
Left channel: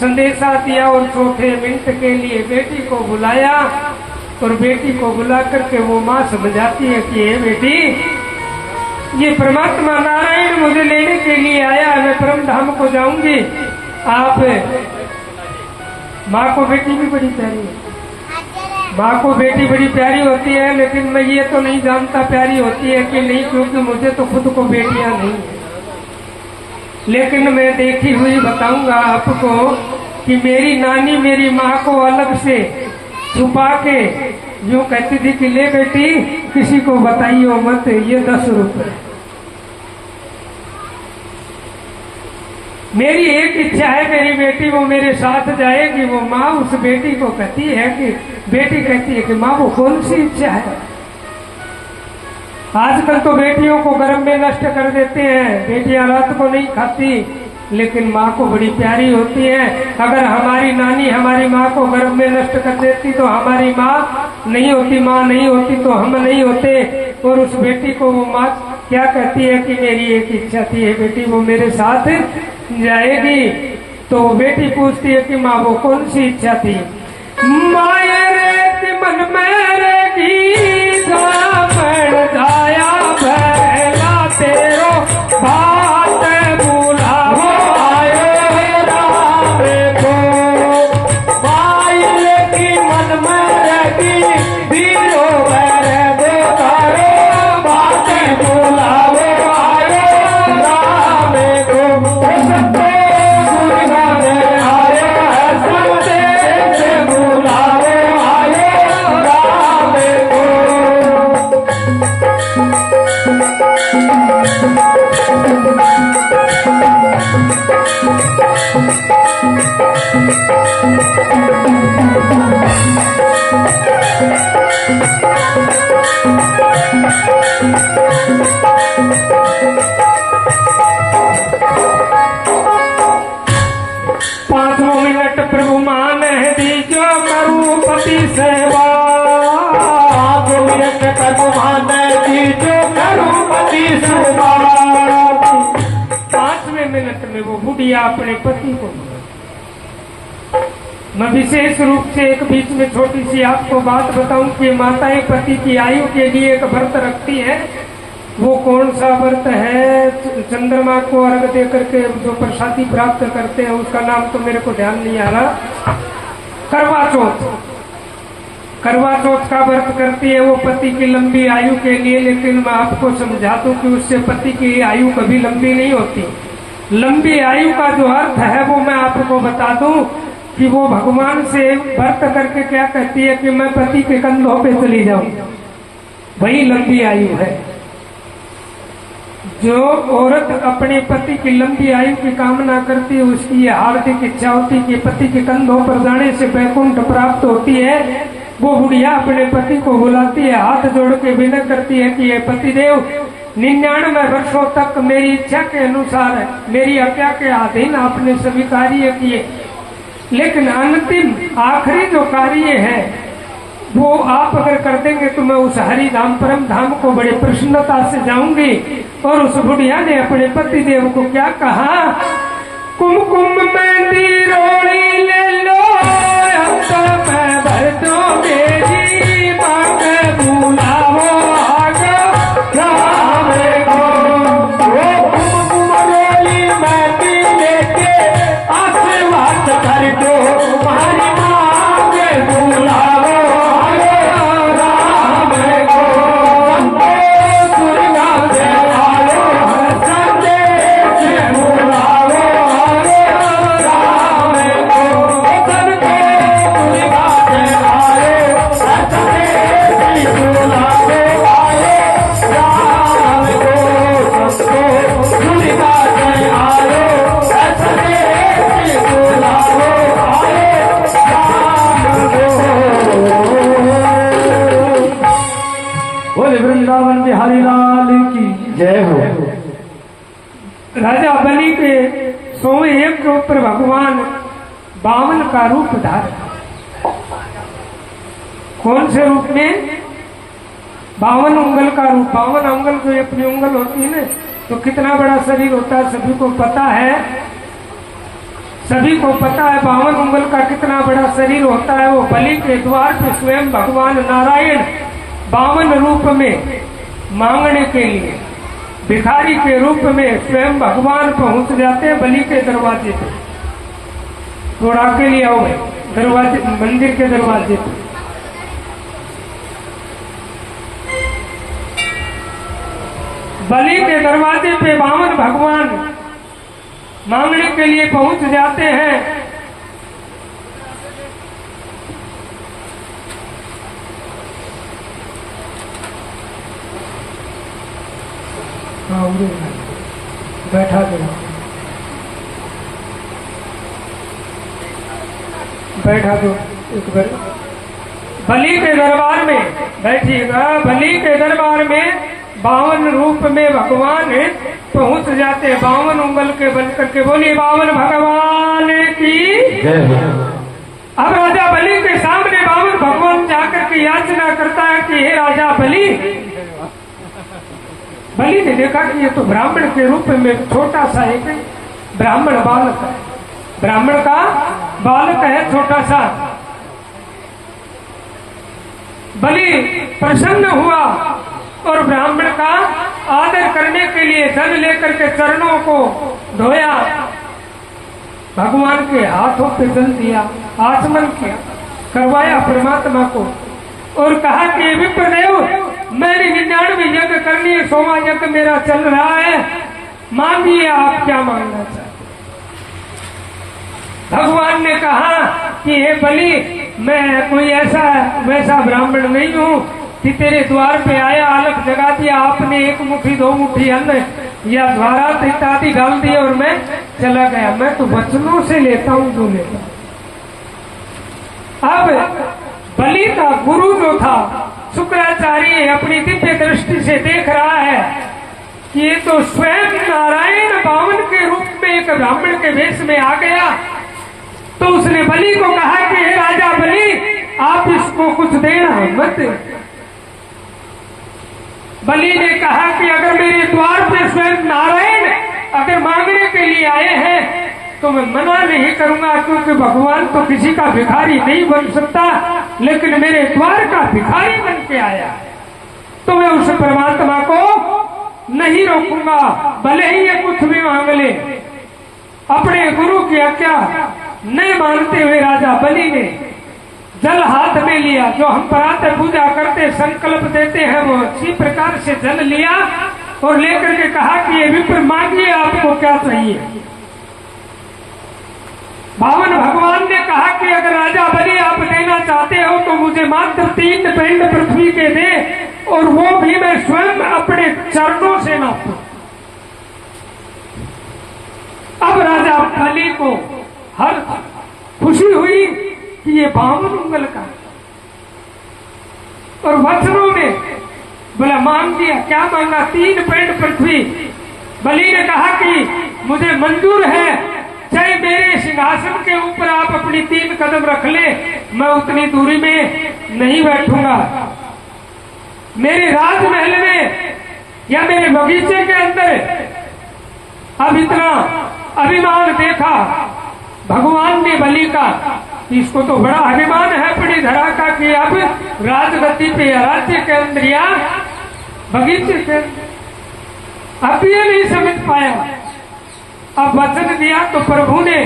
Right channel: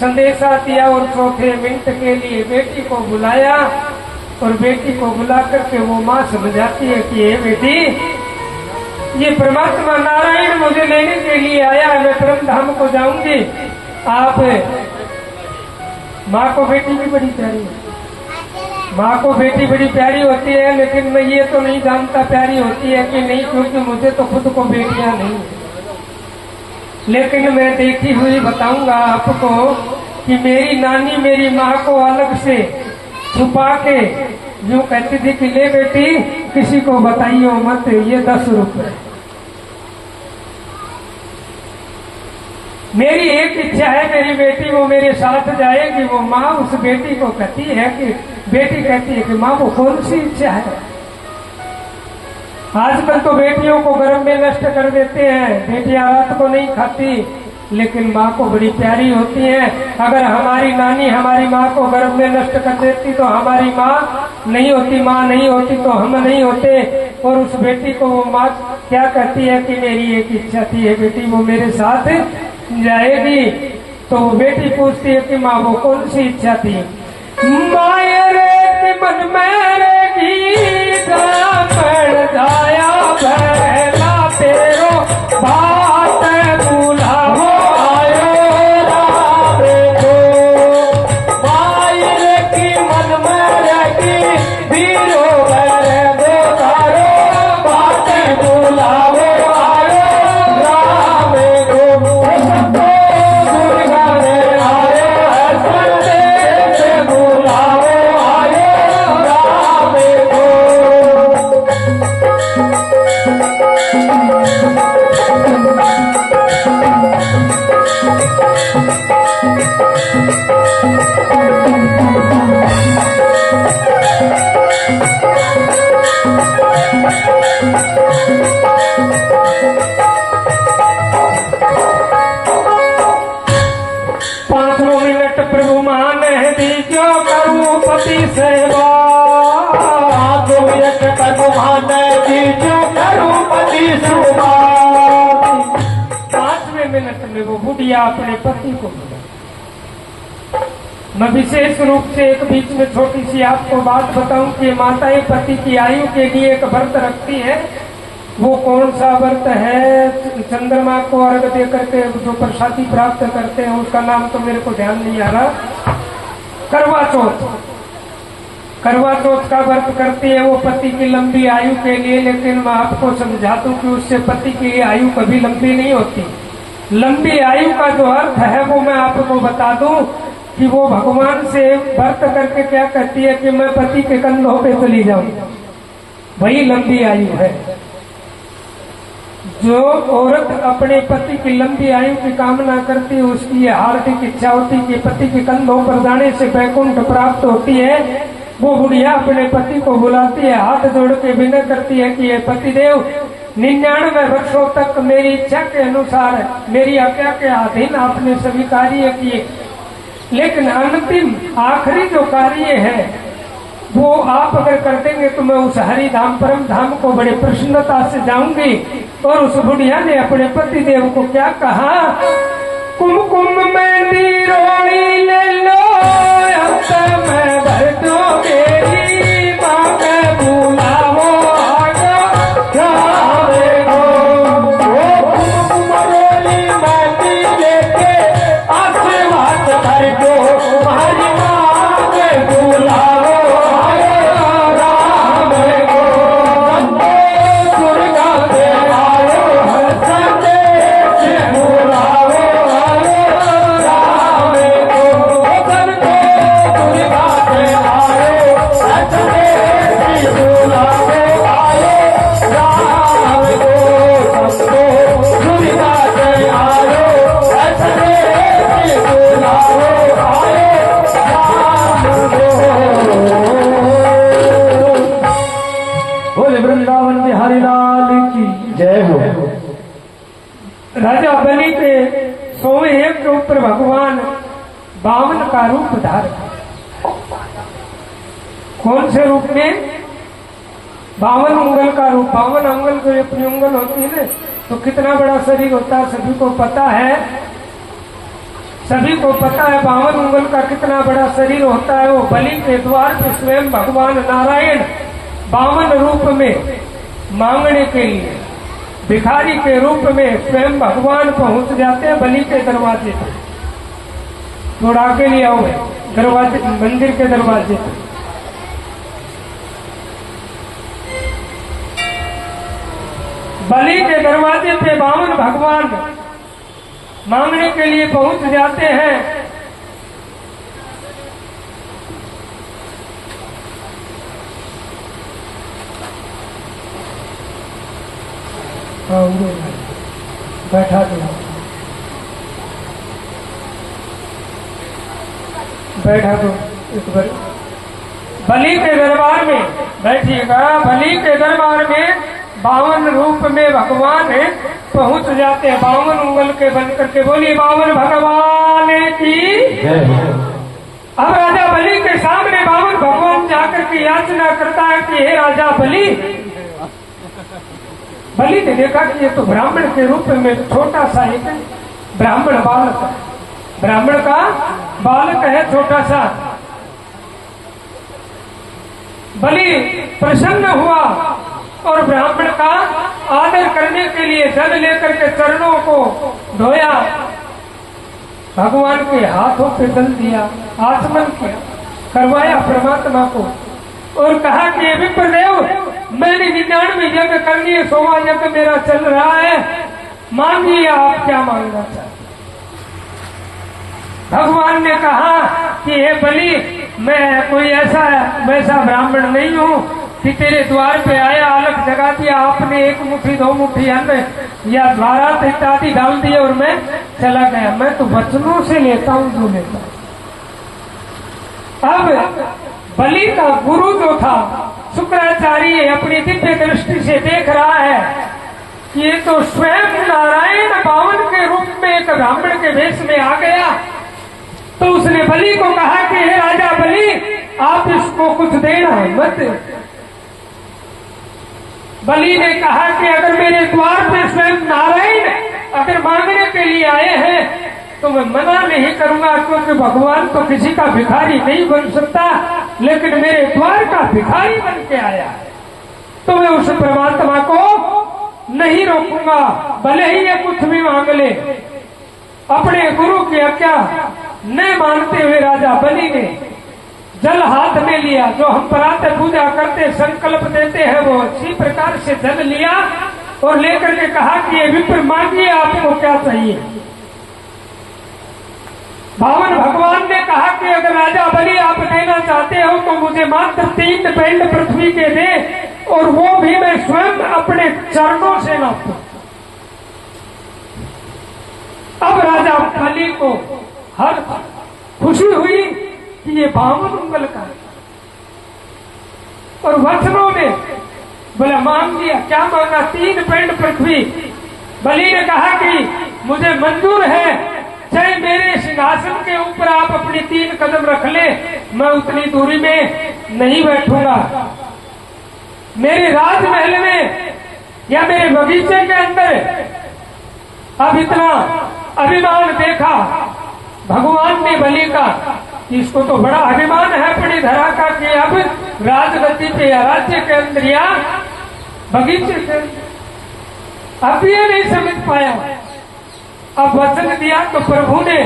संदेशा दिया और चौथे मिनट के लिए बेटी को बुलाया और बेटी को बुला करके वो माँ समझाती है कि ये बेटी, ये परमात्मा नारायण मुझे लेने के लिए आया, मैं परम धाम को जाऊंगी। आप माँ को बेटी भी बड़ी प्यारी है, माँ को बेटी बड़ी प्यारी होती है, लेकिन मैं ये तो नहीं जानता प्यारी होती है कि नहीं, क्योंकि मुझे तो खुद को बेटियां नहीं। लेकिन मैं देखी हुई बताऊंगा आपको कि मेरी नानी मेरी माँ को अलग से छुपा के यूं कहती थी कि ले बेटी किसी को बताइयो मत, ये 10 रुपए। मेरी एक इच्छा है, मेरी बेटी वो मेरे साथ जाएगी। वो माँ उस बेटी को कहती है कि बेटी कहती है कि माँ वो कौन सी इच्छा है। आजकल तो बेटियों को गर्भ में नष्ट कर देते हैं, बेटियां रात को नहीं खाती, लेकिन माँ को बड़ी प्यारी होती है। अगर हमारी नानी हमारी माँ को गर्भ में नष्ट कर देती तो हमारी माँ नहीं होती, माँ नहीं होती तो हम नहीं होते। और उस बेटी को वो माँ क्या कहती है कि मेरी एक इच्छा थी, ये बेटी वो मेरे साथ जाएगी। तो वो बेटी पूछती है कि माँ वो कौन सी इच्छा थी। मायरे के मन मेरेगी जाया भैया तेरो बात बुलावो आयो रामे को। मायर की मन मेरेगी दीरो दे तारो बात बुलावो आयो रामे को। पांचों मिनट प्रभु मान दीजो करूं पति सेवा। 5 मिनट प्रभु मान दीजो करूं पति सेवा। 5वें मिनट में वो बुढ़िया अपने पति को मिला। मैं विशेष रूप से एक बीच में छोटी सी आपको बात बताऊं कि माताएं पति की आयु के लिए एक व्रत रखती है। वो कौन सा व्रत है? चंद्रमा को अर्घ दे करके जो प्रसादी प्राप्त करते हैं उसका नाम तो मेरे को ध्यान नहीं आ रहा। करवा चौथ, करवा चौथ का व्रत करती है वो पति की लंबी आयु के लिए। लेकिन मैं आपको समझा दूं कि उससे पति की आयु कभी लंबी नहीं होती। लंबी आयु का जो अर्थ है वो मैं आपको बता दूं कि वो भगवान से व्रत करके क्या कहती है कि मैं पति के कंधों पे चली जाऊं, वही लंबी आयु है। जो औरत अपने पति की लंबी आयु की कामना करती है उसकी ये हार्दिक इच्छा होती है कि पति के कंधों पर जाने से वैकुंठ प्राप्त होती है। वो बुढ़िया अपने पति को बुलाती है, हाथ जोड़ के विनय करती है कि ये पतिदेव 99 वर्षों तक मेरी इच्छा के अनुसार मेरी आज्ञा के अधीन आपने सभी कार्य किए, लेकिन अंतिम आखिरी जो कार्य है वो आप अगर कर देंगे तो मैं उस हरि धाम परम धाम को बड़े प्रसन्नता से जाऊंगी। और उस बुढ़िया ने अपने पतिदेव को क्या कहा, कुमकुम मेहंदी रोड़ी ले लो, अब मैं भर दो मेरी माँ के बुलावो आगे रामे को। कुमकुम रोड़ी मेहंदी लेके आशीर्वाद भर दो तुम्हारी माँ के बुलावो रामे को। संदेश बुलावो रामे भगवान बामन का रूप धारण। कौन से रूप में? 52 उंगल का रूप। 52 उंगल को अपनी उंगल होती है ना, तो कितना बड़ा शरीर होता है सभी को पता है। सभी को पता है 52 उंगल का कितना बड़ा शरीर होता है। वो बलि के द्वार पर स्वयं भगवान नारायण 52 रूप में मांगने के लिए भिखारी के रूप में स्वयं भगवान पहुंच जाते हैं बलि के दरवाजे पर। थोड़ा के लिए आओ दरवाजे, मंदिर के दरवाजे पर। बलि के दरवाजे पे 52 भगवान मांगने के लिए पहुंच जाते हैं। बैठा दो, बैठा दो एक बार। बलि के दरबार में बैठिएगा। बलि के दरबार में 52 रूप में भगवान पहुंच जाते हैं। 52 उंगल के बन करके बोलिए 52 भगवान की जय हो। अब राजा बलि के सामने 52 भगवान जाकर के याचना करता है कि हे राजा बलि। बलि ने देखा कि ये तो ब्राह्मण के रूप में छोटा सा एक ब्राह्मण बालक है, ब्राह्मण का बालक है छोटा सा। बलि प्रसन्न हुआ और ब्राह्मण का आदर करने के लिए जल लेकर के चरणों को धोया, भगवान के हाथों पे जल दिया, आचमन किया, करवाया परमात्मा को और कहा कि विप्रदेव मैंने 99 यज्ञ कर लिए, 100वां यज्ञ मेरा चल रहा है, मांगिए आप क्या मांगना चाहते। भगवान ने कहा कि हे बलि मैं कोई ऐसा वैसा ब्राह्मण नहीं हूँ कि तेरे द्वार पे आए, आलख जगा दिया आपने, 1 मुट्ठी 2 मुट्ठी अन्न या द्वारात इत्यादि डाल दिए और मैं चला गया। मैं तो वचनों से लेता हूँ जो लेता हूँ। अब बलि का गुरु जो था शुक्राचार्य अपनी दिव्य दृष्टि से देख रहा है कि ये तो स्वयं नारायण 52 के रूप में एक ब्राह्मण के वेश में आ गया। तो उसने बलि को कहा कि हे राजा बलि आप इसको कुछ देना मत। बलि ने कहा कि अगर मेरे द्वार पे स्वयं नारायण अगर मांगने के लिए आए हैं तो मैं मना नहीं करूंगा, क्योंकि भगवान तो किसी का भिखारी नहीं बन सकता, लेकिन मेरे द्वार का भिखारी बन के आया तो मैं उस परमात्मा को नहीं रोकूंगा, भले ही ये कुछ भी मांग ले। अपने गुरु की आज्ञा न मानते हुए राजा बलि ने जल हाथ में लिया, जो हम प्रातः पूजा करते संकल्प देते हैं वो इसी प्रकार से जल लिया और लेकर के कहा कि ये विप्र मांगिए आपको क्या चाहिए। 52 भगवान ने कहा कि अगर राजा बलि आप देना चाहते हो तो मुझे मात्र 3 पिंड पृथ्वी के दे और वो भी मैं स्वयं अपने चरणों से नापूं। अब राजा बलि को हर खुशी हुई कि ये 52 उंगल का और वचनों में बोला मांग दिया। क्या मांगा? 3 पिंड पृथ्वी। बलि ने कहा कि मुझे मंजूर है, चाहे मेरे सिंहासन के ऊपर आप अपनी 3 कदम रख ले, मैं उतनी दूरी में नहीं बैठूंगा। मेरे राजमहल में या मेरे बगीचे के अंदर अब इतना अभिमान देखा भगवान ने बलि का, इसको तो बड़ा अभिमान है अपनी धरा का कि अब राजगद्दी पे या राज्य के अंदर या बगीचे के अब ये नहीं समझ पाया। अब वचन दिया तो प्रभु ने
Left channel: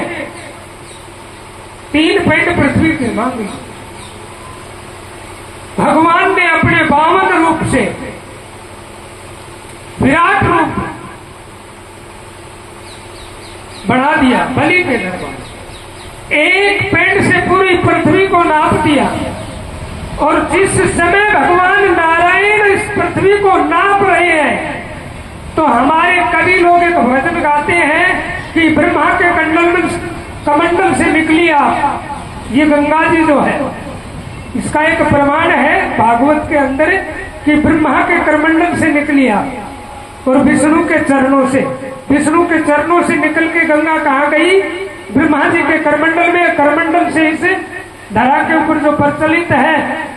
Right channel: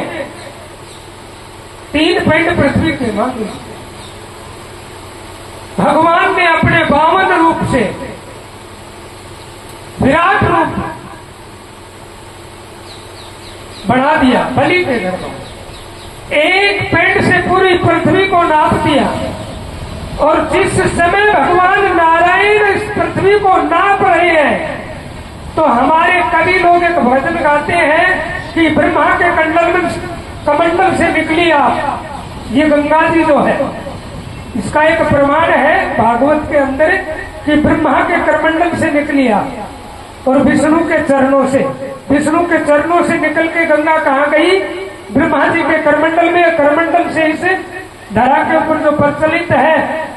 3 पिंड पृथ्वी की मांगी। भगवान ने अपने 52 रूप से विराट रूप बढ़ा दिया बलि के दरबार। 1 पिंड से पूरी पृथ्वी को नाप दिया और जिस समय भगवान नारायण इस पृथ्वी को नाप रहे हैं तो हमारे कवि लोग एक भजन गाते हैं कि ब्रह्मा के कमंडल से निकली आप। ये गंगा जी जो है इसका एक प्रमाण है भागवत के अंदर कि ब्रह्मा के करमंडल से निकली आप और विष्णु के चरणों से निकल के गंगा कहाँ गई? ब्रह्मा जी के करमंडल में, करमंडल से इस धरा के ऊपर जो प्रचलित है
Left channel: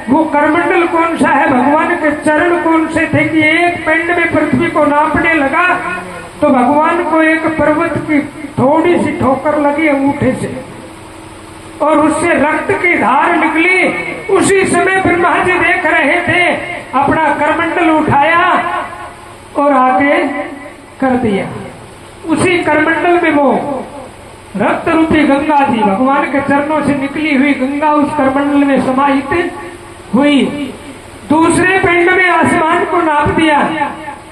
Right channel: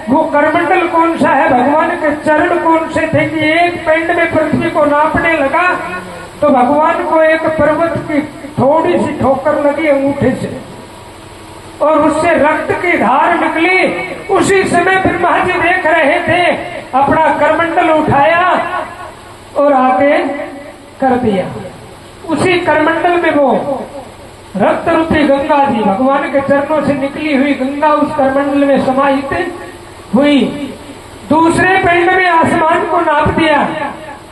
वो करमंडल कौन सा है, भगवान के चरण कौन से थे कि एक पिंड में पृथ्वी को नापने लगा तो भगवान को एक पर्वत की थोड़ी सी ठोकर लगी अंगूठे से और उससे रक्त की धार निकली। उसी समय ब्रह्मा जी देख रहे थे, अपना करमंडल उठाया और आगे कर दिया। उसी करमंडल में वो रक्त रूपी गंगा जी, भगवान के चरणों से निकली हुई गंगा उस करमंडल में समाहित हुई। दूसरे पिंड में आसमान को नाप दिया।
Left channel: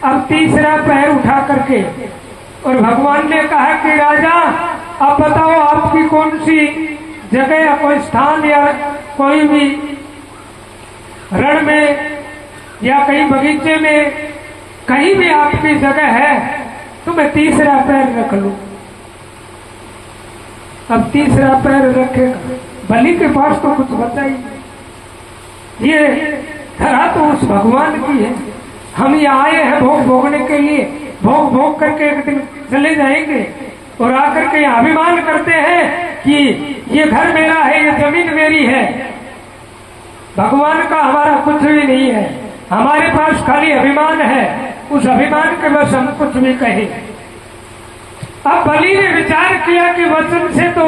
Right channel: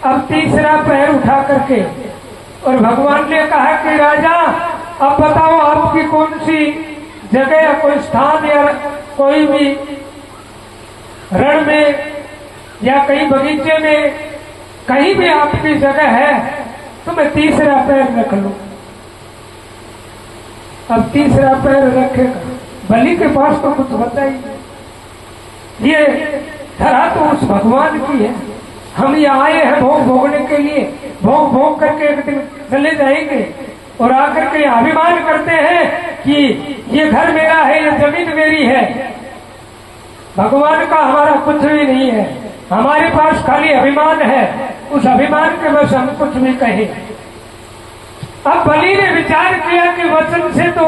अब तीसरा पैर उठा करके और भगवान ने कहा कि राजा अब बताओ आपकी कौन सी जगह या कोई स्थान या कोई भी रण में या कहीं बगीचे में कहीं भी आपकी जगह है तो मैं तीसरा पैर रख लूं। अब तीसरा पैर रखेगा, बलि के पास तो कुछ होता ही नहीं। ये धरा तो उस भगवान की है, हम यहाँ आए हैं भोग भोगने के लिए, भोग भोग करके एक दिन चले जाएंगे और आकर के अभिमान करते हैं कि ये घर मेरा है, ये जमीन मेरी है। भगवान का हमारा कुछ भी नहीं है, हमारे पास खाली अभिमान है। उस अभिमान के बस हम कुछ भी कहें। अब बलि ने विचार किया कि वचन से तो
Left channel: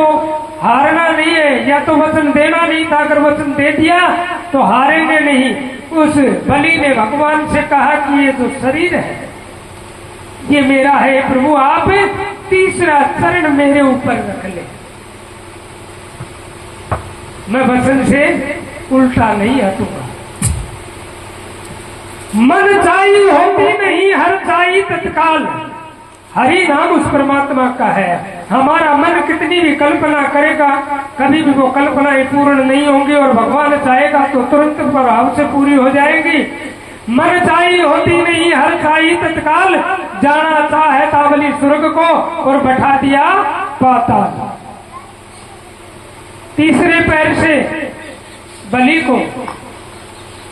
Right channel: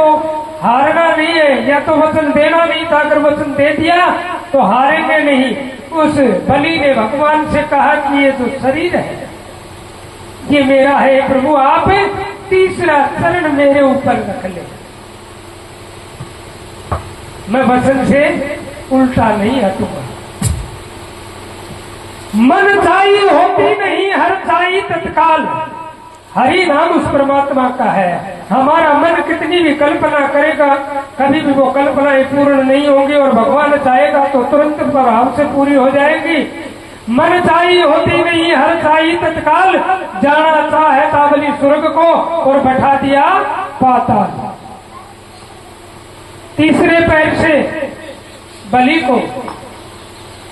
हारना नहीं है, या तो वचन देना नहीं था, अगर वचन दे दिया तो हारेंगे नहीं। उस बलि ने भगवान से कहा कि ये जो शरीर है ये मेरा है प्रभु, आप तीसरा चरण मेरे ऊपर रख ले, मैं वचन से उल्टा नहीं हटूंगा। मन चाही होती नहीं, हर चाही तत्काल। हरि नाम उस परमात्मा का है। हमारा मन कितनी भी कल्पना करेगा कभी भी वो कल्पनाएं पूर्ण नहीं होंगी और भगवान चाहेगा तो तुरंत प्रभाव से पूरी हो जाएगी। मन चाही होती नहीं, हर चाही तत्काल। जाना चाहे ताबली स्वर्ग को और बैठा दिया पाताल। तीसरे पैर से बलि को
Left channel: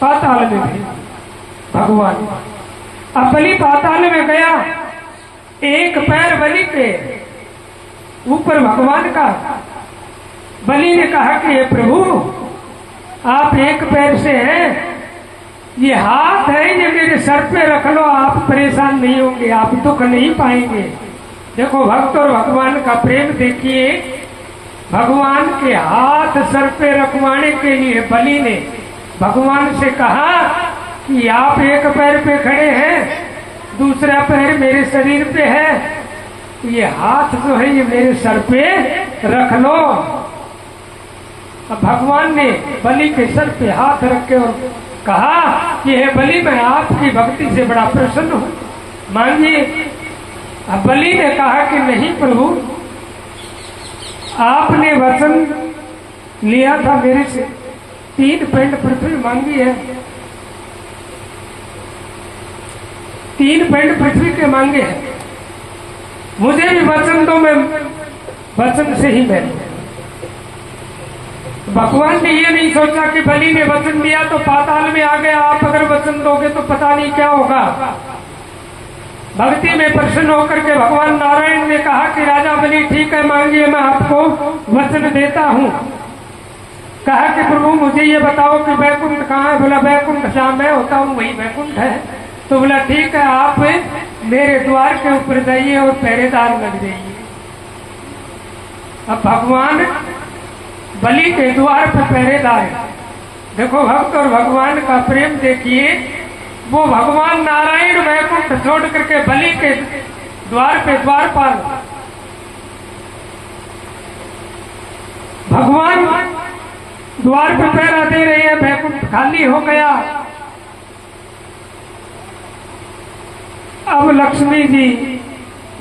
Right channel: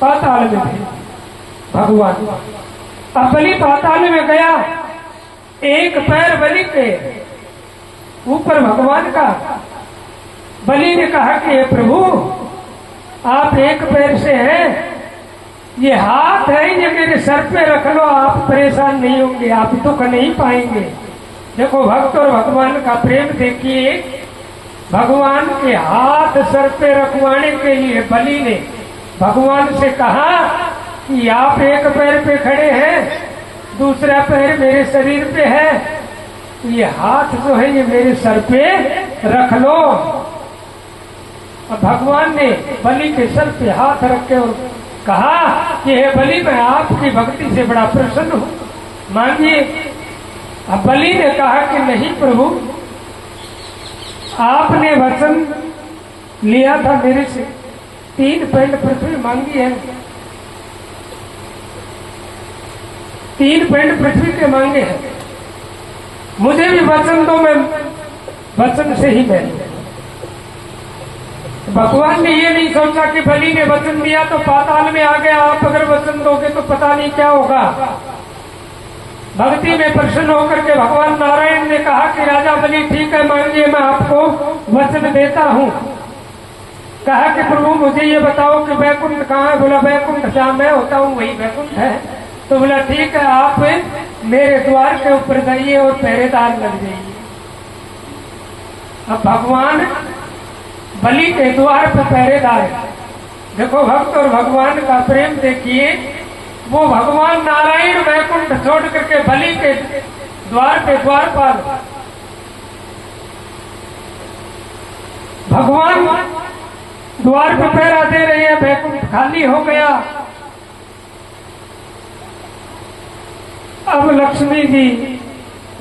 पाताल में भेजा भगवान। अब बलि पाताल में गया, एक पैर बलि के ऊपर भगवान का। बलि ने कहा कि हे प्रभु आप एक पैर से हैं, ये हाथ है ये मेरे सर पे रख लो, आप परेशान नहीं होंगे, आप दुख नहीं पाएंगे। देखो भक्त और भगवान का प्रेम देखिए। भगवान के हाथ सर पे रखवाने के लिए बलि ने भगवान से कहा कि आप एक पैर पे खड़े हैं, दूसरा पैर मेरे शरीर पे है, ये हाथ जो है ये मेरे सर पे रख लो। अब भगवान ने बलि के सर पे हाथ रख के कहा कि हे बलि मैं आपकी भक्ति से बड़ा प्रसन्न हूं, मानिए। अब बलि ने कहा कि नहीं प्रभु, आपने वचन लिया था मेरे से, 3 पिंड पृथ्वी मांगी है, 3 पिंड पृथ्वी के मांगे हैं, मुझे भी वचन दो, मैं वचन से ही मैं। भगवान ने ये नहीं सोचा कि बलि ने वचन दिया तो पाताल में आ गया, आप अगर वचन दोगे तो पता नहीं क्या होगा। भक्ति में प्रसन्न होकर के भगवान नारायण ने कहा कि राजा बलि ठीक है, मांगिए, मैं आपको वचन देता हूँ। कहा कि प्रभु मुझे ये बताओ कि वैकुंठ कहाँ है? बोला वैकुंठ जहाँ मैं होता हूँ वही वैकुंठ है। तो बोला ठीक है, आप मेरे द्वार के ऊपर जाइए और पहरेदार लग जाइए। अब भगवान बलि के द्वार पर पहरेदार है। देखो भक्त और भगवान का प्रेम देखिए। वो भगवान नारायण वैकुंठ छोड़ करके बलि के द्वार पे द्वारपाल, भगवान द्वार पर पहरा दे रहे हैं, वैकुंठ खाली हो गया। अब लक्ष्मी जी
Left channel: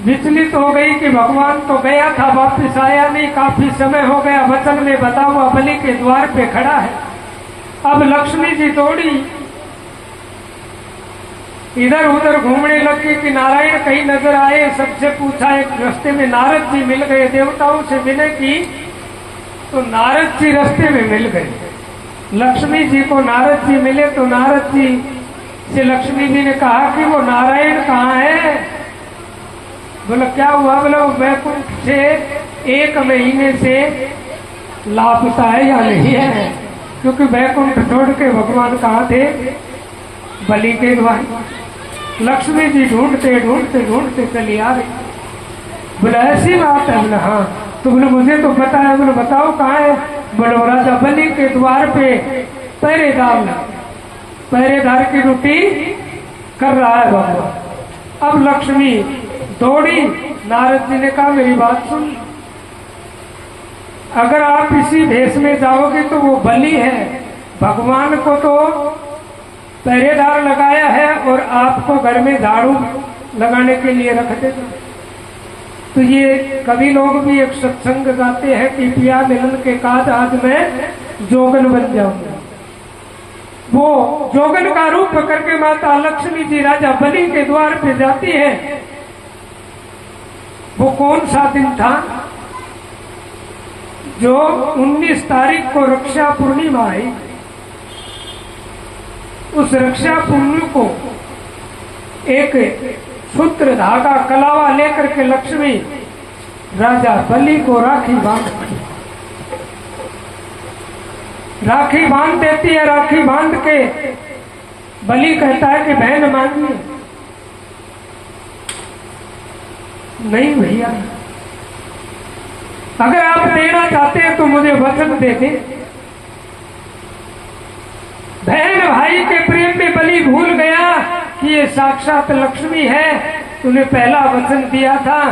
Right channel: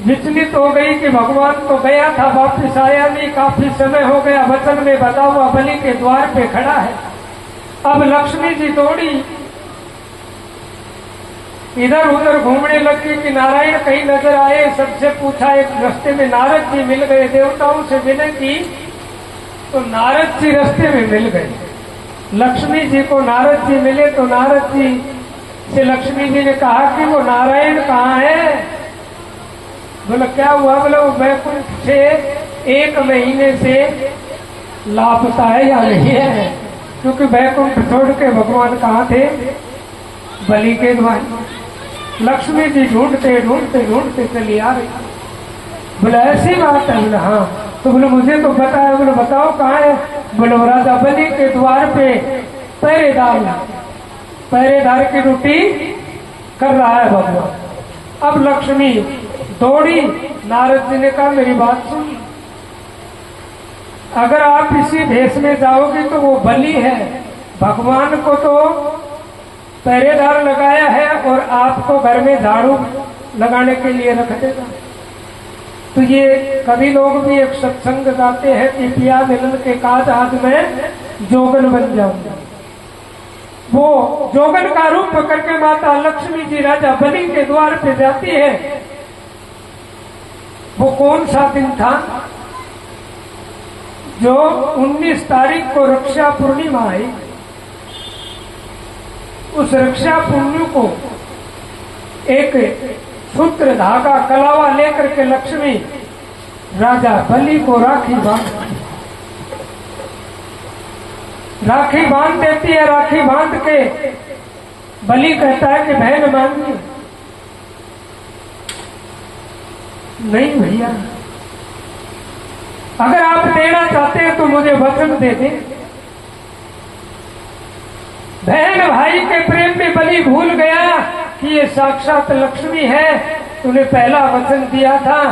विचलित हो गई कि भगवान तो गया था, वापिस आया नहीं, काफी समय हो गया, वचन में बता हुआ बलि के द्वार पे खड़ा है। अब लक्ष्मी जी दौड़ी, इधर उधर घूमने लगी कि नारायण कहीं नजर आए। सबसे पूछा, एक रास्ते में नारद जी मिल गए, देवताओं से मिले की तो नारद जी रास्ते में मिल गए। लक्ष्मी जी को नारद जी मिले तो नारद जी से लक्ष्मी जी ने कहा कि वो नारायण कहाँ है? बोला क्या हुआ? बोला वो वैकुंठ से 1 महीने से लापता है या नहीं है, क्योंकि वैकुंठ छोड़ के भगवान कहाँ थे? बलि के द्वार। लक्ष्मी जी ढूंढते ढूंढते ढूंढते चली आ रही। बोले ऐसी बात है? बोले हाँ। तो बोले मुझे तो पता है। बोले बताओ कहाँ है? बोले राजा बलि के द्वार पे पहरेदार की ड्यूटी कर रहा है भगवान। अब लक्ष्मी दौड़ी। नारद जी ने कहा मेरी बात सुन, अगर आप इसी भेष में जाओगे तो वो बलि है, भगवान को तो पहरेदार लगाया है और आपको घर में झाड़ू लगाने के लिए रख देगा। तो ये कभी लोग भी एक सत्संग गाते हैं कि पिया मिलन के काज आज मैं जोगन बन जाऊंगा। वो जोगन का रूप करके माता लक्ष्मी जी राजा बलि के द्वार पे जाती है। वो कौन सा दिन था? जो 19 तारीख को रक्षा पूर्णिमा आई। उस रक्षा पूर्णिमा को एक सूत्र धागा कलावा लेकर के लक्ष्मी राजा बलि को राखी बांध देती है। राखी बांध के बलि कहता है कि बहन मांगी। नहीं भैया, अगर आप देना चाहते हैं तो मुझे वचन दे दे। बहन भाई के प्रेम में बलि भूल गया कि ये साक्षात लक्ष्मी है। तूने पहला वचन दिया था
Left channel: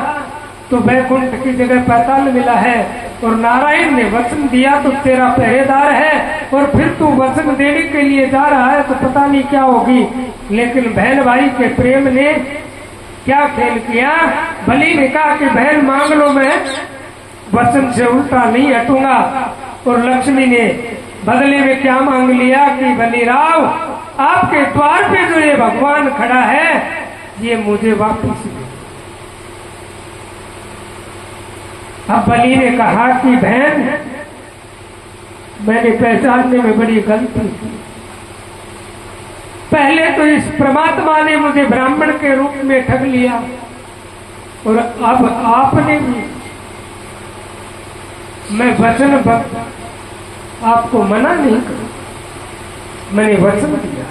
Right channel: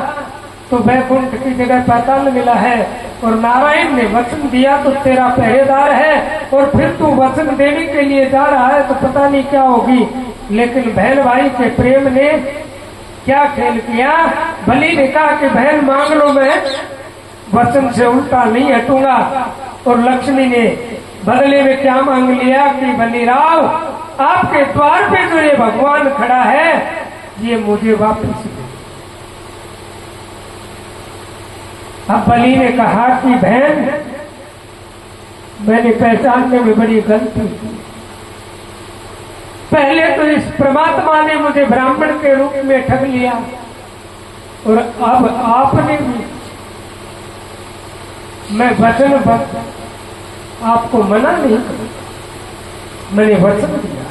तो वैकुंठ की जगह पाताल मिला है, और नारायण ने वचन दिया तो तेरा पहरेदार है, और फिर तू वचन देने के लिए जा रहा है तो पता नहीं क्या होगी। लेकिन बहन भाई के प्रेम ने क्या खेल किया? बलि ने कहा कि बहन मांग लो, मैं वचन से उल्टा नहीं हटूंगा। और लक्ष्मी ने बदले में क्या मांग लिया कि बलिराव आपके द्वार पे जो ये भगवान खड़ा है ये मुझे वापस दे। अब बलि ने कहा कि बहन मैंने पहचानने में बड़ी गलती की। पहले तो इस परमात्मा ने मुझे ब्राह्मण के रूप में ठग लिया, और अब आपने भी, मैं वचन आपको मना नहीं, मैंने वचन दिया।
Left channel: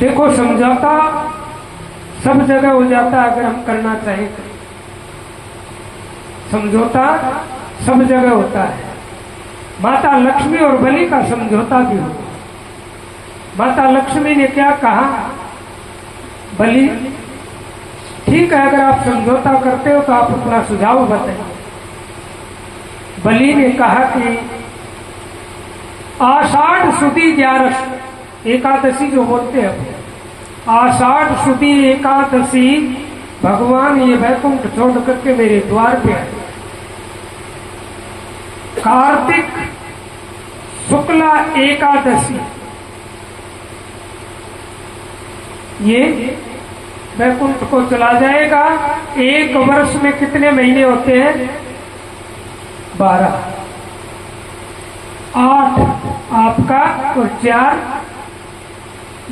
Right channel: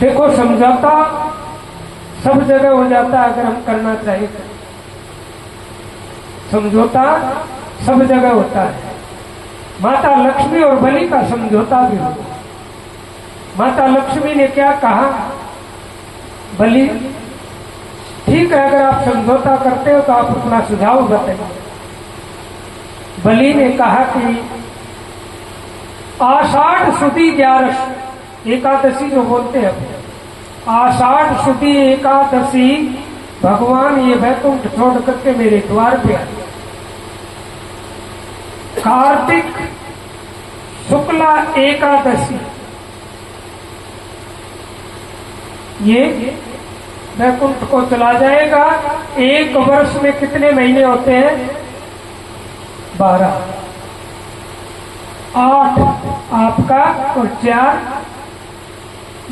देखो समझौता सब जगह हो जाता अगर हम करना चाहिए। समझौता सब जगह होता है। माता लक्ष्मी और बलि का समझौता भी होता है। माता लक्ष्मी ने क्या कहा? बलि ठीक है, अगर आप समझौता करते हो तो आप अपना सुझाव बताइए। बलि ने कहा कि आषाढ़ शुद्धि 11 एकादशी जो बोलते हैं, आषाढ़ शुद्धि एकादशी भगवान ये वैकुंठ छोड़ करके मेरे द्वार पे आए। कार्तिक शुक्ला एकादशी ये वैकुंठ को चला जाएगा। 1 वर्ष में कितने महीने होते हैं? 12। 8 आपका और 4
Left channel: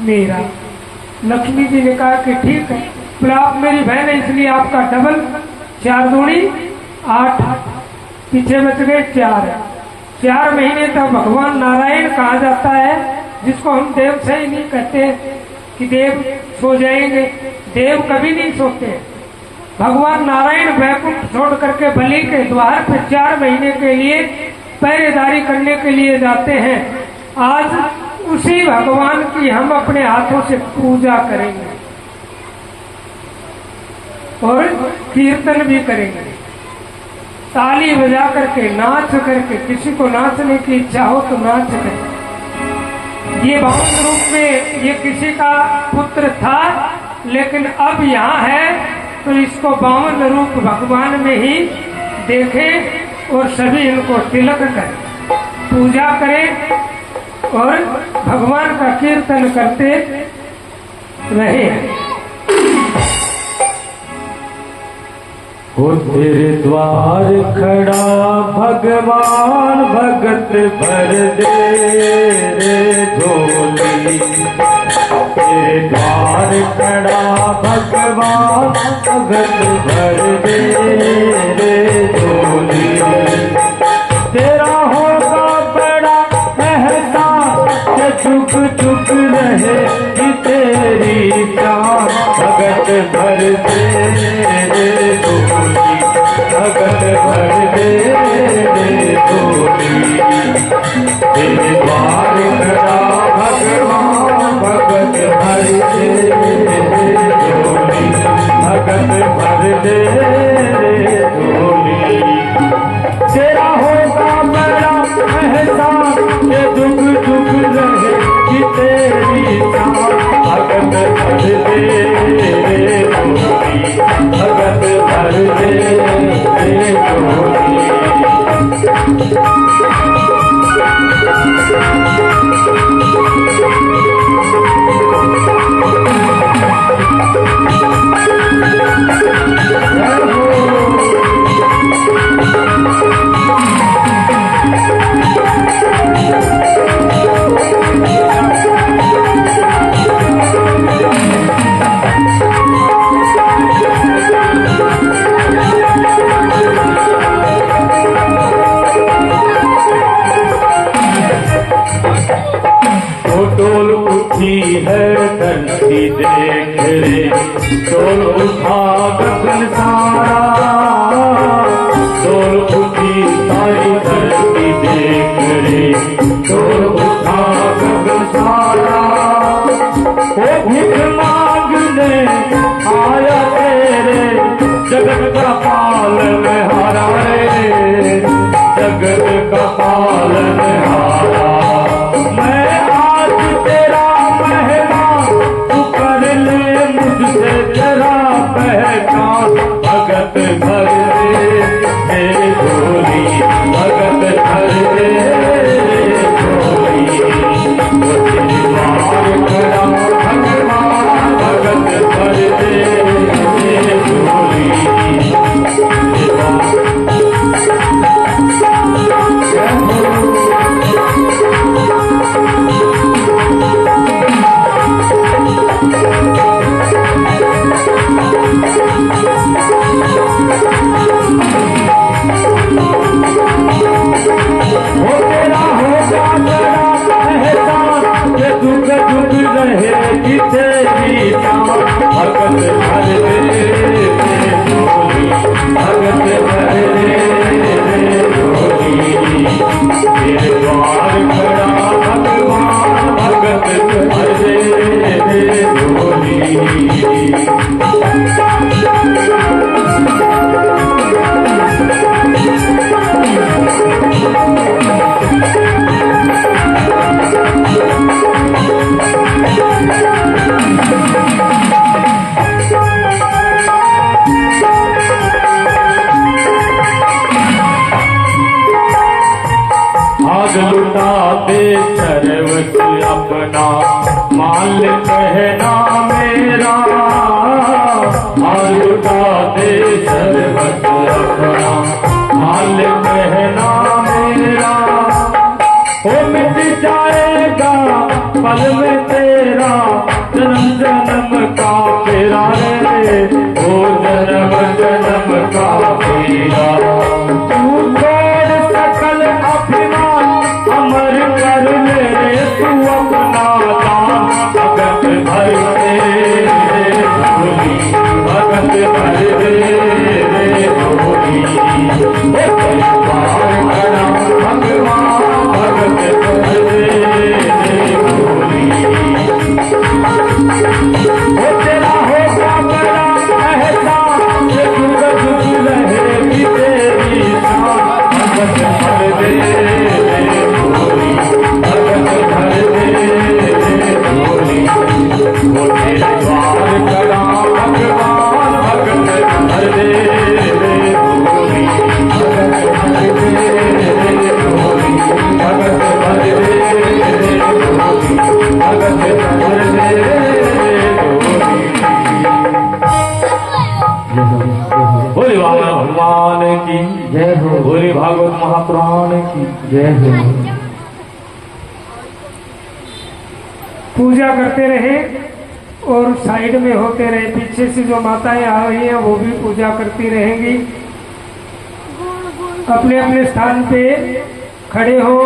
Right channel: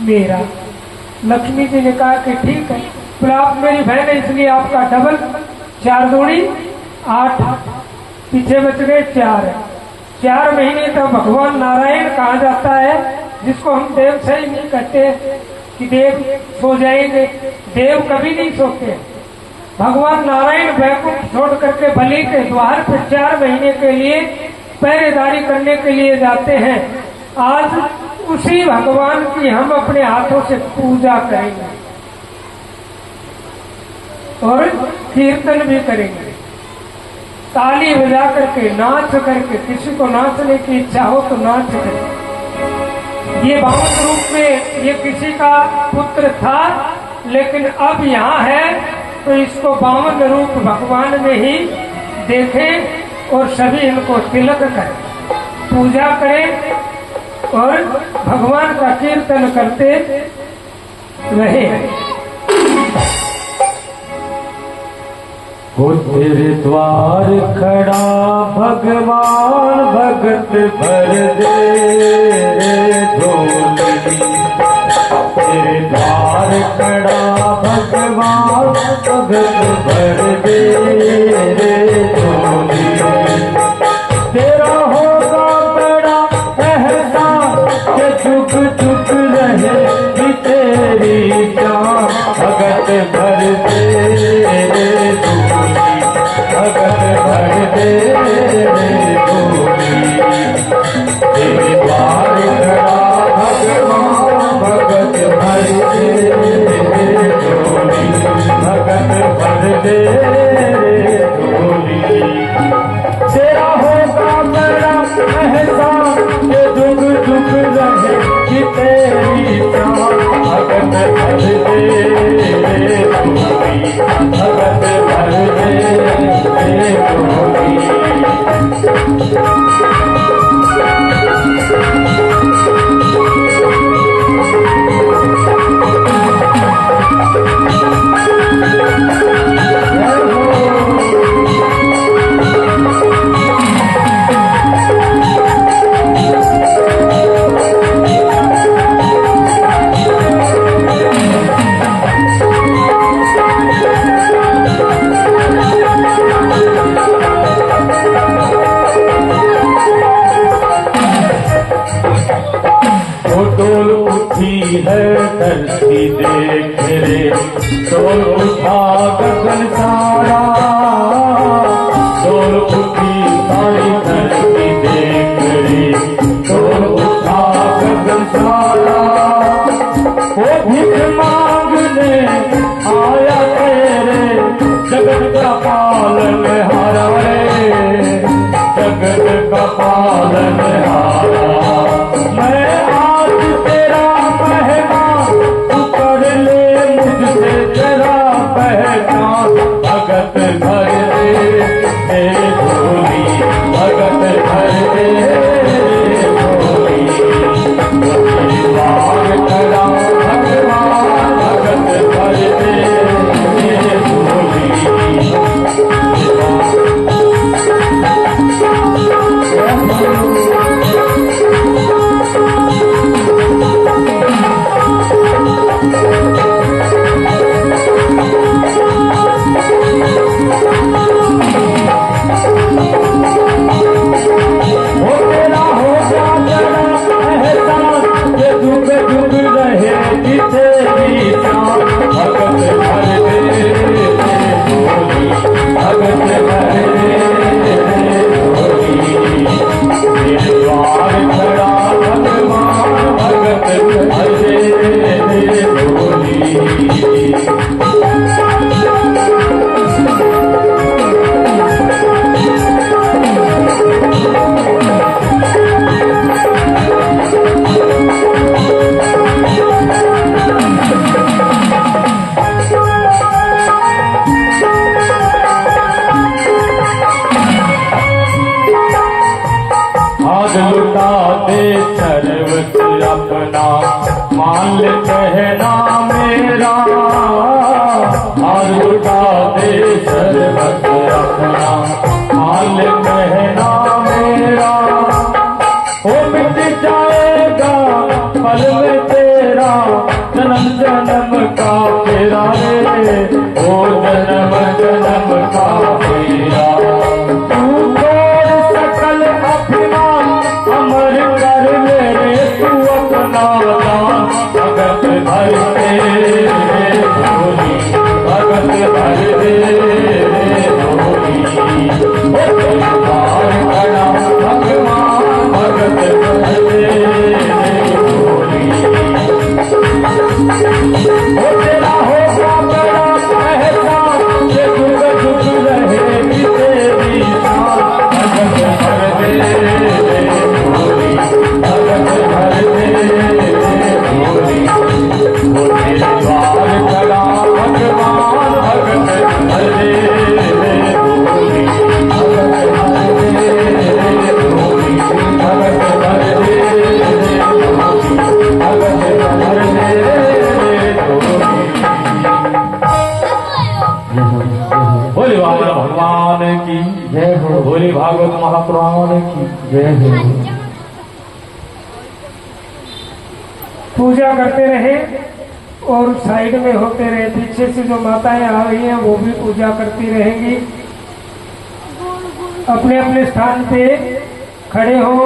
मेरा। लक्ष्मी जी ने कहा कि ठीक है, फिर आप मेरी बहन है इसलिए आपका डबल 4 दूनी 8, पीछे बच गए 4। 4 महीने तक भगवान नारायण कहा जाता है, जिसको हम देव से ही नहीं कहते कि देव सो जाएंगे। देव कभी नहीं सोते। भगवान नारायण वैकुंठ छोड़ करके बलि के द्वार पर 4 महीने के लिए पहरेदारी करने के लिए जाते हैं। आज उसी भगवान की हम अपने हाथों से पूजा करेंगे और कीर्तन भी करेंगे, ताली बजा करके, नाच करके। किसी को नाचने की इच्छा हो तो नाच करके। ये बामन रूप में ये किसी का पुत्र था, लेकिन अब यहाँ है तो इसको बामन रूप भगवान में ही देखें और सभी इनको तिलक करें, पूजा करें और भगवान का कीर्तन करते रहे। वो तेरे द्वार खड़ा भगवान, भगत भर दे रे झोली। तेरे द्वार खड़ा भगवान भगत भर दे रे झोली। तेरा होगा बड़ा एहसान कि चुप चुप रहे कि तेरी शान भगत भर दे रे झोली। भगत भर दे रे झोली। तेरे द्वार खड़ा भगवान भगत भर दे रे झोली। भगत भर दे रे झोली। तेरा होगा बड़ा एहसान कि दुख दुख रहे कि तेरी शान भगत भर दे रे झोली। भगत भर दे रे झोली। डोल उठी है धरती देख रे डोल उठा गगन सारा। डोल उठी सारी धरती देख रे डोल उठा गगन सारा। वो भीख मांगने आया तेरे जगत का पालन हारा रे। जगत का पालन हारा। भगत भर दे रे झोली। भगत भर दे रे झोली। द्वार खड़ा भगवान भगत भर दे रे झोली। लुटा दे सर्वत अपना माल कहना मेरा। आज लुटा दे सर्वत अपना माल कहना मेरा। ओ मिट जाएगा कल में तेरा जन्म जन्म का तेरा रे। ओ जन्म जन्म का तेरा। तू तोड़ सकल अपना अमर कर ले तू अपना दान। भगत भर दे रे झोली। भगत भर दे रे झोली। द्वार खड़ा भगवान भगत भर दे रे झोली। तेरा होगा बड़ा एहसान कि जुग जुग रहे कि तेरी शान। भगत भर दे रे झोली। भगत भर दे रे झोली। तेरे द्वार खड़ा भगवान भगत भर दे रे झोली। भगत भर दे रे झोली। भगत भर दे रे झोली। भगत भर दे रे झोली। बोले बाबा भगवान की जय हो। बोले भागवत महापुराण की जय हो। पूजा करते रहे और साइड में होते रहे। पीछे से जो माताएं आ रही हैं वो भी पूजा करती रहेंगी। अपने अपने स्थान पे खड़े हो।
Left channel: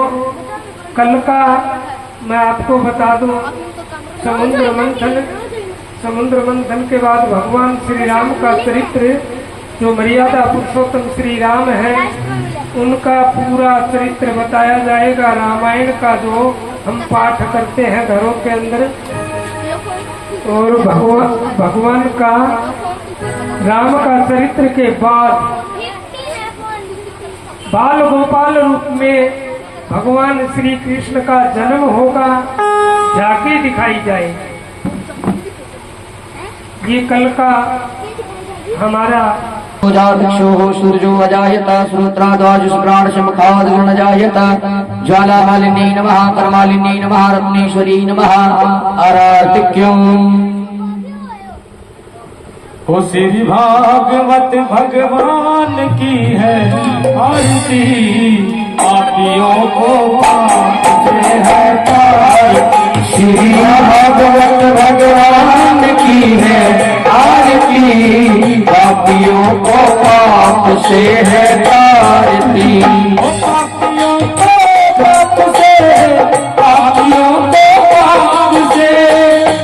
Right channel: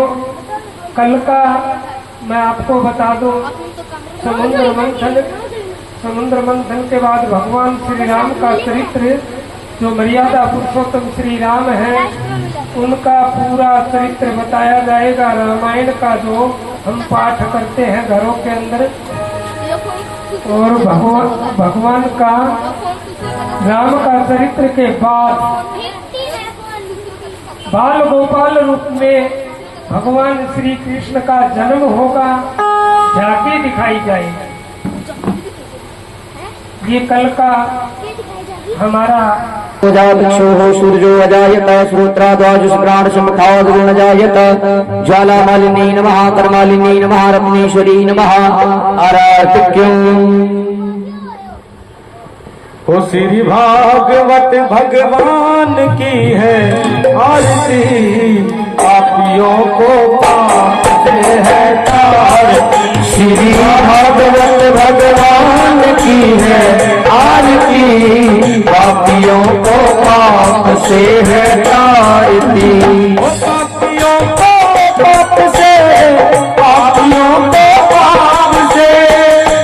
कल का मैं आपको बता दूं, समुद्र मंथन के बाद भगवान श्री राम का चरित्र, जो मर्यादा पुरुषोत्तम श्री राम है, उनका पूरा चरित्र बताया जाएगा। रामायण का जो हम पाठ करते हैं घरों के अंदर, और भगवान का राम का चरित्र के बाद बाल गोपाल रूप में भगवान श्री कृष्ण का जन्म होगा, झांकी दिखाई जाएगी। ये कल का हमारा भिक्षो सूर्यो अजायत श्रोत्राद्वाजुष्प्राण समखाद गुण जायत ज्वाला मालिनी नमः कर्मालिनी नमः रत्नेश्वरी नमः आराधिक्यों। ओ श्री भागवत भगवान की है आरती, पापियों को पाप से है तार। श्री भागवत भगवान की है आरती, पापियों को पाप से है तारती। पापियों को पाप से, पापियों को पाप से,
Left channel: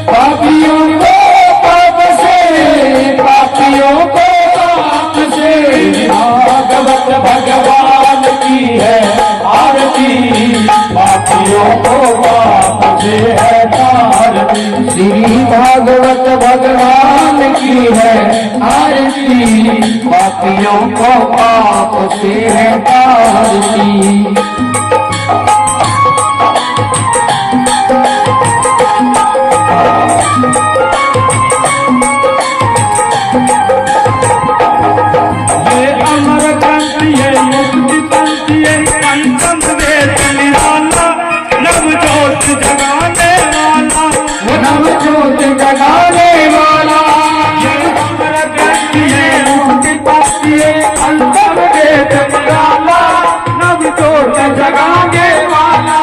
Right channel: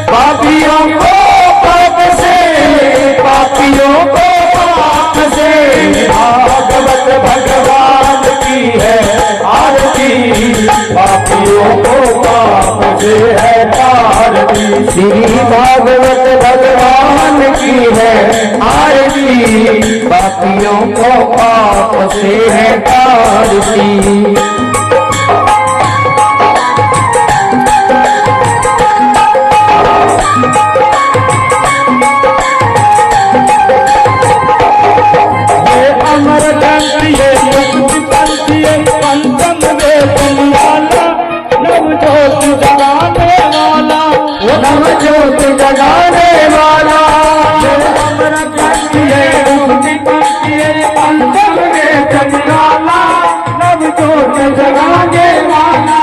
पापियों को पाप से, पापियों को पाप से। भागवत भगवान की है आरती, पापियों को पाप से है तारती। श्री भागवत भगवान की है आरती, पापियों को पाप से है तारती। ये अमर ग्रंथ, ये मुक्ति पंथ, ये पंचम वेद निराला, नव जोत जगाने वाला, वो नव ज्योत जगाने वाला। ये अमर ग्रंथ, ये मुक्ति पंथ, ये पंचम वेद निराला, नव जोत जगाने वाला,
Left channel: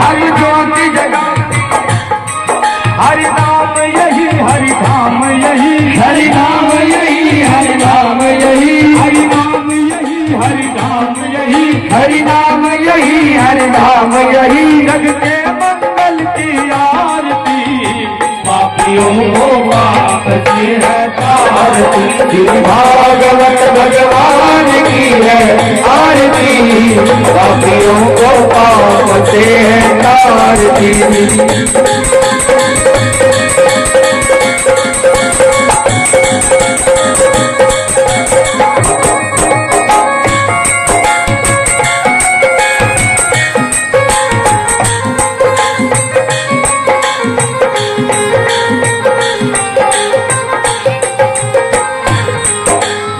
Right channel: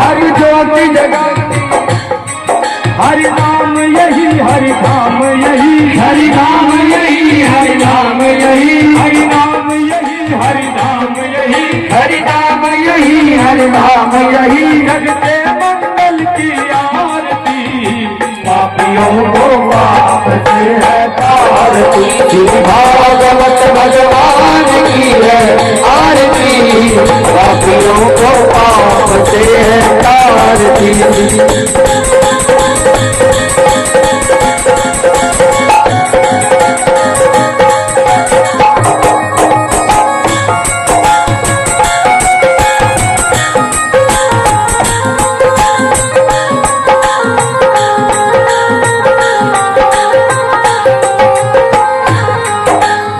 हरि ज्योति जगाने, हरि नाम यही, हरि धाम यही, हरि नाम यही, हरि नाम यही, हरि नाम यही, हरि धाम यही, हरि नाम यही, हरि नाम यही। जग के मंगल की आरती, पापियों को पाप से है तारती। श्री भागवत भगवान की है आरती, पापियों को पाप से है तारती।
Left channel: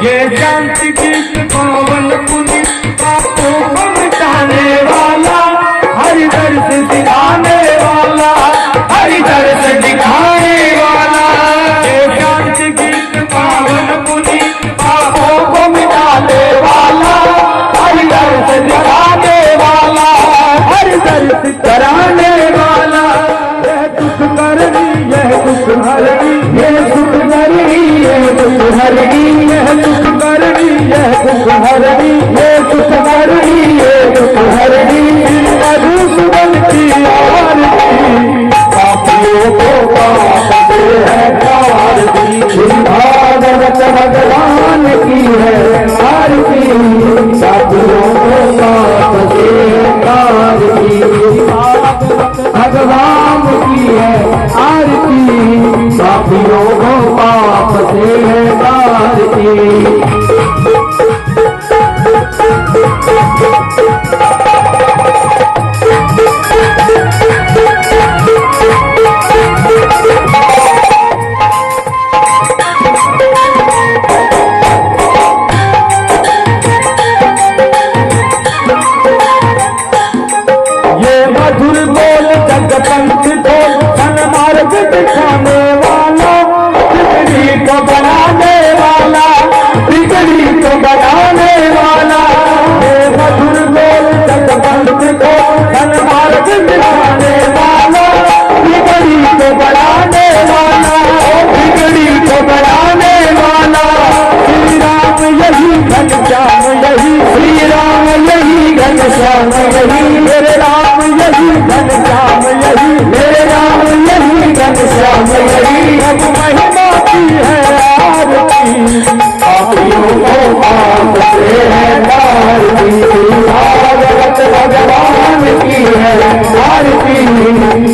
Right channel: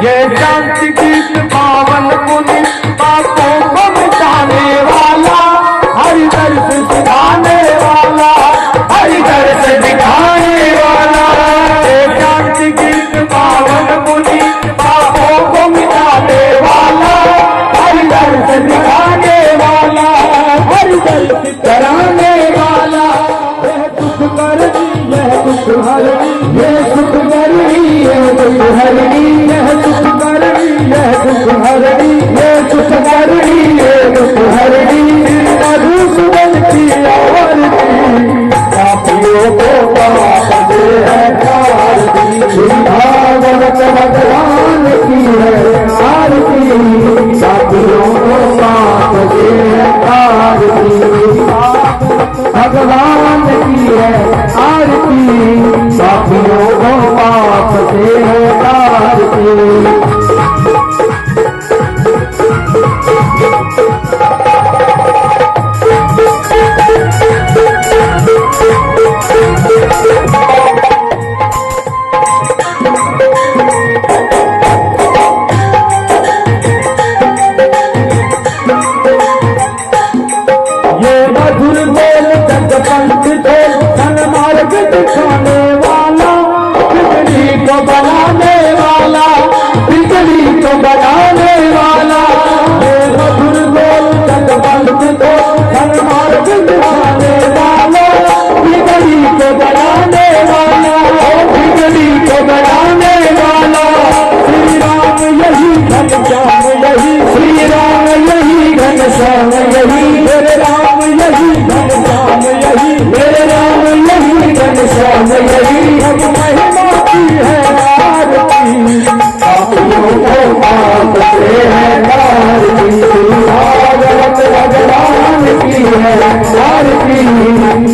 ये शांति गीत पावन पुनि, पापों को मिटाने वाला, हरि दर्श दिखाने वाला, हरि दर्श दिखाने वाला। ये शांति गीत पावन पुनि, पापों को मिटाने वाला, हरि दर्श दिखाने वाला, हरि दर्श कराने वाला। यह दुख करनी, यह दुख हरनी, ये सुख करनी, ये दुख हरनी, यह दुख करनी, यह दुख हरनी, ये सुख करनी, ये दुख हरनी। मधुसूदन की आरती, पापियों को पाप से है तारती। श्री भागवत भगवान की है आरती, पापियों को पाप से है तारती। भगवान की है आरती, पापियों को पाप से है तारती। ये मधुर बोल जग पंथ को सन्मार्ग दिखाने वाला, बिगड़ी को बनाने वाला, बिगड़ी को बनाने वाला। ये मधुर बोल जग पंथ को सन्मार्ग दिखाने वाला, बिगड़ी को नाम यही हम महिमा की है आरती पापियों को पाप से है आरती भागवत भगवान की है आरती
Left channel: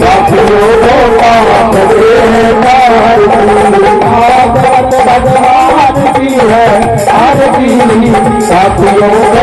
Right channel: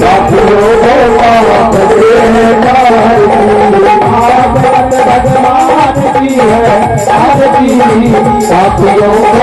पापियों को पाप से है आरती भागवत भगवान की है आरती पापियों